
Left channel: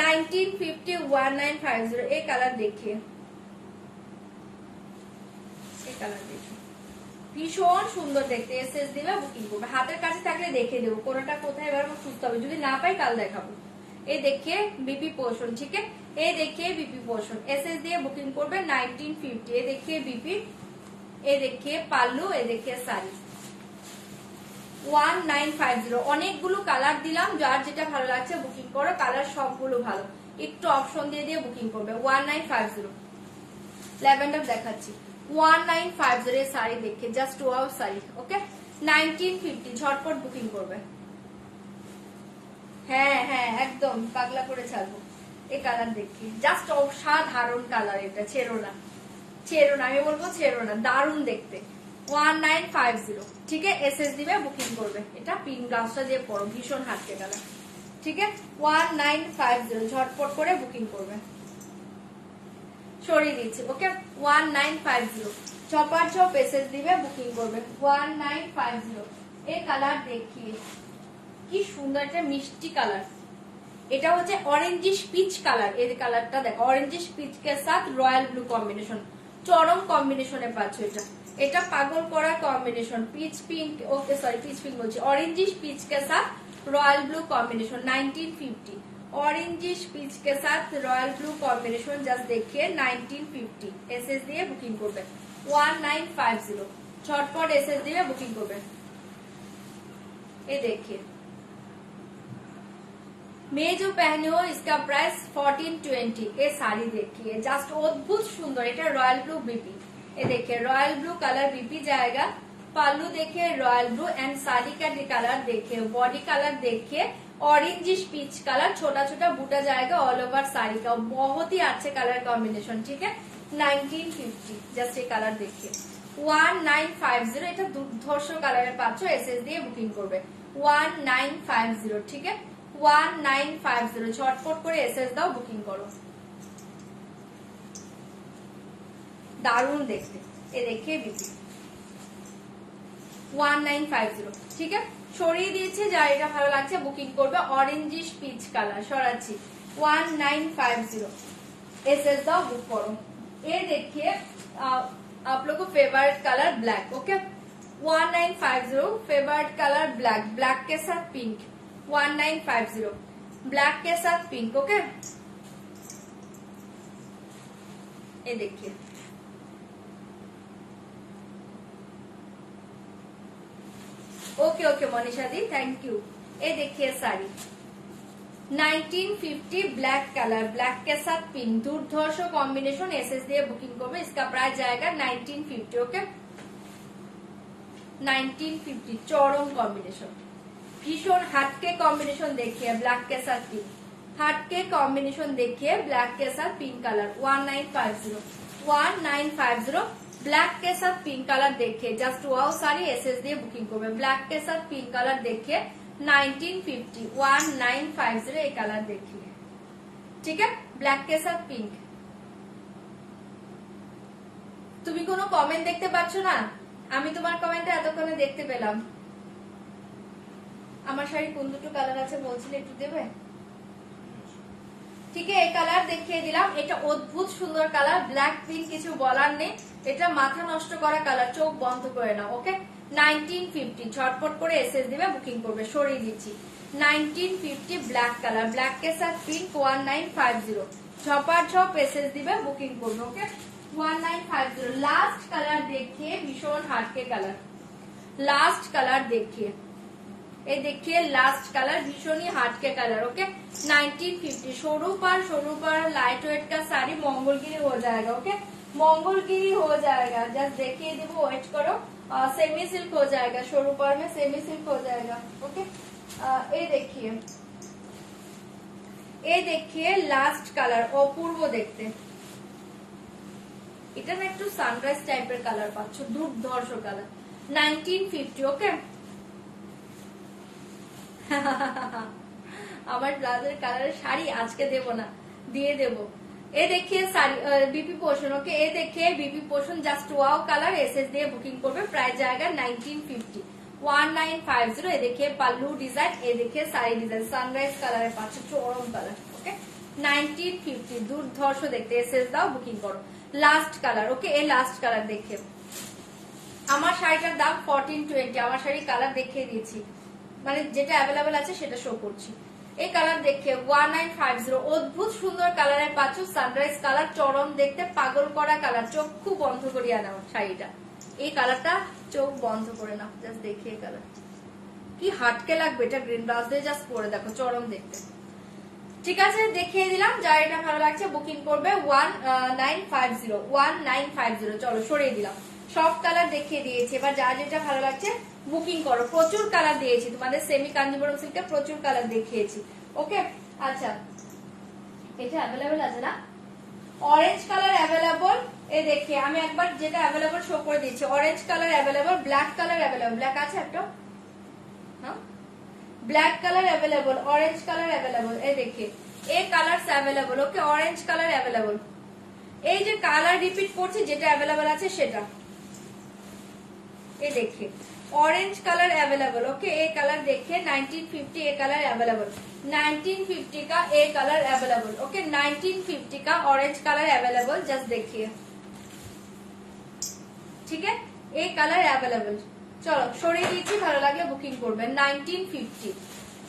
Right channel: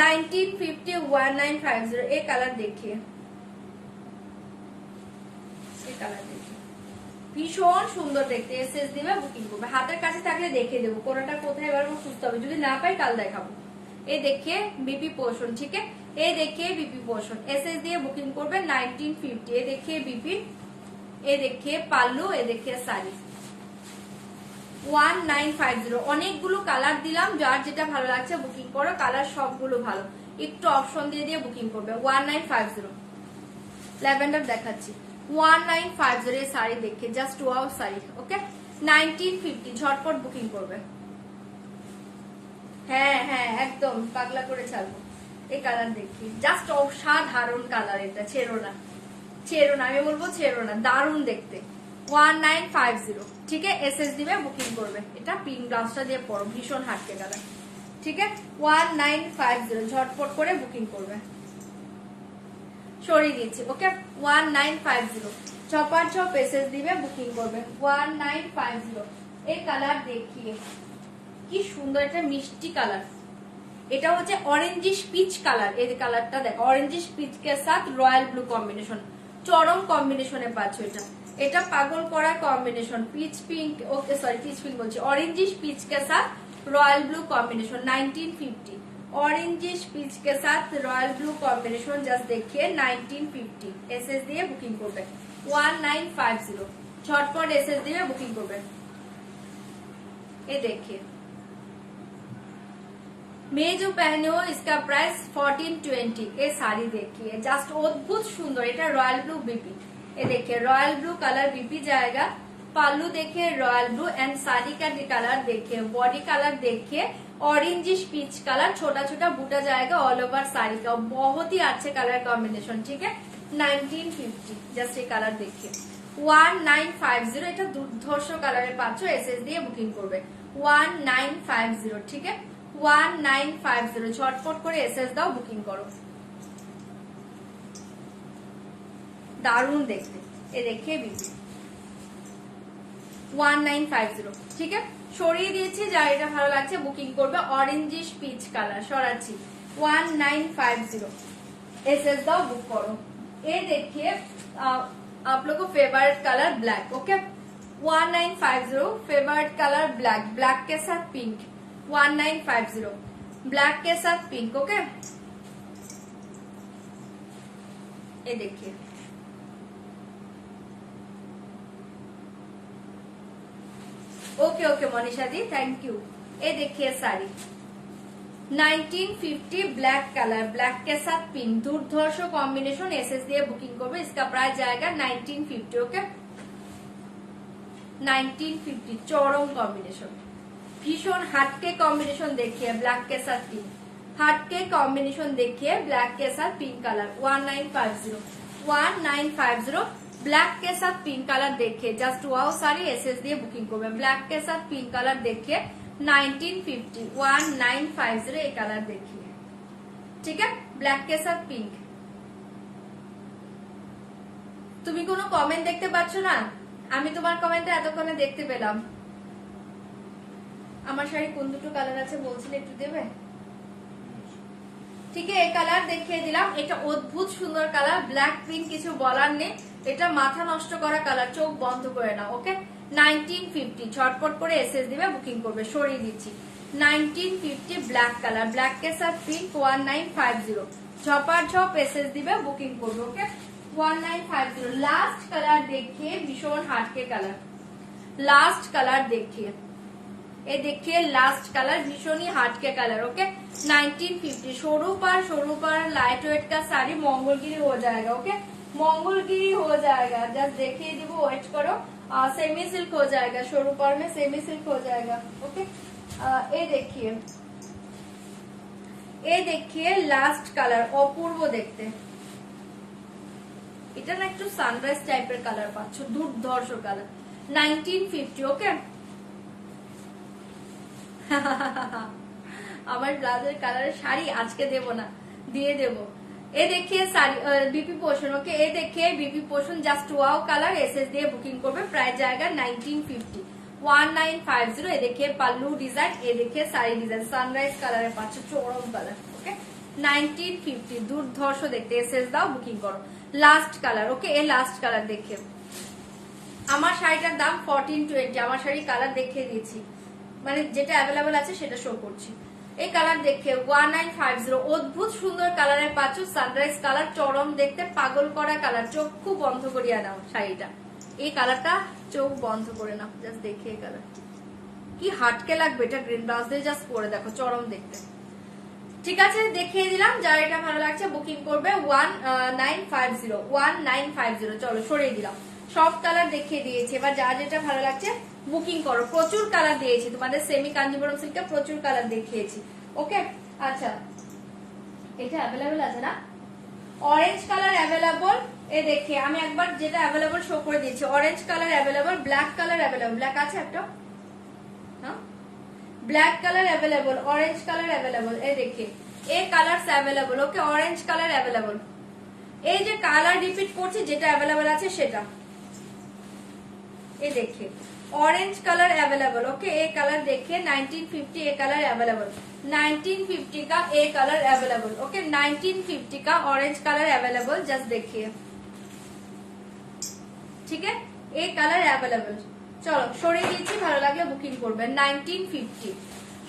1950 1950 এই কালার देखिए, এই কালার देखिए ভীষণ সুন্দর দেখতে। এসএস দিবে বুকিং করবে, হাতের কাছে থাকলে দেখে দেবো কোনটা কোথায় এবার সুস্থ হবে, যদি না পাই কাল দেখাবো। এই দেখে বিপি পোর্শন, ঠিক আছে। এই দেখে বিপি পোর্শন এসএস দিয়ে বুকিং করবে। 1950 এই দেখে বিপি, এই দেখে পাল্লু, এই দেখে শাড়ি 1950। অনেকগুলো কালার দিলাম, যার যেটা ভালো লাগছে বুকিং করো, কালার সবগুলো ভালো, একটু অপশন দিয়ে দিয়ে বুকিং করবে। 1950 ল্যাভেন্ডার দেখাচ্ছি, 1950 শাড়ি দেখে জাস্ট ওয়াও শাড়ি, ওকে। 1950 ঝটপট বুকিং করবে। হ্যাঁ হ্যাঁ একদম পাগলা করে ছাড়বো। এই কালার দেখি, জাস্ট অসাধারণ কালার, এটা ছেড়ো না, ছেড়ো না, আমি বলবো ছেড়ো না, দারুণ দেখতে। 1950 ঠিক আছে, এসএস দিবে বুকিং করবে। এটা পিঙ্ক ব্লাউজটা দিয়ে পরো, ভীষণ হাটকে কালার, ঠিক আছে। 1950 ঝটপট করে বুকিং করবে, সরিয়ে দিচ্ছি, ওকে। 1950 ছপার ছপ এসএস দিবে বুকিং করবে। 1950 এই কালার দেখিয়ে, কি সুন্দর একটা মিষ্টি কালার। এটা হচ্ছে অরেঞ্জিশ পিচ কালার। এই কালারটা দেখো, অরেঞ্জিশ পিচ কে সাথ রয়্যাল ব্লু কম্বিনেশন, চরম কম্বিনেশনে পাচ্ছ। এটা এটা পাগল করার কম্বিনেশন, পিচ পিঙ্ক, ওকে সরি পিচ পিঙ্ক বলছি, অরেঞ্জিশ পিচ কে সাথ royal blue combination. 1950 orangish pitch के साथ रॉयल ब्लू कॉम्बिनेशन, जस्ट देखिए 1950 एसएस दिए बुकिंग করবে। 1950 झटपट एसएस दिए बुकिंग করবে। ये देखिए, मैं जो पहने हो इसका प्राइस 1420। ये साड़ी देखिए, जस्ट अद्भुत सुंदर, এটা रॉयल ब्लू बीपी। ये देखिए रॉयल ब्लू कलर बीपी जाएगा, पालू देखिए रॉयल ब्लू एंड साड़ी का कलर देखिए, बॉडी कलर देखिए ऑरेंजिश पीच कलर, छोटा छोटा बूटा जाएगा ऑल ओवर साड़ी का, बहुत ही अच्छे कलर कॉम्बिनेशन, ठीक है। 1950 जस्ट ये कलर देखिए। 1950 এটা দুর্ধর্ষ কালারের পাচ্ছ, এসএস দিয়ে বুকিং করবে। 1950 ঠিক আছে, 1950 ঝটপট করে এসএস দাও, বুকিং করো, দারুণ দেখতে। এ দেখে বিপি 1950 ঠিক আছে, সরিয়ে দিয়েছি, যার এটা ভালো লাগছে বুকিং করবে। অরেঞ্জিশ পিচ কালার সরাচ্ছি। 1950 एसएस दाओ, बुक करो। ये देखिए आप लोग को favourite colour black, okay. 1950 favourite colour black, black के साथ पिंक। 1950 ब्लैक के साथ पिंक, ओके। ये देखिए, okay okay Manisha the, thank you. ये देखिए साड़ी 1950 ब्लैक कलर, ब्लैक के साथ पिंक, दुर्धर्ष कॉम्बिनेशन, एसएस दिए बुकिंग करो। इसका प्राइस जाएगा 1950, ओके। 1950 चौरम कॉम्बिनेशन, भीषण हटके कॉम्बिनेशन देखिए, ब्लैक के साथ पिंक, हटके कॉम्बिनेशन देखिए, ब्लैक के साथ पिंक कलर। 1950 ब्लैक के साथ पिंक कलर देखिए, जस्ट वाओ साड़ी, एसएस दिए बुकिंग करो। ब्लैक के साथ पिंक कलर देखिए 1950 1950 ये कलर देखिए, ठीक है, ब्लैक के साथ पिंक। তুমি কোনো কমেন্ট দেখতে পাচ্ছ না? আমি তোমার কমেন্টে এতক্ষণে দেখতে পেলাম। আমার শাড়ি কোন দুটো কালার আছে বলছিলে, একটু দেবে? ঠিক আছে, এই কালার দেখিয়ে দিলাম। এটা অদ্ভুত সুন্দর কালার, ব্ল্যাক পিঙ্ক, কিছু বলার নেই। এটা মাথা নষ্ট করা কালার, চোখ বন্ধ করে নাও, ওকে। 1950 ঝটপট করে এসএস দিবে, বুকিং করবে, সরিয়ে দিচ্ছি। 1950 ব্ল্যাক কালার, ব্ল্যাক के साथ पिंक। 1950 ঝপার ঝপ এসএস দিবে, বুকিং করবে, ওকে। 1950 লাস্ট কালার देखिए, भीषण हार्ट के कलर, लास्ट कलर देखिए, ये देखिए लास्ट कलर, भीषण ही हार्ट के कलर, ओके। 1950 सरू पर लाइट वेट का साड़ी, मंगलगिरी हो जाएगा, ओके, मंगलगिरी हो जाएगा, जस्ट देखिए दीबो, वेट करो। सेमी सिल्क हो जाएगा, सरू पर में सेमी सिल्क हो जाएगा, ओके। ये देखिए लास्ट कलर, अपूर्व देखते, এটা না একটু সানরাইজ টাইপের কালার পাচ্ছ, দুর্ধর্ষ কালার। 1950, ওকে। আমার ব্লাউজের কালারের শাড়ি আজকে দেব না, দিয়ে দেব। ये देखिए साड़ी बीपी पोर्शन, ओके। ये देखिए BP portion, just wow colour, SS दिए बुकिंग করবে। प्राइस जाएगा 1950 1950। ये देखिए पल्लू डिजाइन, ये देखिए साड़ी डिजाइन, सनराइज कलर पाচ্ছে, চরম কালার, ওকে। 1950 দুর্ধর্ষ দেখতে, এসএস দাও, বুকিং করো। লাস্ট কালার, ওকে। এই লাস্ট কালার দেখে, আমার শাড়িটার দাম 1420। আমার শাড়ি কালার দেখিয়ে দিয়েছি, মানে যেটা অ্যাভেলেবেল আছে সেটা শো করছি। এই কালার দেখে 1950 অদ্ভুত সুন্দর কালারের পাচ্ছ, সানরাইজ কালার, চরম দেখতে, পাগল করা কালার, চোখ বন্ধ করিয়া নাও শাড়িটা। এই কালারটা চোখ বন্ধ করে নাও, জাস্ট দেখে এই কালার কি হাটকে লাগবে। এটা গ্রিন ব্লাউজ দিয়ে জাস্ট পরে দেখো, চরম দেখতে, ঠিক আছে। দেখিয়ে দিলাম, যার এটা ভালো লাগছে বুকিং করবে। 1950 1950 চলো সরিয়ে দিলাম, সব কালার দেখিয়ে দিয়েছি। এবার যার যেটা ভালো লাগছে বুকিং করো। প্রচুর কালার দিয়েছি তোমাদের, সেমি কাঞ্জিবরম সিল্কে প্রচুর কালার দেখিয়েছি। ওকে, আচ্ছা এটা অ্যাভেলেবেল আছে না? অরেঞ্জ কালার অ্যাভেলেবল, এই দেখে আমি একবার যেটা অ্যাভেলেবল শো করে দিচ্ছি। Orange colour available, black colour available, black আছে একটা, হ্যাঁ black colour available, orange colour available, এই দেখে এই কালার অ্যাভেলেবল। ওকে, অরেঞ্জ কালার অ্যাভেলেবল। এই যে কালার রিপিট করছি, যেটা অ্যাভেলেবল আছে সেটা, এই দেখে ऑरेंज कलर अवेलेबल। ओके, ए कलर देखिए 1950, ए कलर अवेलेबल 1950 का ए कलर अवेलेबल। ओके, 1950 का ऑरेंज कलर अवेलेबल, जस्ट देखिए, ठीक है, ए कलर अवेलेबल। চলো সরিয়ে দিচ্ছি, ভালো লাগলে বুকিং করবেন। 1950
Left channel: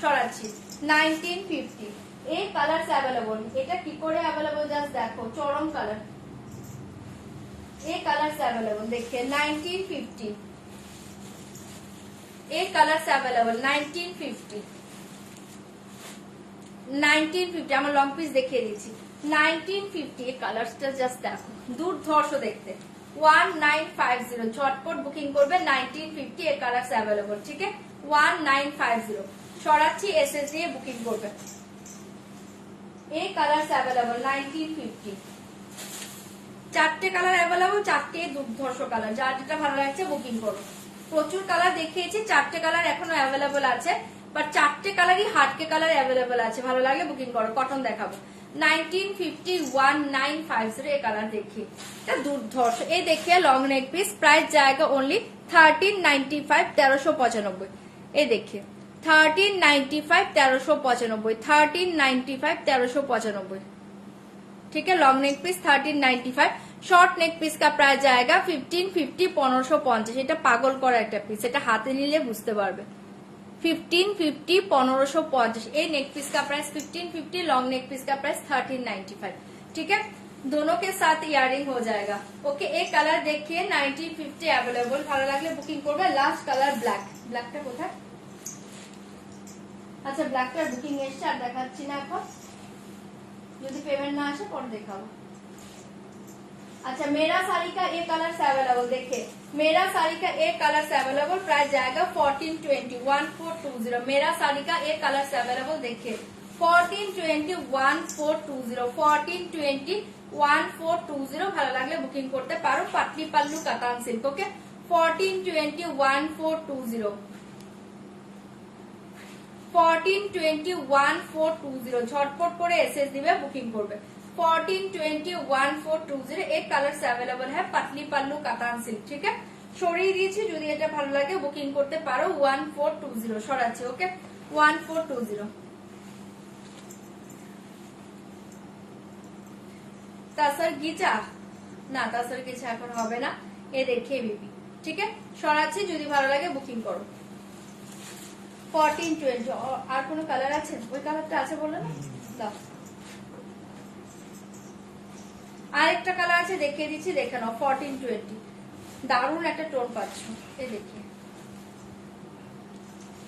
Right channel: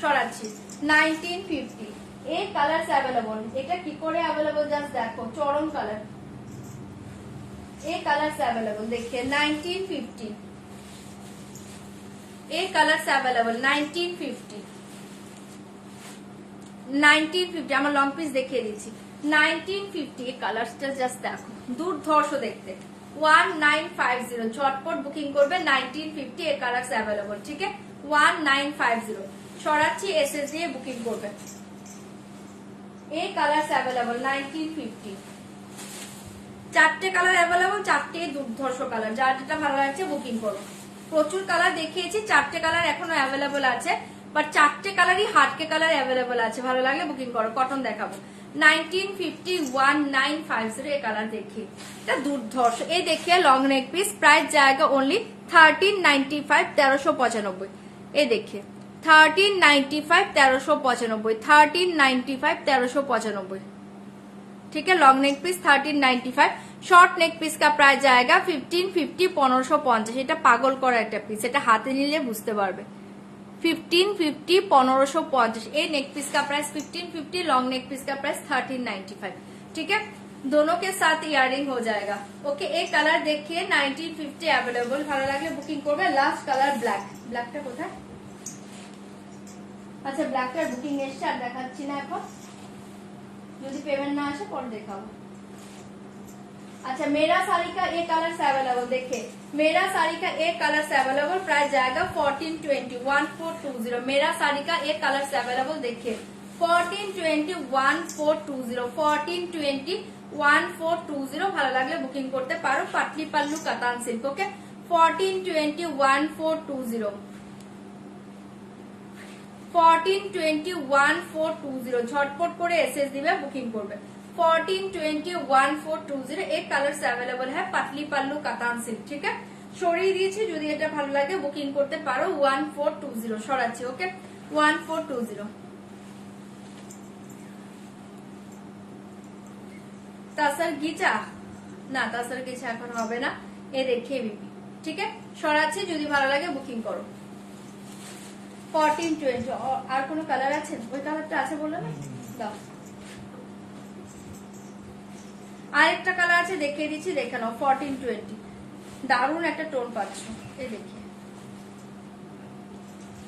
সরাচ্ছি, 1950 এই কালার অ্যাভেলেবল। এটা কি করে অ্যাভেলেবল জাস্ট দেখো, চরম কালার, এই কালার অ্যাভেলেবল देखिए 1950, এই কালার অ্যাভেলেবল 1950, 1950 আমার লং পিস দেখিয়ে দিচ্ছি। 1950 এই কালারটা জাস্ট দেখো, দুর্ধর্ষ দেখতে। 1950 ঝটপট বুকিং করবে। 1950 এর কালার অ্যাভেলেবল, ঠিক আছে, 1950 সরাচ্ছি, এসএস দিয়ে বুকিং করবে। এই কালার অ্যাভেলেবল 1950, চারটে কালার অ্যাভেলেবল, চারটে দুর্ধর্ষ কালার, যার যেটা ভালো লাগছে বুকিং করো। প্রচুর কালার দেখিয়েছি, চারটে কালার এখনো অ্যাভেলেবল আছে, বাট চারটে কালারই হাটকে কালার অ্যাভেলেবল আছে, ভালো লাগলে বুকিং করো। কটন দেখাবো 1950, 1950 এই কালার দেখি, এটা দুর্ধর্ষ। এই দেখিয়ে লং নেক পিস, প্রাইস জায়গা অনলি 1395, 1395। এই দেখিয়ে 1395, 1395, 1395, 1395, ठीक है। Long neck piece 1395, short neck piece কা প্রাইস জায়গা 1550, 1550। এটা পাগল করা একটা পিস, এটা হাতে নিলে বুঝতে পারবে। 1550, 1550 এই नेक पीस का प्राइस 1550, लॉन्ग नेक पीस का प्राइस 1395, ठीक है। दोनों के साथ इयरिंग हो जाएगा। ओके, एक कलर देखिए 1950 अवेलेबल, ভালো লাগলে বুকিং করবে। লাস্ট কালার ব্ল্যাক, ব্ল্যাকটা কোথায়? আচ্ছা ব্ল্যাকটা বুকিং এসছে, আর দেখাচ্ছি না এখন, যদি পেমেন্ট না আসে পরে দেখাবো। अच्छा, मेरा साड़ी का एक कलर अवेलेबल, देखिए मेरा साड़ी का एक कलर अवेलेबल, प्राइस जाएगा 1420, 1420। मेरा साड़ी का एक कलर अवेलेबल, देखिए 1420, 1420, 1420, 1420। ভালো লাগলে বুকিং করতে পারো। পাটলি পাল্লু কাতান সিল্ক। ওকে, 1420, 1420, 1420, 1420 ঝটপট করে এসএস দিবে, বুকিং করবে। 1420, 1420 एक कलर अवेलेबल है, पतली पल्लू कातान सिल्क, ठीक है। সরিয়ে দিয়েছি, যদি এটা ভালো লাগে বুকিং করতে পারো। 1420 সরাচ্ছি। ওকে, 1420। তাসার গিচা না, তাসার গিচা এখন হবে না, এ দেখিয়ে দিবি, ঠিক আছে, সরাচ্ছি, যদি ভালো লাগে বুকিং করো। 1420 আর কোনো কালার আছে? ওই কালারটা আছে বললো না, দাও। আরেকটা কালার আছে, দেখিয়ে দিচ্ছি, দেখে নাও। 1420 দারুণ একটা টোন পাচ্ছ, এই দেখিয়ে,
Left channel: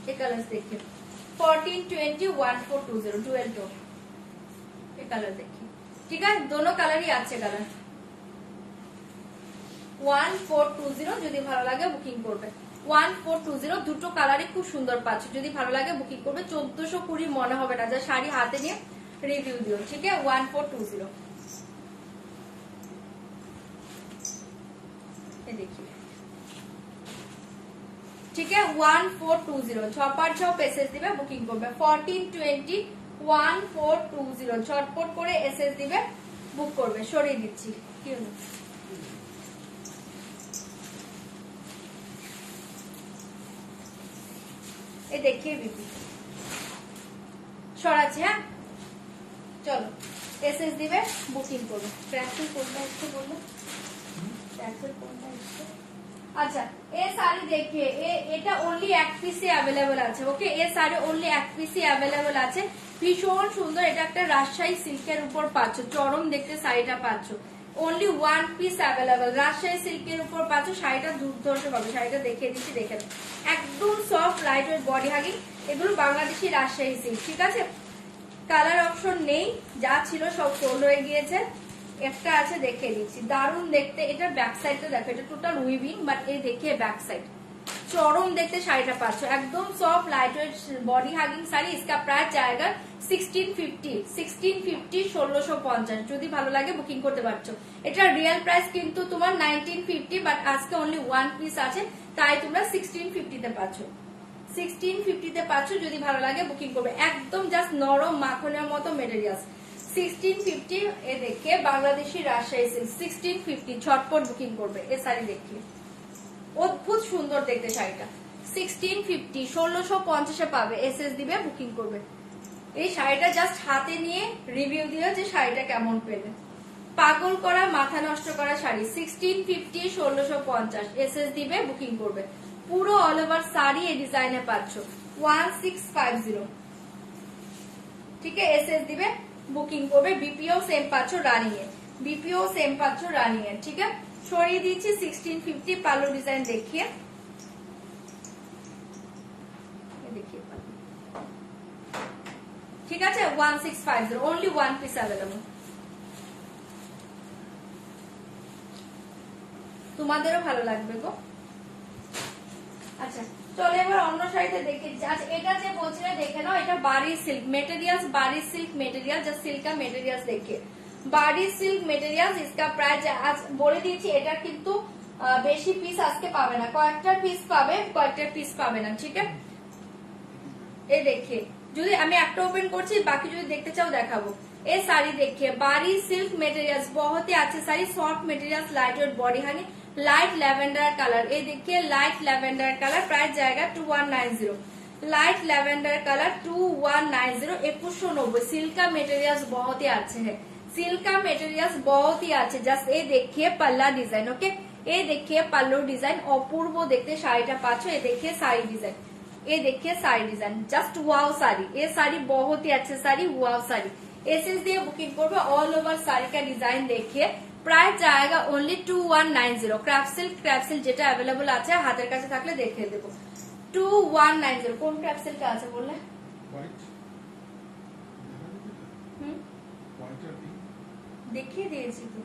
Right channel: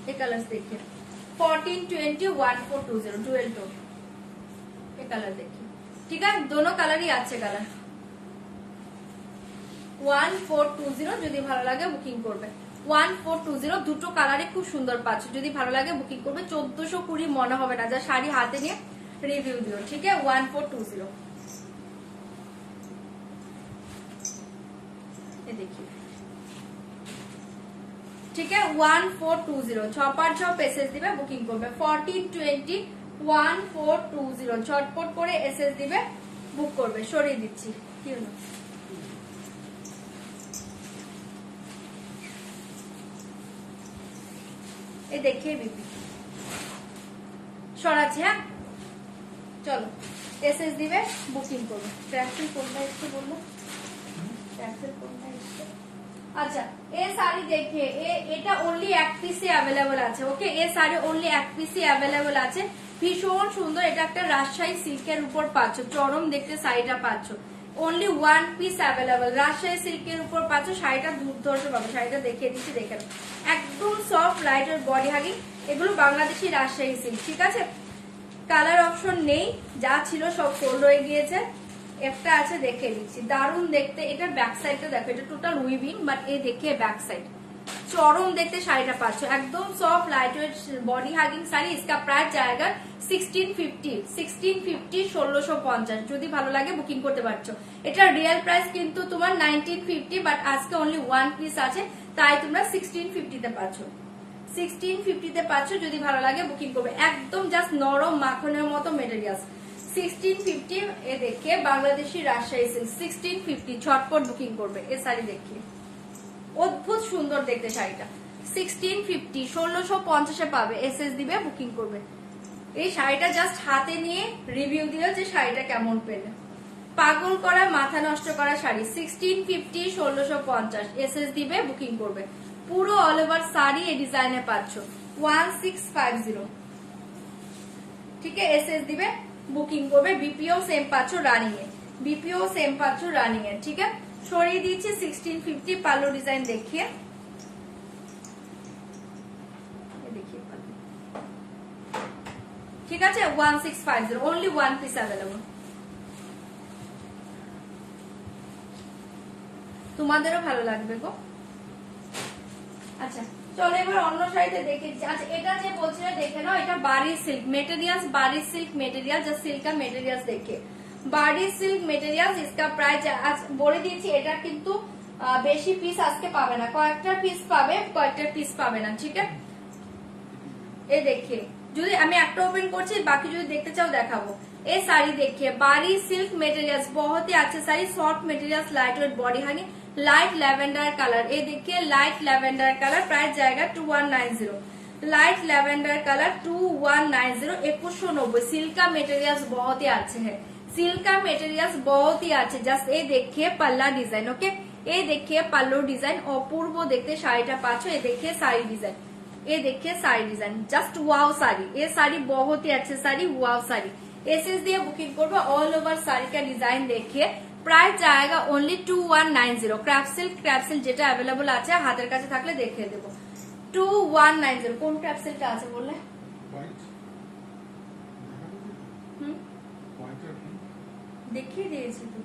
এই কালার দেখিয়ে 1420, 1420 ডুয়েল টোন, এই কালার দেখি, ঠিক আছে। দোনো কালারই আছে কালার। 1420 যদি ভালো লাগে বুকিং করবে। 1420 দুটো কালারই খুব সুন্দর পাচ্ছে, যদি ভালো লাগে বুকিং করবে। 1420 মনে হবে না, যা শাড়ি হাতে নিয়ে রিভিউ দিও, ঠিক আছে। 1420 देखिए, ठीक है। 1420 ছপার ছপ এসএস দিবে, বুকিং করবে। 1420, 1420 ঝটপট করে এসএস দিবে, বুক করবে। সরিয়ে দিচ্ছি, কি হলো এ দেখিয়ে দিচ্ছি, সরাচ্ছি। হ্যাঁ চলো, এসএস দিবে, বুকিং করবে। ট্র্যাকসুট কোনটা এসছে বললো? আচ্ছা, এই শাড়ি দেখিয়ে, এটা অনলি এক পিসে অ্যাভেলেবল আছে। ওকে, এই শাড়ি অনলি এক পিসে অ্যাভেলেবল আছে, ভীষণ সুন্দর। এটা একটা রাজশাহী সিল্কের উপর পাচ্ছ, চরম দেখতে শাড়িটা পাচ্ছ। Only one piece available, Rajshahi সিল্কের উপর পাচ্ছ। শাড়িটা দুর্ধর্ষ পাবে, শাড়িটা দেখিয়ে দিচ্ছি, দেখে একদম soft light weight body hugging. এগুলো বাংলাদেশি রাজশাহী সিল্ক, ঠিক আছে। কালার অপশন নেই, যা ছিল সব সোল্ড হয়ে গিয়েছে। একটা আছে, দেখে দিচ্ছি, দারুণ দেখতে। এটা ব্যাক সাইডটা দেখো, এটা টোটাল উইভিং, বাট এই দেখে ব্যাক সাইড চরম দেখতে শাড়িটা পাচ্ছ, একদম soft light weight body hugging sari. इसका প্রাইস জায়গা 1650, 1650 যদি ভালো লাগে বুকিং করতে পারছো। এটা রিয়েল প্রাইস কিন্তু তোমার 1950, বাট আজকে অনলি ওয়ান পিস আছে, তাই তোমরা 1650 তে পাচ্ছ। 1650 তে পাচ্ছ, যদি ভালো লাগে বুকিং করবে। একদম জাস্ট নরম মাখনের মতো মেটেরিয়াল। 1650 এ দেখে বাংলাদেশি রাজশাহী সিল্ক 1650, ঝটপট বুকিং করবে। এ শাড়ি দেখে অদ্ভুত সুন্দর দেখতে শাড়িটা। 1650, 1650 পাবে। এসএস দিবে, বুকিং করবে। এই শাড়িটা জাস্ট হাতে নিয়ে রিভিউ দিও যে শাড়িটা কেমন পেলে। পাগল করা মাথা নষ্ট করা শাড়ি 1650, 1650 এসএস দিবে, বুকিং করবে। পুরো অল ওভার শাড়ি এই ডিজাইনে পাচ্ছ 1650। ঠিক আছে, এসএস দিবে, বুকিং করবে। বিপিও সেম পাচ্ছ রানিং এ, বিপিও সেম পাচ্ছ রানিং এ। ঠিক আছে, সরিয়ে দিচ্ছি 1650। পাল্লু ডিজাইন দেখিয়ে ঠিক আছে, 1650, অনলি ওয়ান পিস অ্যাভেলেবল। তোমাদেরও ভালো লাগবে গো। আচ্ছা চলো এবার অন্য শাড়িতে দেখে। আচ্ছা এটা যে বলছি না দেখে নাও, এটা বাড়ি সিল্ক মেটেরিয়াল, বাড়ি সিল্ক মেটেরিয়াল। জাস্ট সিল্কটা মেটেরিয়াল দেখে, বাড়ি সিল্ক মেটেরিয়াল। इसका প্রাইস আজ বলে দিয়েছি, এটা কিন্তু বেশি পিস আজকে পাবে না, কয়েকটা পিস পাবে, কয়েকটা পিস পাবে না। ঠিক আছে, এই দেখে যদি আমি একটা ওপেন করছি, বাকি যদি দেখতে চাও দেখাবো। ये साड़ी देखिए, बारी सिल्क मटेरियल्स, बहुत ही अच्छे sari, soft materials, light weight body Honey, light lavender colour. ये देखिए लाइट लैवेंडर कलर, प्राइस जाएगा 2190। Light lavender colour 2190, 2190। सिल्क का मटेरियल्स बहुत ही अच्छे है, सिल्क का मटेरियल्स बहुत ही अच्छे। जस्ट ये देखिए पल्ला डिजाइन, ओके, ये देखिए पल्लू डिजाइन, अपूर्व देखते শাড়িটা পাচ্ছ। ये देखिए साड़ी डिजाइन, ये देखिए साड़ी डिजाइन, जस्ट वाव साड़ी। ये साड़ी बहुत ही अच्छी साड़ी, वाव साड़ी। एसएस दिए बुकिंग করবে। ऑल ओवर साड़ी का डिजाइन देखिए, प्राइस जाएगा ओनली 2190। ক্রাফট সিল্ক যেটা अवेलेबल আছে হাতের কাছে থাকলে দেখিয়ে দেব। 2190 কোন ক্রাফট সিল্কটা আছে বললে? দেখিয়ে দিয়েছি তো।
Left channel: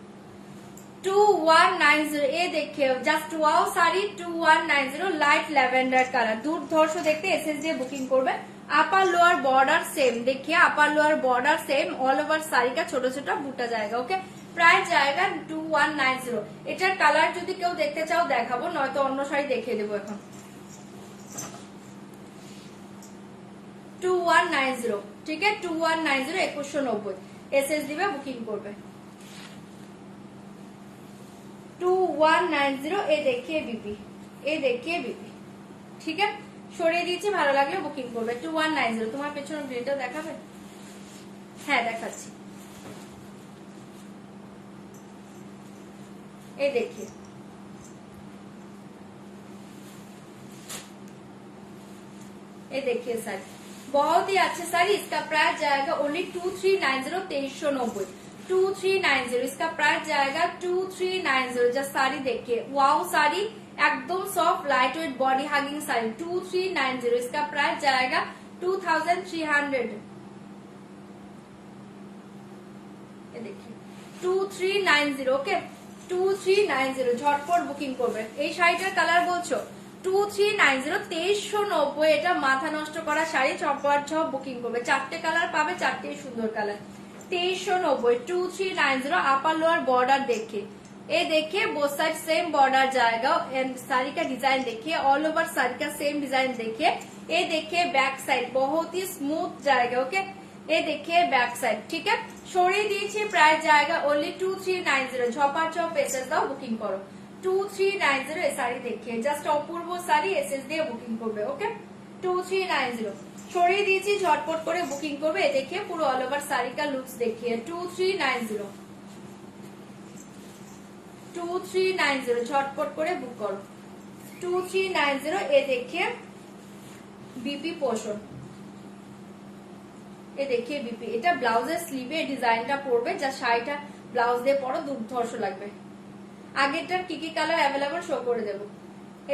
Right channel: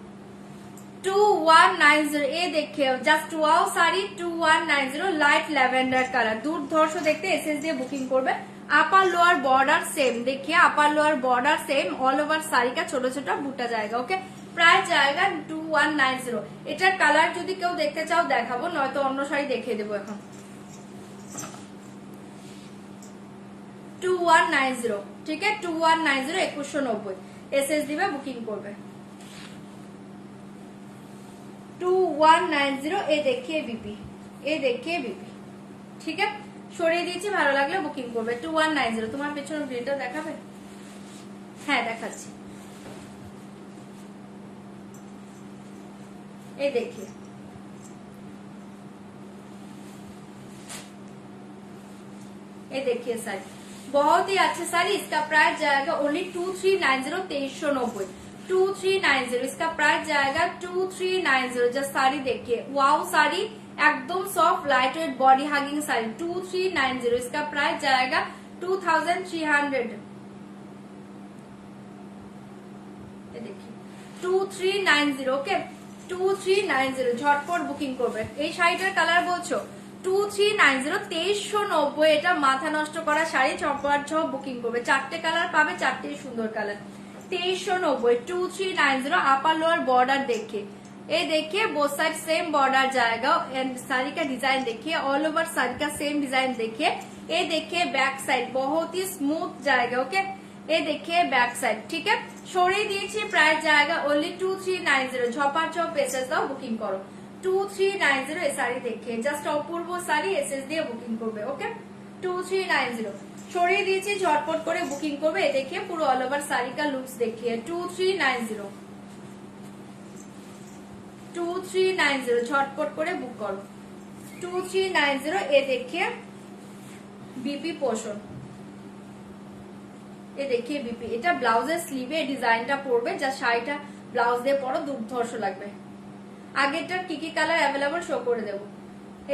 2190, ये देखिए just wow sari 2190, light lavender colour, দুর্ধর্ষ দেখতে। এসএস দিয়ে বুকিং করবে। আপার লোয়ার বর্ডার সেম, देखिए upper lower border same, all over sari का ছোট ছোট বুটা जाएगा। ओके, প্রাইস जाएगा 2190। এটার কালার যদি কেউ দেখতে চাও দেখাবো, নয়তো অন্য শাড়ি দেখিয়ে দেবো এখন। 2190, ঠিক আছে, 2190, 2190 এসএস দিবে, বুকিং করবে। 2190, এ দেখিয়ে বিপি, এ দেখিয়ে বিপি। ঠিক আছে, সরিয়ে দিয়েছি, ভালো লাগলে বুকিং করবে। 2190। তোমার পেছনে প্রিন্টটা দেখাবে? হ্যাঁ দেখাচ্ছি, এই देखिए, ये देखिए साड़ी बहुत ही अच्छी साड़ी। इसका प्राइस जाएगा ओनली 2390, 2390, 2390। इसका प्राइस जाएगा 2390। जस्ट साड़ी देखिए, वाओ साड़ी, एकदम soft light weight body hugging sari 2390। इसका प्राइस जाएगा 2300। ये देखिए 2390, ओके, 2390 ঝটপট বুকিং করবে। এই শাড়িটার কালার বলছো 2390, 2390। এটা মাথা নষ্ট করা শাড়ি, চপার ছপ বুকিং করবে। চারটে কালার পাবে, চারটেই সুন্দর কালার। 2390, 2390। আপার লোয়ার बॉर्डर देखिए, ये देखिए बोथ साइड सेम बॉर्डर जाएगा। एंड साड़ी का डिजाइन देखिए, ऑल ओवर साड़ी का सेम डिजाइन देखिए। ये देखिए बैक साइड बहुत ही स्मूथ जाएगा। ओके, ये देखिए बैक साइड। ठीक है, সরিয়ে দিয়েছি, প্রাইস जाएगा ओनली 2390। ঝপাঝপ এসএস দাও, বুকিং করো। 2390 এই শাড়ি দেখিয়ে, জাস্ট অপূর্ব শাড়ি, এসএস দিয়ে বুকিং করবে। ওকে, 2390 সরিয়ে দিয়েছি, ঝটপট করে বুকিং করবে। এ देखिए পুরো অল ওভার শাড়ি का লুকস देखिए। 2390, 2390 ঝটপট করে বুক করো। 2390, এ देखिए বিপি পোর্শন, ये देखिए বিপি। এটা ব্লাউজের স্লিভে ডিজাইনটা পড়বে, যা শাড়িটা ব্লাউজ দিয়ে পরো দুর্ধর্ষ লাগবে। আগেরটার কি কি কালার অ্যাভেলেবল শো করে দেবো।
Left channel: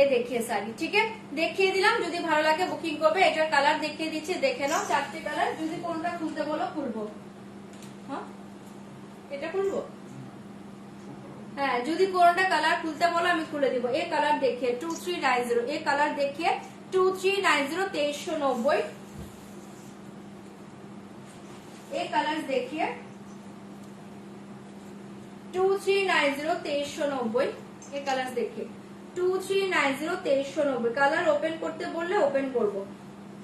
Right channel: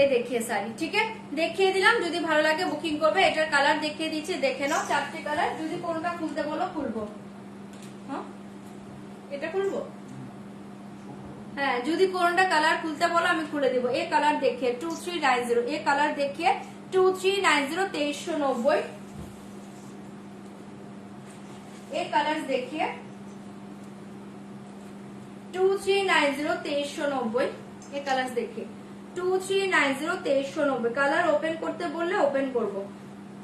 এই দেখিয়ে শাড়ি, ঠিক আছে, দেখিয়ে দিলাম। যদি ভালো লাগে বুকিং করবে। এটার কালার দেখিয়ে দিচ্ছি, দেখে নাও। চারটে কালার, যদি কোনটা খুলতে বলো খুলবো। হ্যাঁ, এটা খুলবো। হ্যাঁ, যদি কোনটা কালার খুলতে বলো আমি খুলে দিব। এই কালার দেখিয়ে 2390, এই কালার দেখিয়ে 2390 2390, এই কালার দেখিয়ে 2390 2390, এই কালার দেখিয়ে 2390 2390। কালার ওপেন করতে বললে ওপেন করব।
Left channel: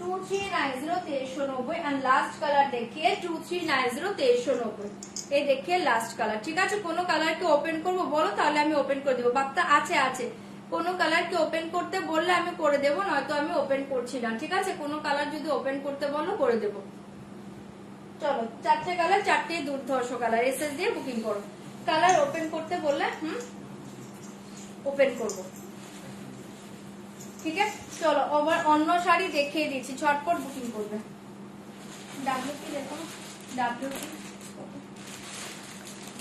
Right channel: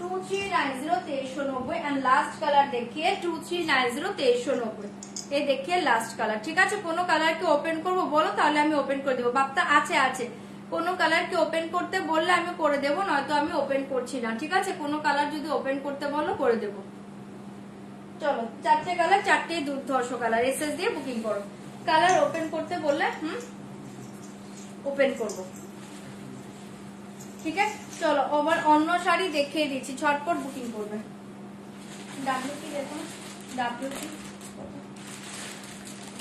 2390 2390 এন্ড লাস্ট কালার দেখিয়ে 2390 2390, এই দেখিয়ে লাস্ট কালার। ঠিক আছে, কোন কালার কে ওপেন করব বলো, তাহলে আমি ওপেন করে দেবো। বাপ্তা আছে কোন কালার কে ওপেন করতে বললে আমি করে দেবো, নয়তো আমি ওপেন করছি না। ঠিক আছে, কোন কালার যদি ওপেন করতে বলো করে দেবো। চলো, চারটে কালার, চারটেই দুর্ধর্ষ কালার, এসএস দিয়ে বুকিং করো। কালার ওপেন করতে বললে ওপেন করব। ঠিক আছে, চলো আবার অন্য শাড়ি দেখিয়ে দিচ্ছি, ঝটপট বুকিং করবে। ডাব্লিউ কি দেখো, ডাব্লিউ কি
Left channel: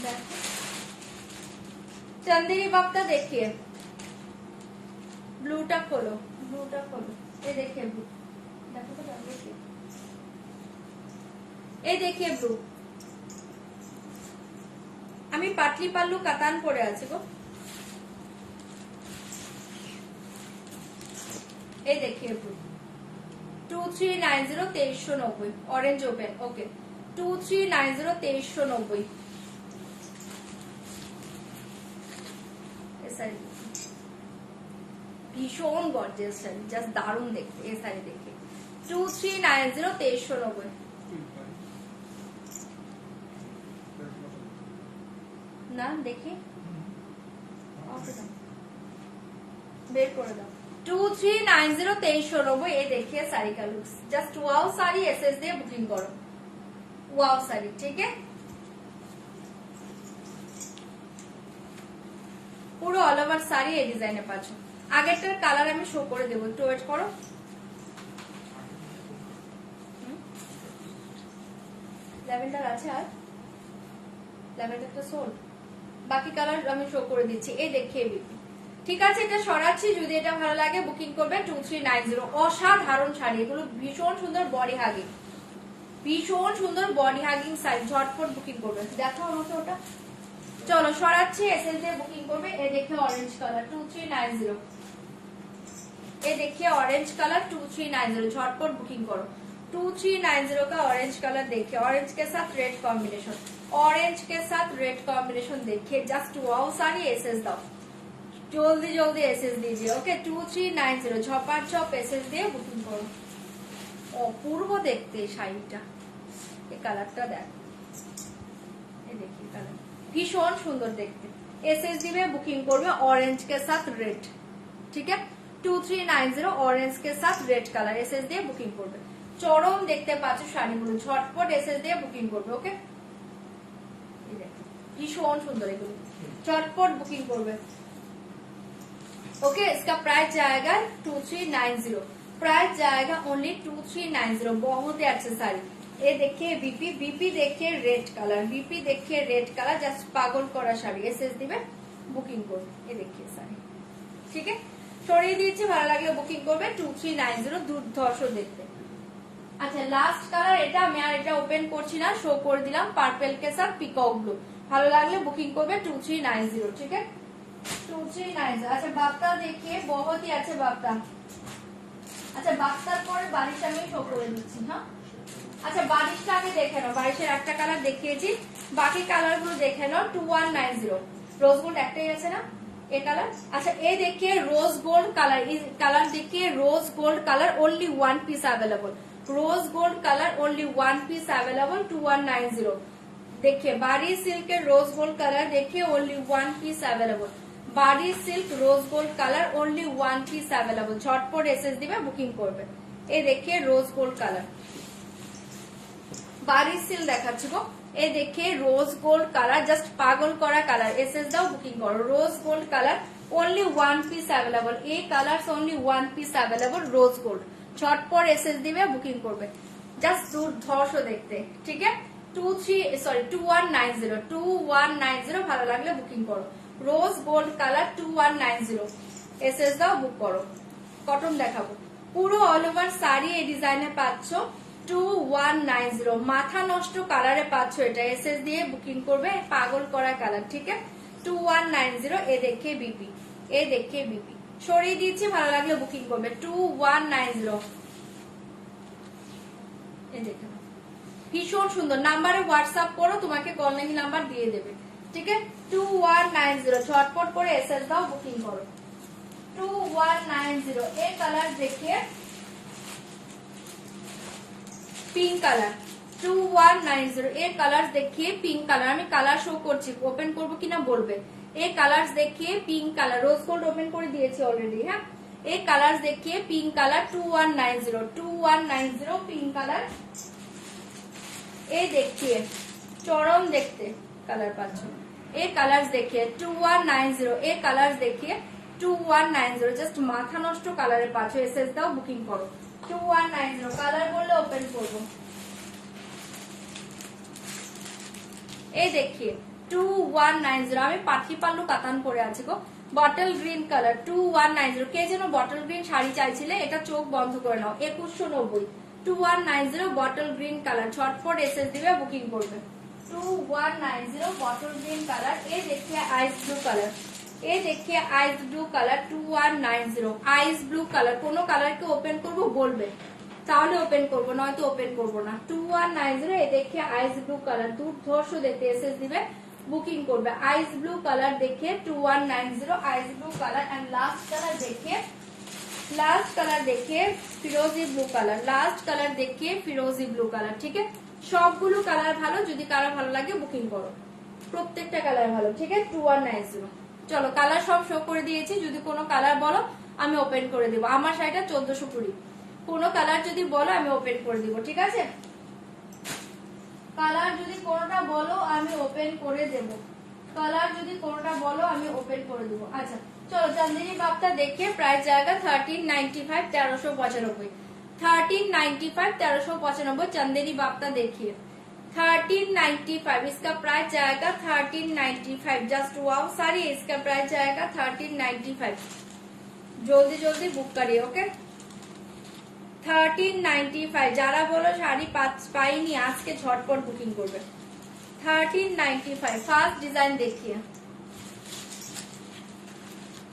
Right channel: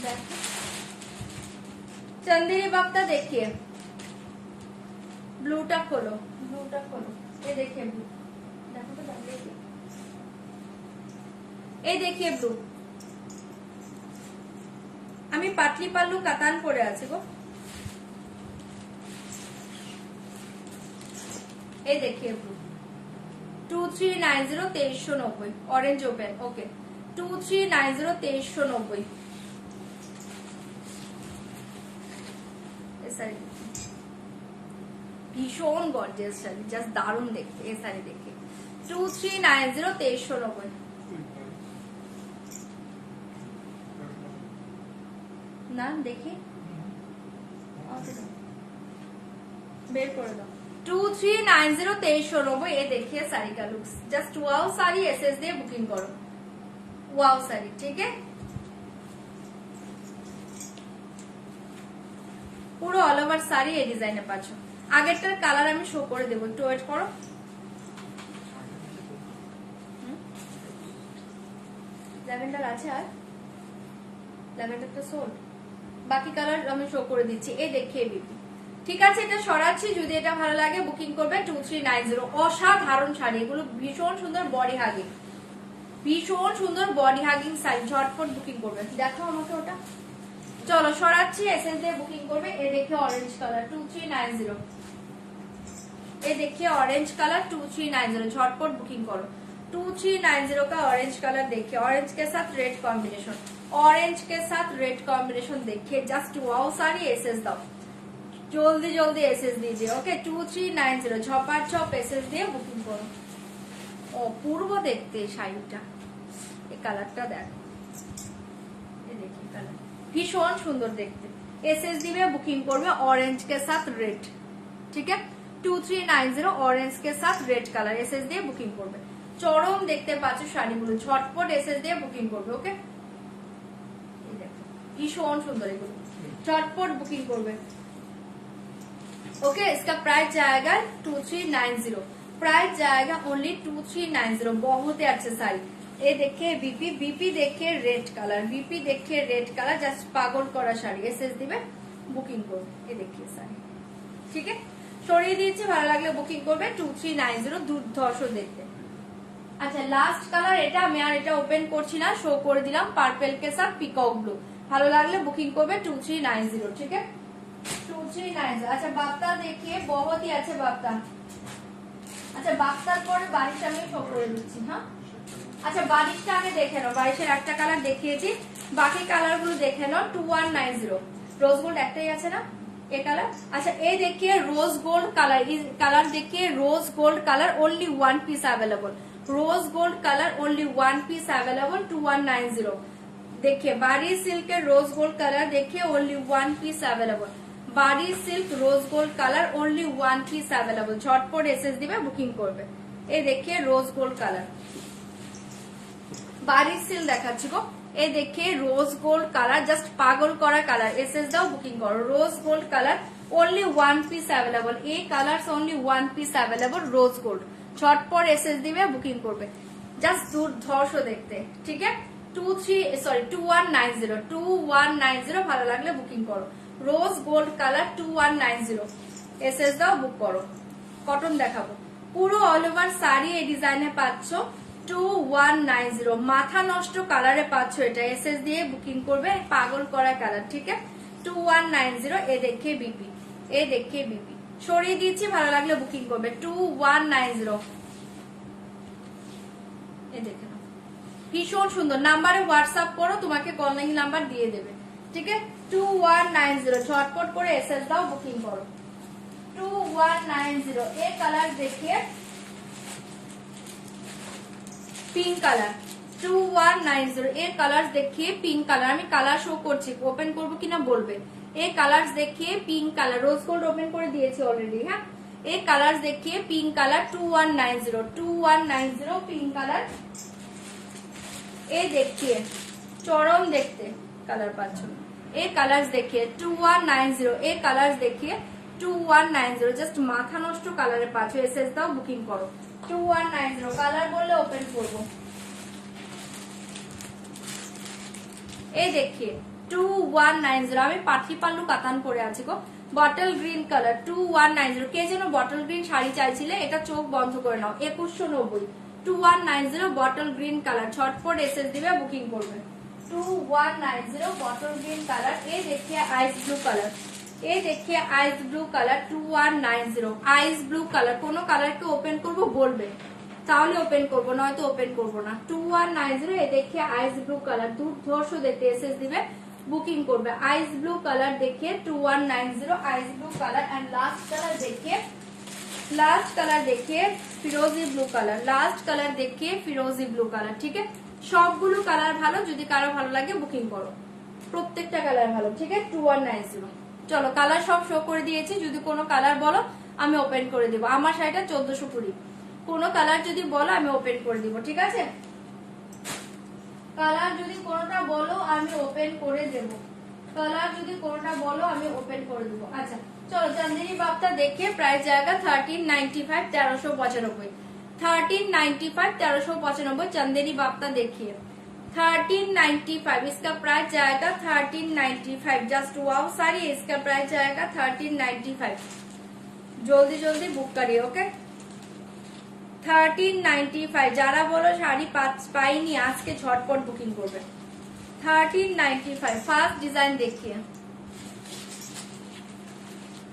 দেখো, চন্দেরি বাপ্তা দেখিয়ে ব্লুটা খোলো, ব্লুটা খোলো, এই দেখিয়ে ব্লু দেখো তো, ডাব্লিউ কি এই দেখিয়ে ব্লু। আমি পাতলি পাল্লু কাতান পরে আছি গো, এই দেখিয়ে ব্লু। 2390 2390, অরেঞ্জ ওপেন, ওকে 2390 2390। ভীষণ গর্জিয়াস শাড়ি, জাস্ট দারুণ দেখতে। এই শাড়ি দেখে 2390 2390। না দেখি বের করে দাও। 2390 2390, এই দেখিए साड़ी का looks, just wow sari SS দিয়ে বুকিং করো। वाओ साड़ी, ठीक है, পুরো অল ওভার শাড়ি এই ডিজাইনে পাচ্ছ। আগেরটার কালার আমি শো করে দেবো, একটু ওয়েট করো। ল্যাভেন্ডার আছে, আর ল্যাভেন্ডারটা সোল্ড, বাকি কালার আমি শো করে দিচ্ছি। এই দেখিয়ে দিচ্ছি, ঠিক আছে, এটা সরাচ্ছি। যদি এটা ভালো লাগে বুকিং করবে 2390। অসাধারণ শাড়ি এগুলো, ভীষণ সুন্দর বডি হাগিং, ভীষণ সুন্দর বডি হাগিং শাড়ি, ঝটপট বুকিং করবে। দেখো আমাকে ওটা, চলো সরাচ্ছি, এসএস দিয়ে বুকিং করবে। এই দেখে অরেঞ্জ কালার 2390, এই দেখে অরেঞ্জ কালার 2390, झटपट बुकिंग करो। 2390 का ऑरेंज कलर देखिए, ऑरेंज के साथ रेड कॉम्बिनेशन, ऑरेंज के साथ रेड कॉम्बिनेशन देखिए, जस्ट वाओ साड़ी एसएस दाओ, जल्दी जल्दी एसएस दीजिए। ओके 2390, झपाझप एसएस দিয়ে বুকিং করো। অপূর্ব দেখতে শাড়িটা, এই কালারটা দেখ, এই দেখি কালার ভীষণ সুন্দর দেখতে। एसएस দিবে বুকিং করবে ऑरेंज के साथ रेड, ठीक है 2390 ऑरेंज के साथ रेड कलर, एसएस দিয়ে বুকিং করবে। চরম দেখতে পাচ্ছ শাড়িগুলো, ঝটপট এসএস দিয়ে বুকিং করবে। ওকে, এই দেখো ভীষণ সুন্দর এগুলো, ঝটপট বুকিং করবে। ओके, इसका प्राइस जाएगा 2390, प्राइस जाएगा ओनली 2390। बहुत ही अच्छे साड़ी। ये देखिए बीपी, बीपी देखिए रेड कलर, बीपी देखिए रेड कलर, जस्ट पागल करा শাড়ি, এসএস দিবে বুকিং করবে। এই দেখিয়ে শাড়ি, ঠিক আছে, সরিয়ে দিয়েছি, ভালো লাগলে বুকিং করবে 2390, দুর্ধর্ষ দেখতে। আচ্ছা, লাস্ট কালার এটা, আমি আর এটা ওপেন করছি না, শো করে দিলাম, পার্পল के साथ পিকক ব্লু। ভালো লাগলে বুকিং করবে 2390, ঠিক আছে 2390। अच्छा बाप्ता देखिए, बहुत ही अच्छे बाप्ता। अच्छा বাপ্তার পরে বারিশ আমি শো করে দিচ্ছি। হ্যাঁ, আচ্ছা বারিশটা আগে দেখে নাও, বারিশের একটা কালার দেখিয়েছি, বাকি কালার গুলো দেখে নাও। 2190, रोज गोल्ड একটাই আছে না ये कलर। अच्छा ये देखिए रोज गोल्ड कलर, कलर देखिए rose gold colour, only 1 piece available, rose gold colour only 1 piece available 2190। देखिए बारी सिल्क के रोज गोल्ड कलर देखिए, ओनली 1 पीस अवेलेबल, बारी silk rose gold colour only 1 piece available. झटपट एसएस দিবে booking করবে। এই देखिए रोज गोल्ड कलर, बारी सिल्क দেখাচ্ছি গো। এই देखिए रोज गोल्ड कलर, जस्ट पागल करा कलर, एसएस দাও বুকিং করো। Rose gold colour only 1 piece available, এই colour only 1 piece available rose gold. झटपट एसएस দিবে বুকিং করবে, জাস্ট দুর্ধর্ষ দেখতে। ঠিক আছে 2190, ভালো লাগলে বুকিং করো। रोज गोल्ड कलर 2190, एसएस দাও বুক করো। কটন দেখাবো, পুরো অল ওভার শাড়ি এই ডিজাইনে পাচ্ছ 2190, মাথা নষ্ট কালারে পাচ্ছ এটা, এসএস দিয়ে বুকিং করবে, পাগল করা কালার। ঠিক আছে 2190 এ দেখে বিপি, এ দেখে বিপি সরিয়ে দিয়েছি, ভালো লাগলে বুকিং করবে 2190। এ দেখে নাও, ভীষণ সুন্দর। নাম্বারে হোয়াটসঅ্যাপ করো, তোমাকে কল নাম্বার দিয়ে দেবে, ঠিক আছে। 2190 ঝটপট করে এসএস দাও, বুকিং করো 2190। এর কালার দেখিয়ে পিঙ্ক কালার 2190 এর কালার দেখিয়ে পিঙ্ক কালার, আমি কালার শো করছি, ওপেন করবো কিনা বলবে। এই কালার দেখিয়ে pink colour, rose gold open করে দিয়েছি অলরেডি, হ্যাঁ। এই কালার দেখিয়ে পিঙ্ক কালার 2190 পিঙ্ক কালার। এই দেখিয়ে চরম দেখতে কালার পাচ্ছ, এই কালার দেখিয়ে 2190, এই কালার দেখিয়ে 2190, জাস্ট মাথা নষ্ট কালারে পাচ্ছ। এসএস দাও, বুকিং করো 2190। কালার বললে ওপেন করবো। এই দেখিয়ে 2190, আমি পাখি পাল্লু কাতান পরে আছি গো, বটল গ্রিন কালার 2190। কে যেন বটল গ্রিন শাড়ি চাইছিলে, এটা চোখ বন্ধ করে নাও 2190 2190 বটল গ্রিন কালার। ঝটপট এসএস দিবে, বুকিং করবে 2190 বটল গ্রিন কালার। এই দেখিয়ে আইস ব্লু কালার, এই দেখিয়ে আইস blue colour 2190 ice blue colour. কোনো কালারকে ওপেন করবো বলবে, তাহলে ওপেন করবো, নয়তো ওপেন করবো না। 2190 এ দেখিয়ে আইস ব্লু কালার, দুর্ধর্ষ দেখতে এসএস দিবে, বুকিং করবে। আইস ব্লু কালার দেখিয়ে 2190 ice blue colour. And last colour দেখিয়ে, লাস্ট কালার দেখিয়ে ফিরোজি ব্লু কালার, লাস্ট কালার দেখিয়ে ফিরোজি ব্লু কালার, ঠিক আছে। সবগুলো কালার ভালো, যদি কারো ভালো লাগে বুকিং করো, প্রত্যেকটা কালার ভালো, ঠিক আছে। 2190। চলো কালার সব শো করে দিয়েছি, যদি কোনো কালার বলো আমি ওপেন করে দেবো। আমার শাড়িটা 1420, কোনো কালার যদি বলো আমি ওপেন করে দিব, ঠিক আছে। কালার যদি কোনোটা বলো আমি ওপেন করে দেব, কালার যদি কোনোটা বলো আমি ওপেন করে দিব। আচ্ছা চলো, চান্দিনী বাপটা দেখে প্রাইস জায়গা 1395 1395, 1395 1395। चांदेरी बापटा देखिए 1395, इसका प्राइस जाएगा 1395। जस्ट वाओ सारी, इसका प्राइस जाएगा 1395। जल्दी जल्दी बुक करिए, ओके 1395। যারা বলো শাড়ি পাইনি আজকে ঝটপট বুকিং করবে 1395। ফার্স্ট ডিজাइन देखिए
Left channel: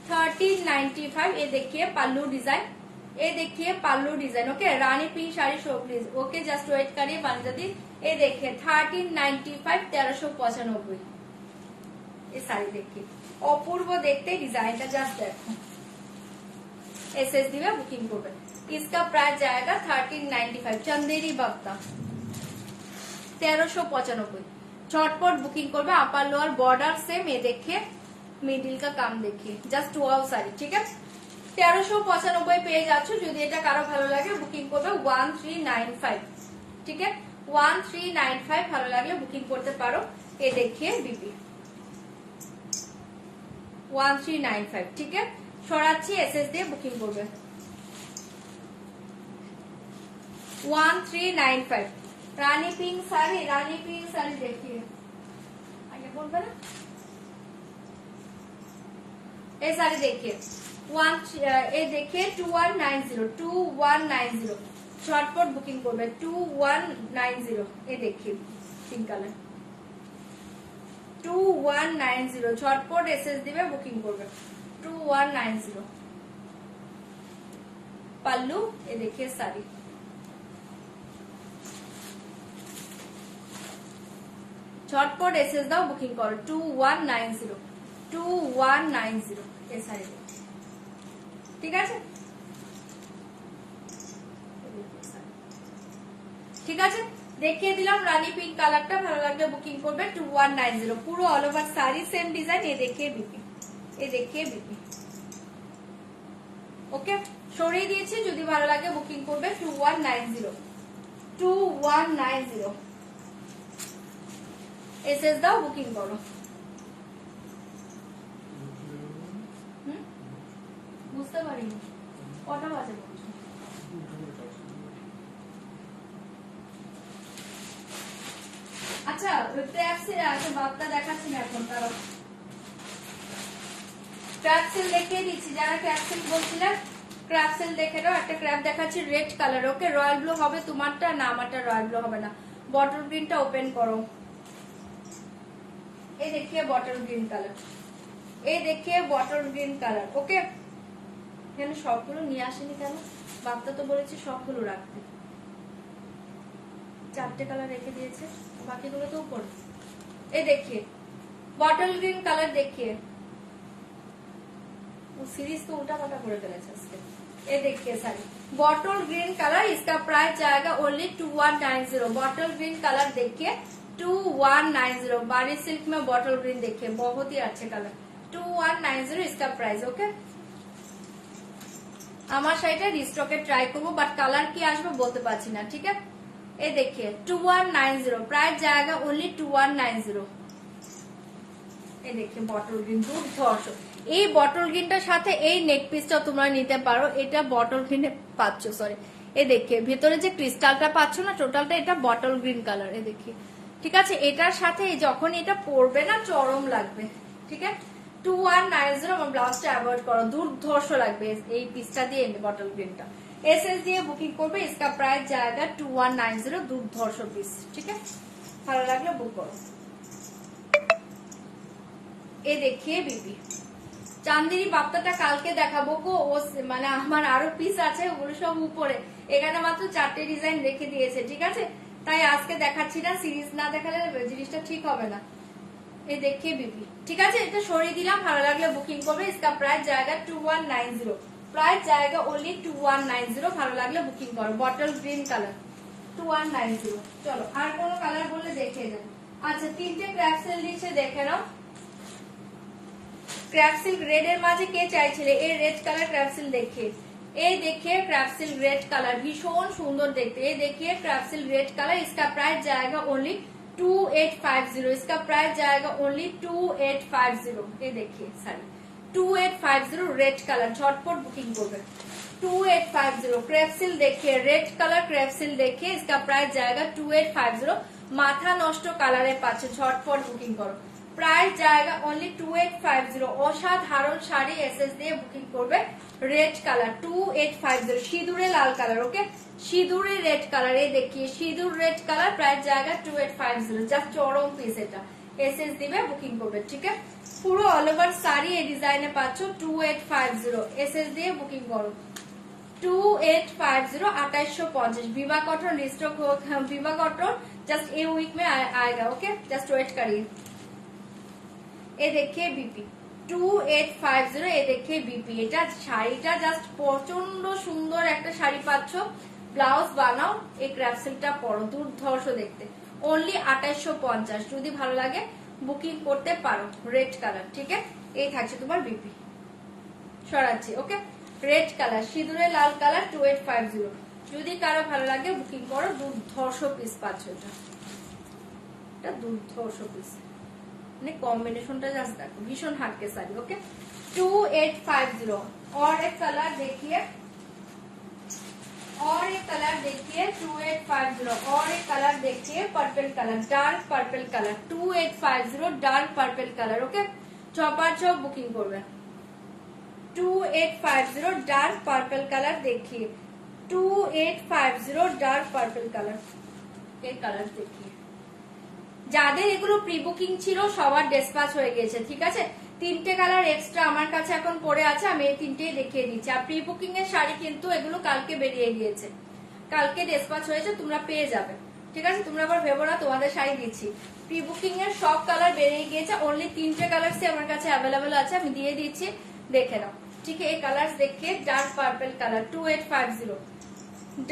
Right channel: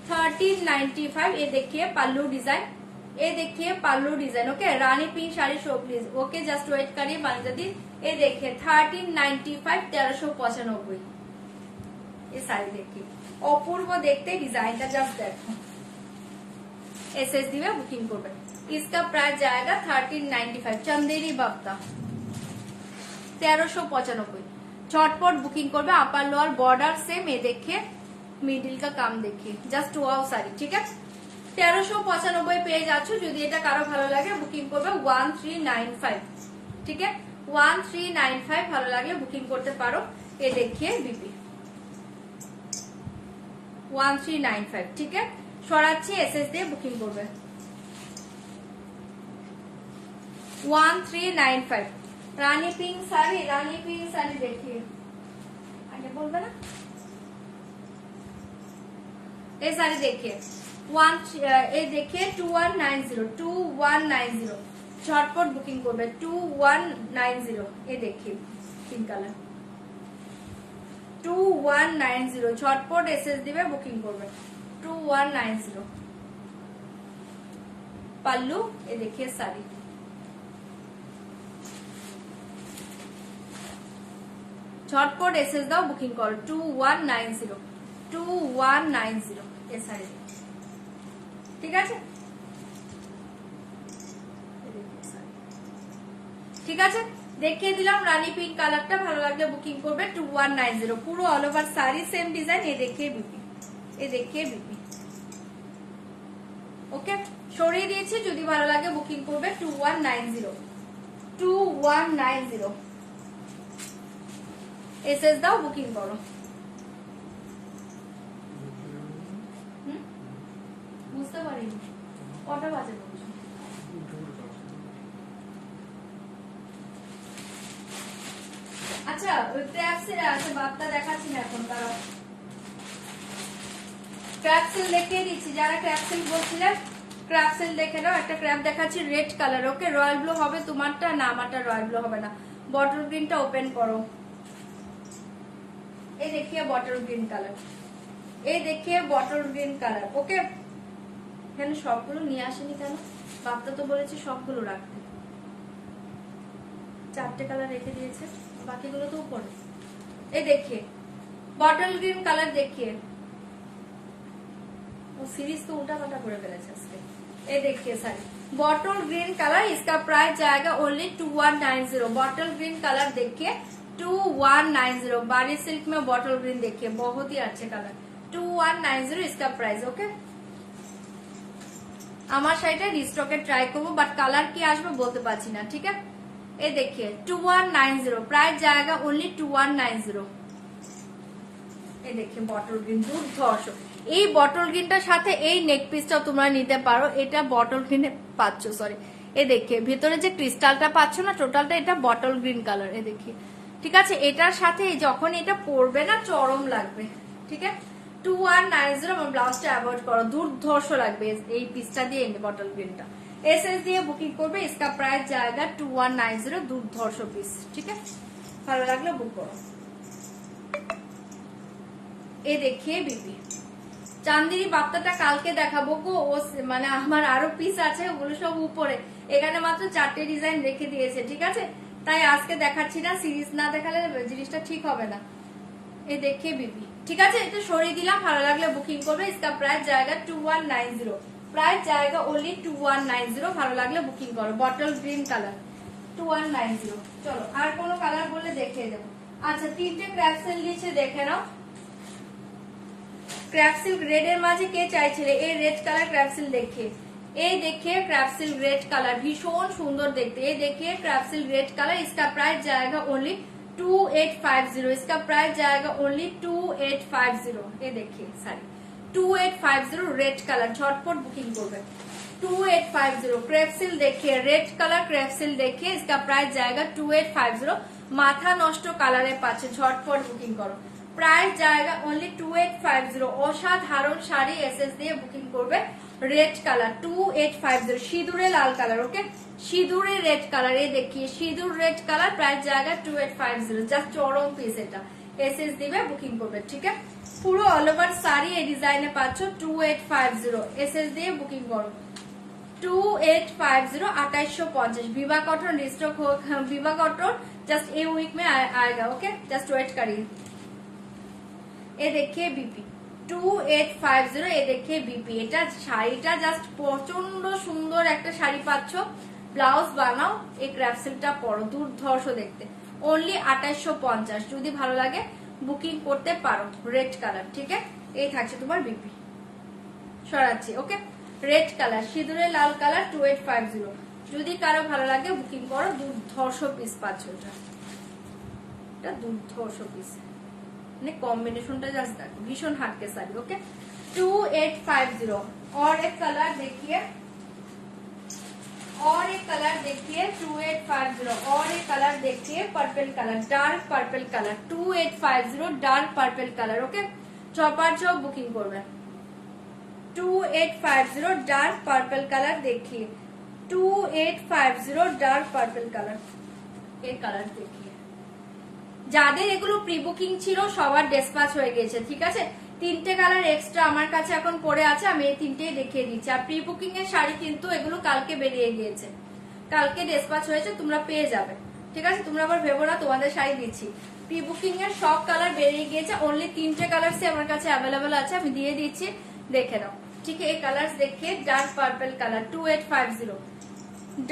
1395। ये देखिए पल्लू डिजाइन, ये देखिए पल्लू डिजाइन, ओके। रानी pink sari show please, okay just wait करिए बांधदी। ये देखिए 1395 1395। ये साड़ी देखिए অপূর্ব দেখতে, ডিজাইনটা জাস্ট দেখো। एसएस দিবে, বুকিং করবে। इसका प्राइस जाएगा 1395। चंदेरी बागता 1395। झटपट बुकिंग করবে। আপার লোয়ার বর্ডার সেম, ये देखिए মিডিল का काम देखिए, জাস্ট ওয়াও শাড়ি, ঠিক আছে। 1395 পেয়ে যাচ্ছ। যদি এটা কারো ভালো লাগে বুকিং করবে 1395, ঠিক আছে 1395। ভালো লাগলে বুকিং করতে পারো। এ দেখিয়ে দিবি 1395, ঠিক আছে। সরাচ্ছি, এসএস দিয়ে বুকিং করবে 1395। রানী পিঙ্ক শাড়ি, রানী পিঙ্ক শাড়ি দেখিয়ে আগে বলবে না। ये साड़ी देखिए ये देखिए 2190 2190। झटपट बुकिंग করবে 2190। ये देखिए पिंक कलर 2190। झटपट एसएस দিবে, বুকিং করবে 2190। पल्लू ये देखिए साड़ी, झटपट एसएस দাও, বুকিং করো 2190 2190। ये साड़ी ঠিক আছে, ঠিক আছে দেখিয়ে দিলাম। রানী পিঙ্ক কালারটা ভালো লাগলে বুকিং করবে 2190। পুরো all over sari same design. ये देखिए বিপি, ये देखिए বিপি, ওকে সরিয়ে দিয়েছি। যদি ভালো লাগে বুকিং করবে 2190 2190। এসএস দাও, বুকিং করো। বুঝতে পারিনি কটা বাজে বলছো। আচ্ছা ওই ক্র্যাপসেল আছে, বাপটা দেখাচ্ছি না এখন, তারা ক্র্যাপসেল দেখিয়ে দিচ্ছি। যারা ক্র্যাপসেল বলছিলেন ক্র্যাপসেল দেখে নাও। একটা ক্র্যাপ দেখাচ্ছি রেড কালার, ওকে। রয়্যাল ব্লু হবে তোমারটা, না আমারটা রয়্যাল ব্লু হবে না। বটল গ্রিনটা ওপেন করো। এই দেখিয়ে বটল গ্রিন কালার এই দেখিয়ে বটল গ্রিন কালার। ওকে, এখানে সবগুলো নিয়ে আসেনি কেন? বাপ্তা তো বলেছি সবগুলো রাখতে, 4টে কালার রেখে দিয়েছে, বাকিগুলো তো উপরে। এই দেখিয়ে বটল গ্রিন কালার দেখিয়ে, ও सीरीज तो उल्टा पाल्टा করে ফেলেছে আজকে। ये देखिए साड़ी बॉटल ग्रीन कलर, इसका प्राइस जाएगा ओनली 2190। बॉटल ग्रीन कलर देखिए 2190। बारी सिल्क में बॉटल ग्रीन देखिए, बहुत ही अच्छे कलर, 2190 इसका प्राइस। ओके, আমার শাড়িটা রিস্টকে ট্রাই করবো, বাট কালার কি আসবে বলতে পারছি না। ঠিক আছে, এই देखिए 2190, प्राइस जाएगा ओनली 2190। এই দেখে বটল গ্রিন দুর্ধর্ষ। এই বটল গ্রিনটার সাথে এই নেক পিসটাও তোমরা নিতে পারো, এটা বটল গ্রিনে পাচ্ছ, সরি এই দেখে ভিতরে যে ক্রিস্টালটা পাচ্ছ না টোটালটা, এটা বটল গ্রিন কালার। এই দেখে ঠিক আছে, এটার সাথে যখন এটা পরবে না চরম লাগবে। ঠিক আছে, 2190 এবং ব্লাউজটা অ্যাভয়েড করো, দুর্ধর্ষ লাগবে এই পিসটা দিয়ে বটল গ্রিনটা। এসএস দিয়ে বুকিং করবে, इसका प्राइस जाएगा 2190, দুর্ধর্ষ পিস। ঠিক আছে, ভালো লাগলে বুক করো। এই দেখিয়ে বিবি চান্দিনী বাপ্তাটা কালকে দেখাবো গো, ও মানে আমার আরো পিস আছে, ওগুলো সব উপরে, এখানে মাত্র 4টে ডিজাইন রেখে দিয়েছে। ঠিক আছে, তাই আজকে দেখাচ্ছি না, সিরিজ না দেখালে জিনিসটা ঠিক হবে না। এই দেখিয়ে বিবি ঠিক আছে, এটা সরিয়ে দিলাম, ভালো লাগলে বুকিং করবে। इसका प्राइस जाएगा 2190, प्राइस जाएगा ओनली 2190, ভালো লাগলে বুকিং করো। Bottle green colour 2190। চলো আর কোনো কালার বললে দেখিয়ে দেবো। আচ্ছা, 3টে ক্র্যাপসেল দিচ্ছে, দেখে নাও। ক্র্যাপসিল রেড এর মাঝে কে চাইছিলে এই রেড কালার ক্র্যাপসিল দেখে, এই देखिए ক্র্যাপসিল রেড কালার ভীষণ সুন্দর দেখতে। এই देखिए ক্র্যাপসিল রেড কালার, इसका प्राइस जाएगा ओनली 2850। इसका प्राइस जाएगा ओनली 2850। ये देखिए साड़ी 2850 रेड কালার, ঝটপট বুকিং করবে। 2850 ক্র্যাপসিল देखिए রেড কালার ক্র্যাপসিল देखिए, इसका प्राइस जाएगा 2850। মাথা নষ্ট কালারে পাচ্ছে, ঝটপট বুকিং করো। প্রাইস জায়গা অনলি 2850। অসাধারণ শাড়ি, এসএস দিয়ে বুকিং করবে। রেড কালার 2850, সিঁদুরে লাল কালার। ওকে, সিঁদুরে রেড কালার, এই দেখিয়ে সিঁদুর রেড কালার, প্রাইস জায়গা 2850। জাস্ট চরম পিস, এটা এসএস দিবে বুকিং করবে। ঠিক আছে, পুরো অল ওভার শাড়ি এই ডিজাইনে পাচ্ছ 2850, এসএস দিয়ে বুকিং করো। 2850, 2850। विवा कॉटन रिस्टॉक हो, विवा कॉटन जस्ट ए वीक में आएगा। ओके, जस्ट वेट करिए। ये देखिए बीपी 2850, ये देखिए बीपी। এটা শাড়িটা জাস্ট প্রচন্ড সুন্দর একটা শাড়ি পাচ্ছ, ব্লাউজ বানাও, এই ক্র্যাপসিলটা পরো, দুর্ধর্ষ দেখতে। অনলি 2850, যদি ভালো লাগে বুকিং করতে পারো। রেড কালার, ঠিক আছে, এই থাকছে তোমার বিপি, সরাচ্ছি। ওকে, রেড কালার, সিঁদুরে লাল কালার 2850, যদি কারো ভালো লাগে বুকিং করো। দুর্ধর্ষ পিস পাচ্ছ, এটা দুর্ধর্ষ পিস, মানে কম্বিনেশনটা জাস্ট দেখো, ভীষণ হাটকে শাড়ি। ওকে, 2850। और एक कलर देखिए, और एक कलर देखिए 2850, और एक कलर देखिए purple colour, dark purple colour 2850, dark purple colour. Okay, चौपार चौक बुकिंग করবে। 2850 डार्क पर्पल कलर देखिए, 2850 डार्क पर्पल कलर। এই কালার देखिए, যাদের এগুলো প্রি বুকিং ছিল সবার ডিসপ্যাচ হয়ে গেছে। ঠিক আছে, 3টে কালার এক্সট্রা আমার কাছে এখন পড়ে আছে, আমি এই 3টেই দেখিয়ে দিচ্ছি। আর প্রি বুকিং এর শাড়ি কিন্তু এগুলো কালকে বেরিয়ে গিয়েছে, কালকে ডিসপ্যাচ হয়েছে, তোমরা পেয়ে যাবে। ঠিক আছে, তোমরা আবার ভেবো না তোমাদের শাড়ি দিচ্ছি। প্রি বুকিং এর সব কালার বেরিয়ে গিয়েছে, অনলি 3টে কালার আমার কাছে অ্যাভেলেবেল আছে, আমি দিয়ে দিচ্ছি, দেখে নাও। ঠিক আছে, এই কালার দেখিয়ে dark purple colour 2850,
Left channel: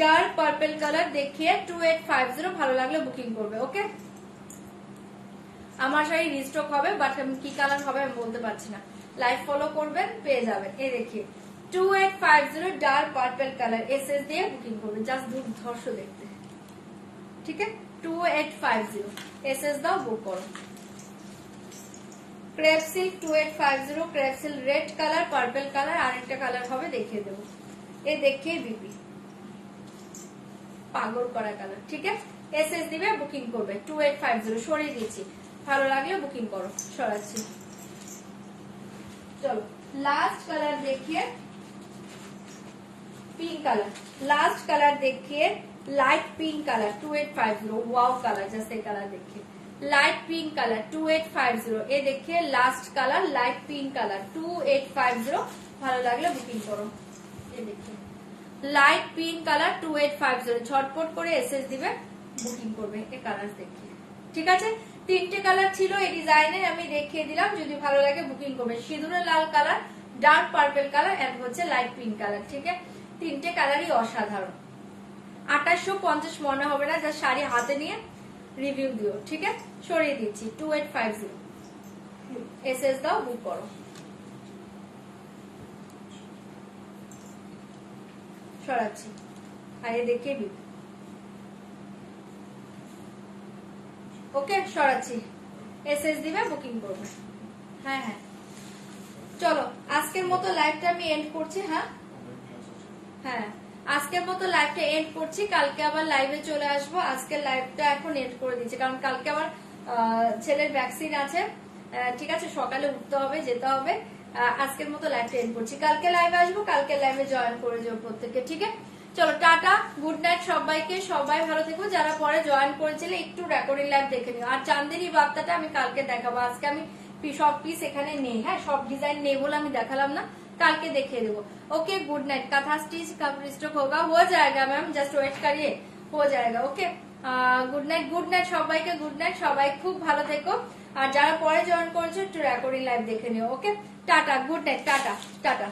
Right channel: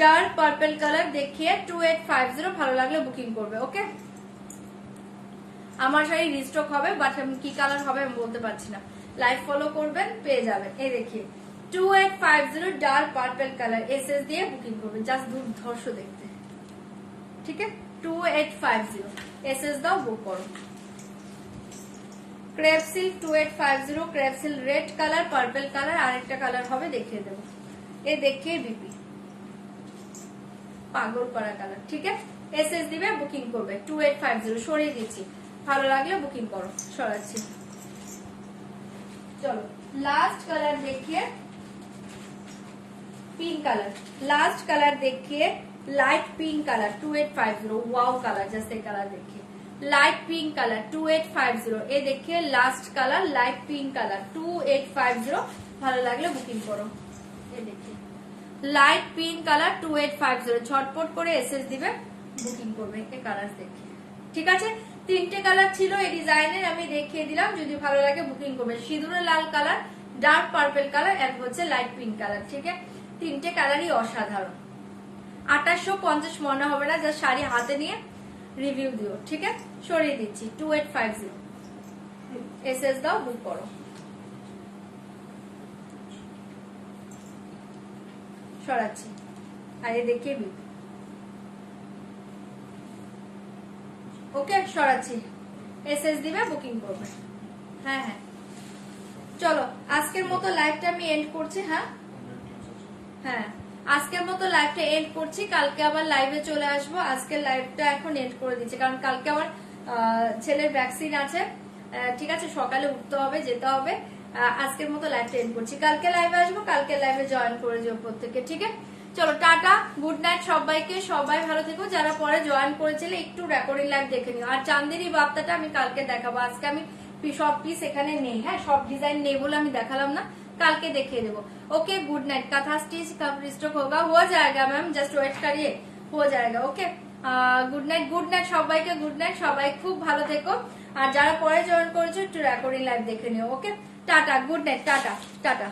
dark purple colour দেখিয়ে 2850, ভালো লাগলে বুকিং করবে। ওকে, আমার শাড়ি রিস্টক হবে, বাট কি কালার হবে আমি বলতে পারছি না, লাইভ ফলো করবেন, পেয়ে যাবেন। এই দেখিয়ে 2850 ডার্ক পার্পল কালার, এসএস দিয়ে বুকিং করবেন, জাস্ট দুর্ধর্ষ দেখতে। ঠিক আছে, 2850 এসএস দাও, বুক করো। ক্রেপসিল 2850, ক্রেপসিল রেড কালার, পার্পল কালার, আরেকটা কালার হবে দেখিয়ে দেবো। এই দেখিয়ে বিপি পাগল করা কালার। ঠিক আছে, এসএস দিবে বুকিং করবে। 2850 সরিয়ে দিচ্ছি, ভালো লাগলে বুকিং করো, সরাচ্ছি। চলো लास्ट कलर देखिए, पिंक कलर, लास्ट कलर देखिए light pink colour 2850, wow colour, जैसे कलर देखिए लाइट पिंक कलर 2850 ये देखिए last colour light pink colour 2850 ভালো লাগলে বুকিং করো এই দেখিए লাইট পিঙ্ক কালার 2850 ঝটপট করে এসএস দিবে বুকিং করবে এই কালার দেখে ঠিক আছে তিনটে কালার ছিল এই ডিজাইনের আমি দেখিয়ে দিলাম যদি ভালো লাগে বুকিং করবে সিঁদুরে লাল কালার ডার্ক পার্পল কালার আর হচ্ছে লাইট পিঙ্ক কালার ঠিক আছে তিনটে কালারই অসাধারণ 2850 মনে হবে না যা শাড়ি হাতে নিয়ে রিভিউ দিও ঠিক আছে সরিয়ে দিচ্ছি 2850 এসএস দাও বুক করো সরাচ্ছি আর এই দেখে বি ওকে সরাচ্ছি এসএস দিবে বুকিং করবে হ্যাঁ হ্যাঁ চলো আজকের মতো লাইভটা আমি এন্ড করছি হ্যাঁ হ্যাঁ আজকের মতো লাইভটা এন্ড করছি কালকে আবার লাইভে চলে আসবো আজকের লাইভটা এখন এন্ড করে দিচ্ছি কারণ কালকে আবার ছেলের ভ্যাকসিন আছে ঠিক আছে সকালে উঠতে হবে যেতে হবে আজকের মতো লাইভটা এন্ড করছি কালকে লাইভে আসবো কালকে লাইভে জয়েন করে যাবো প্রত্যেকে ঠিক আছে চলো টাটা গুড নাইট সবাইকে সবাই ভালো থেকো যারা পরে জয়েন করেছিলে একটু রেকর্ডিং লাইভ দেখে নিও আর চান্দিনী বার্তাটা আমি কালকে দেখাবো আজকে আমি সব পিস এখানে নেই হ্যাঁ সব ডিজাइन নেই বলে আমি দেখালাম না কালকে দেখিয়ে দেবো ओके गुड नाइट कथा स्टिच कब स्टॉक होगा हो जाएगा मैम जस्ट वेट करिए हो जाएगा ओके गुड नाइट সবাইকে গুড নাইট সবাই খুব ভালো থেকো আর যারা পরে জয়েন করেছো একটু রেকর্ডিং লাইভ দেখে নিও ওকে tata good night tata tata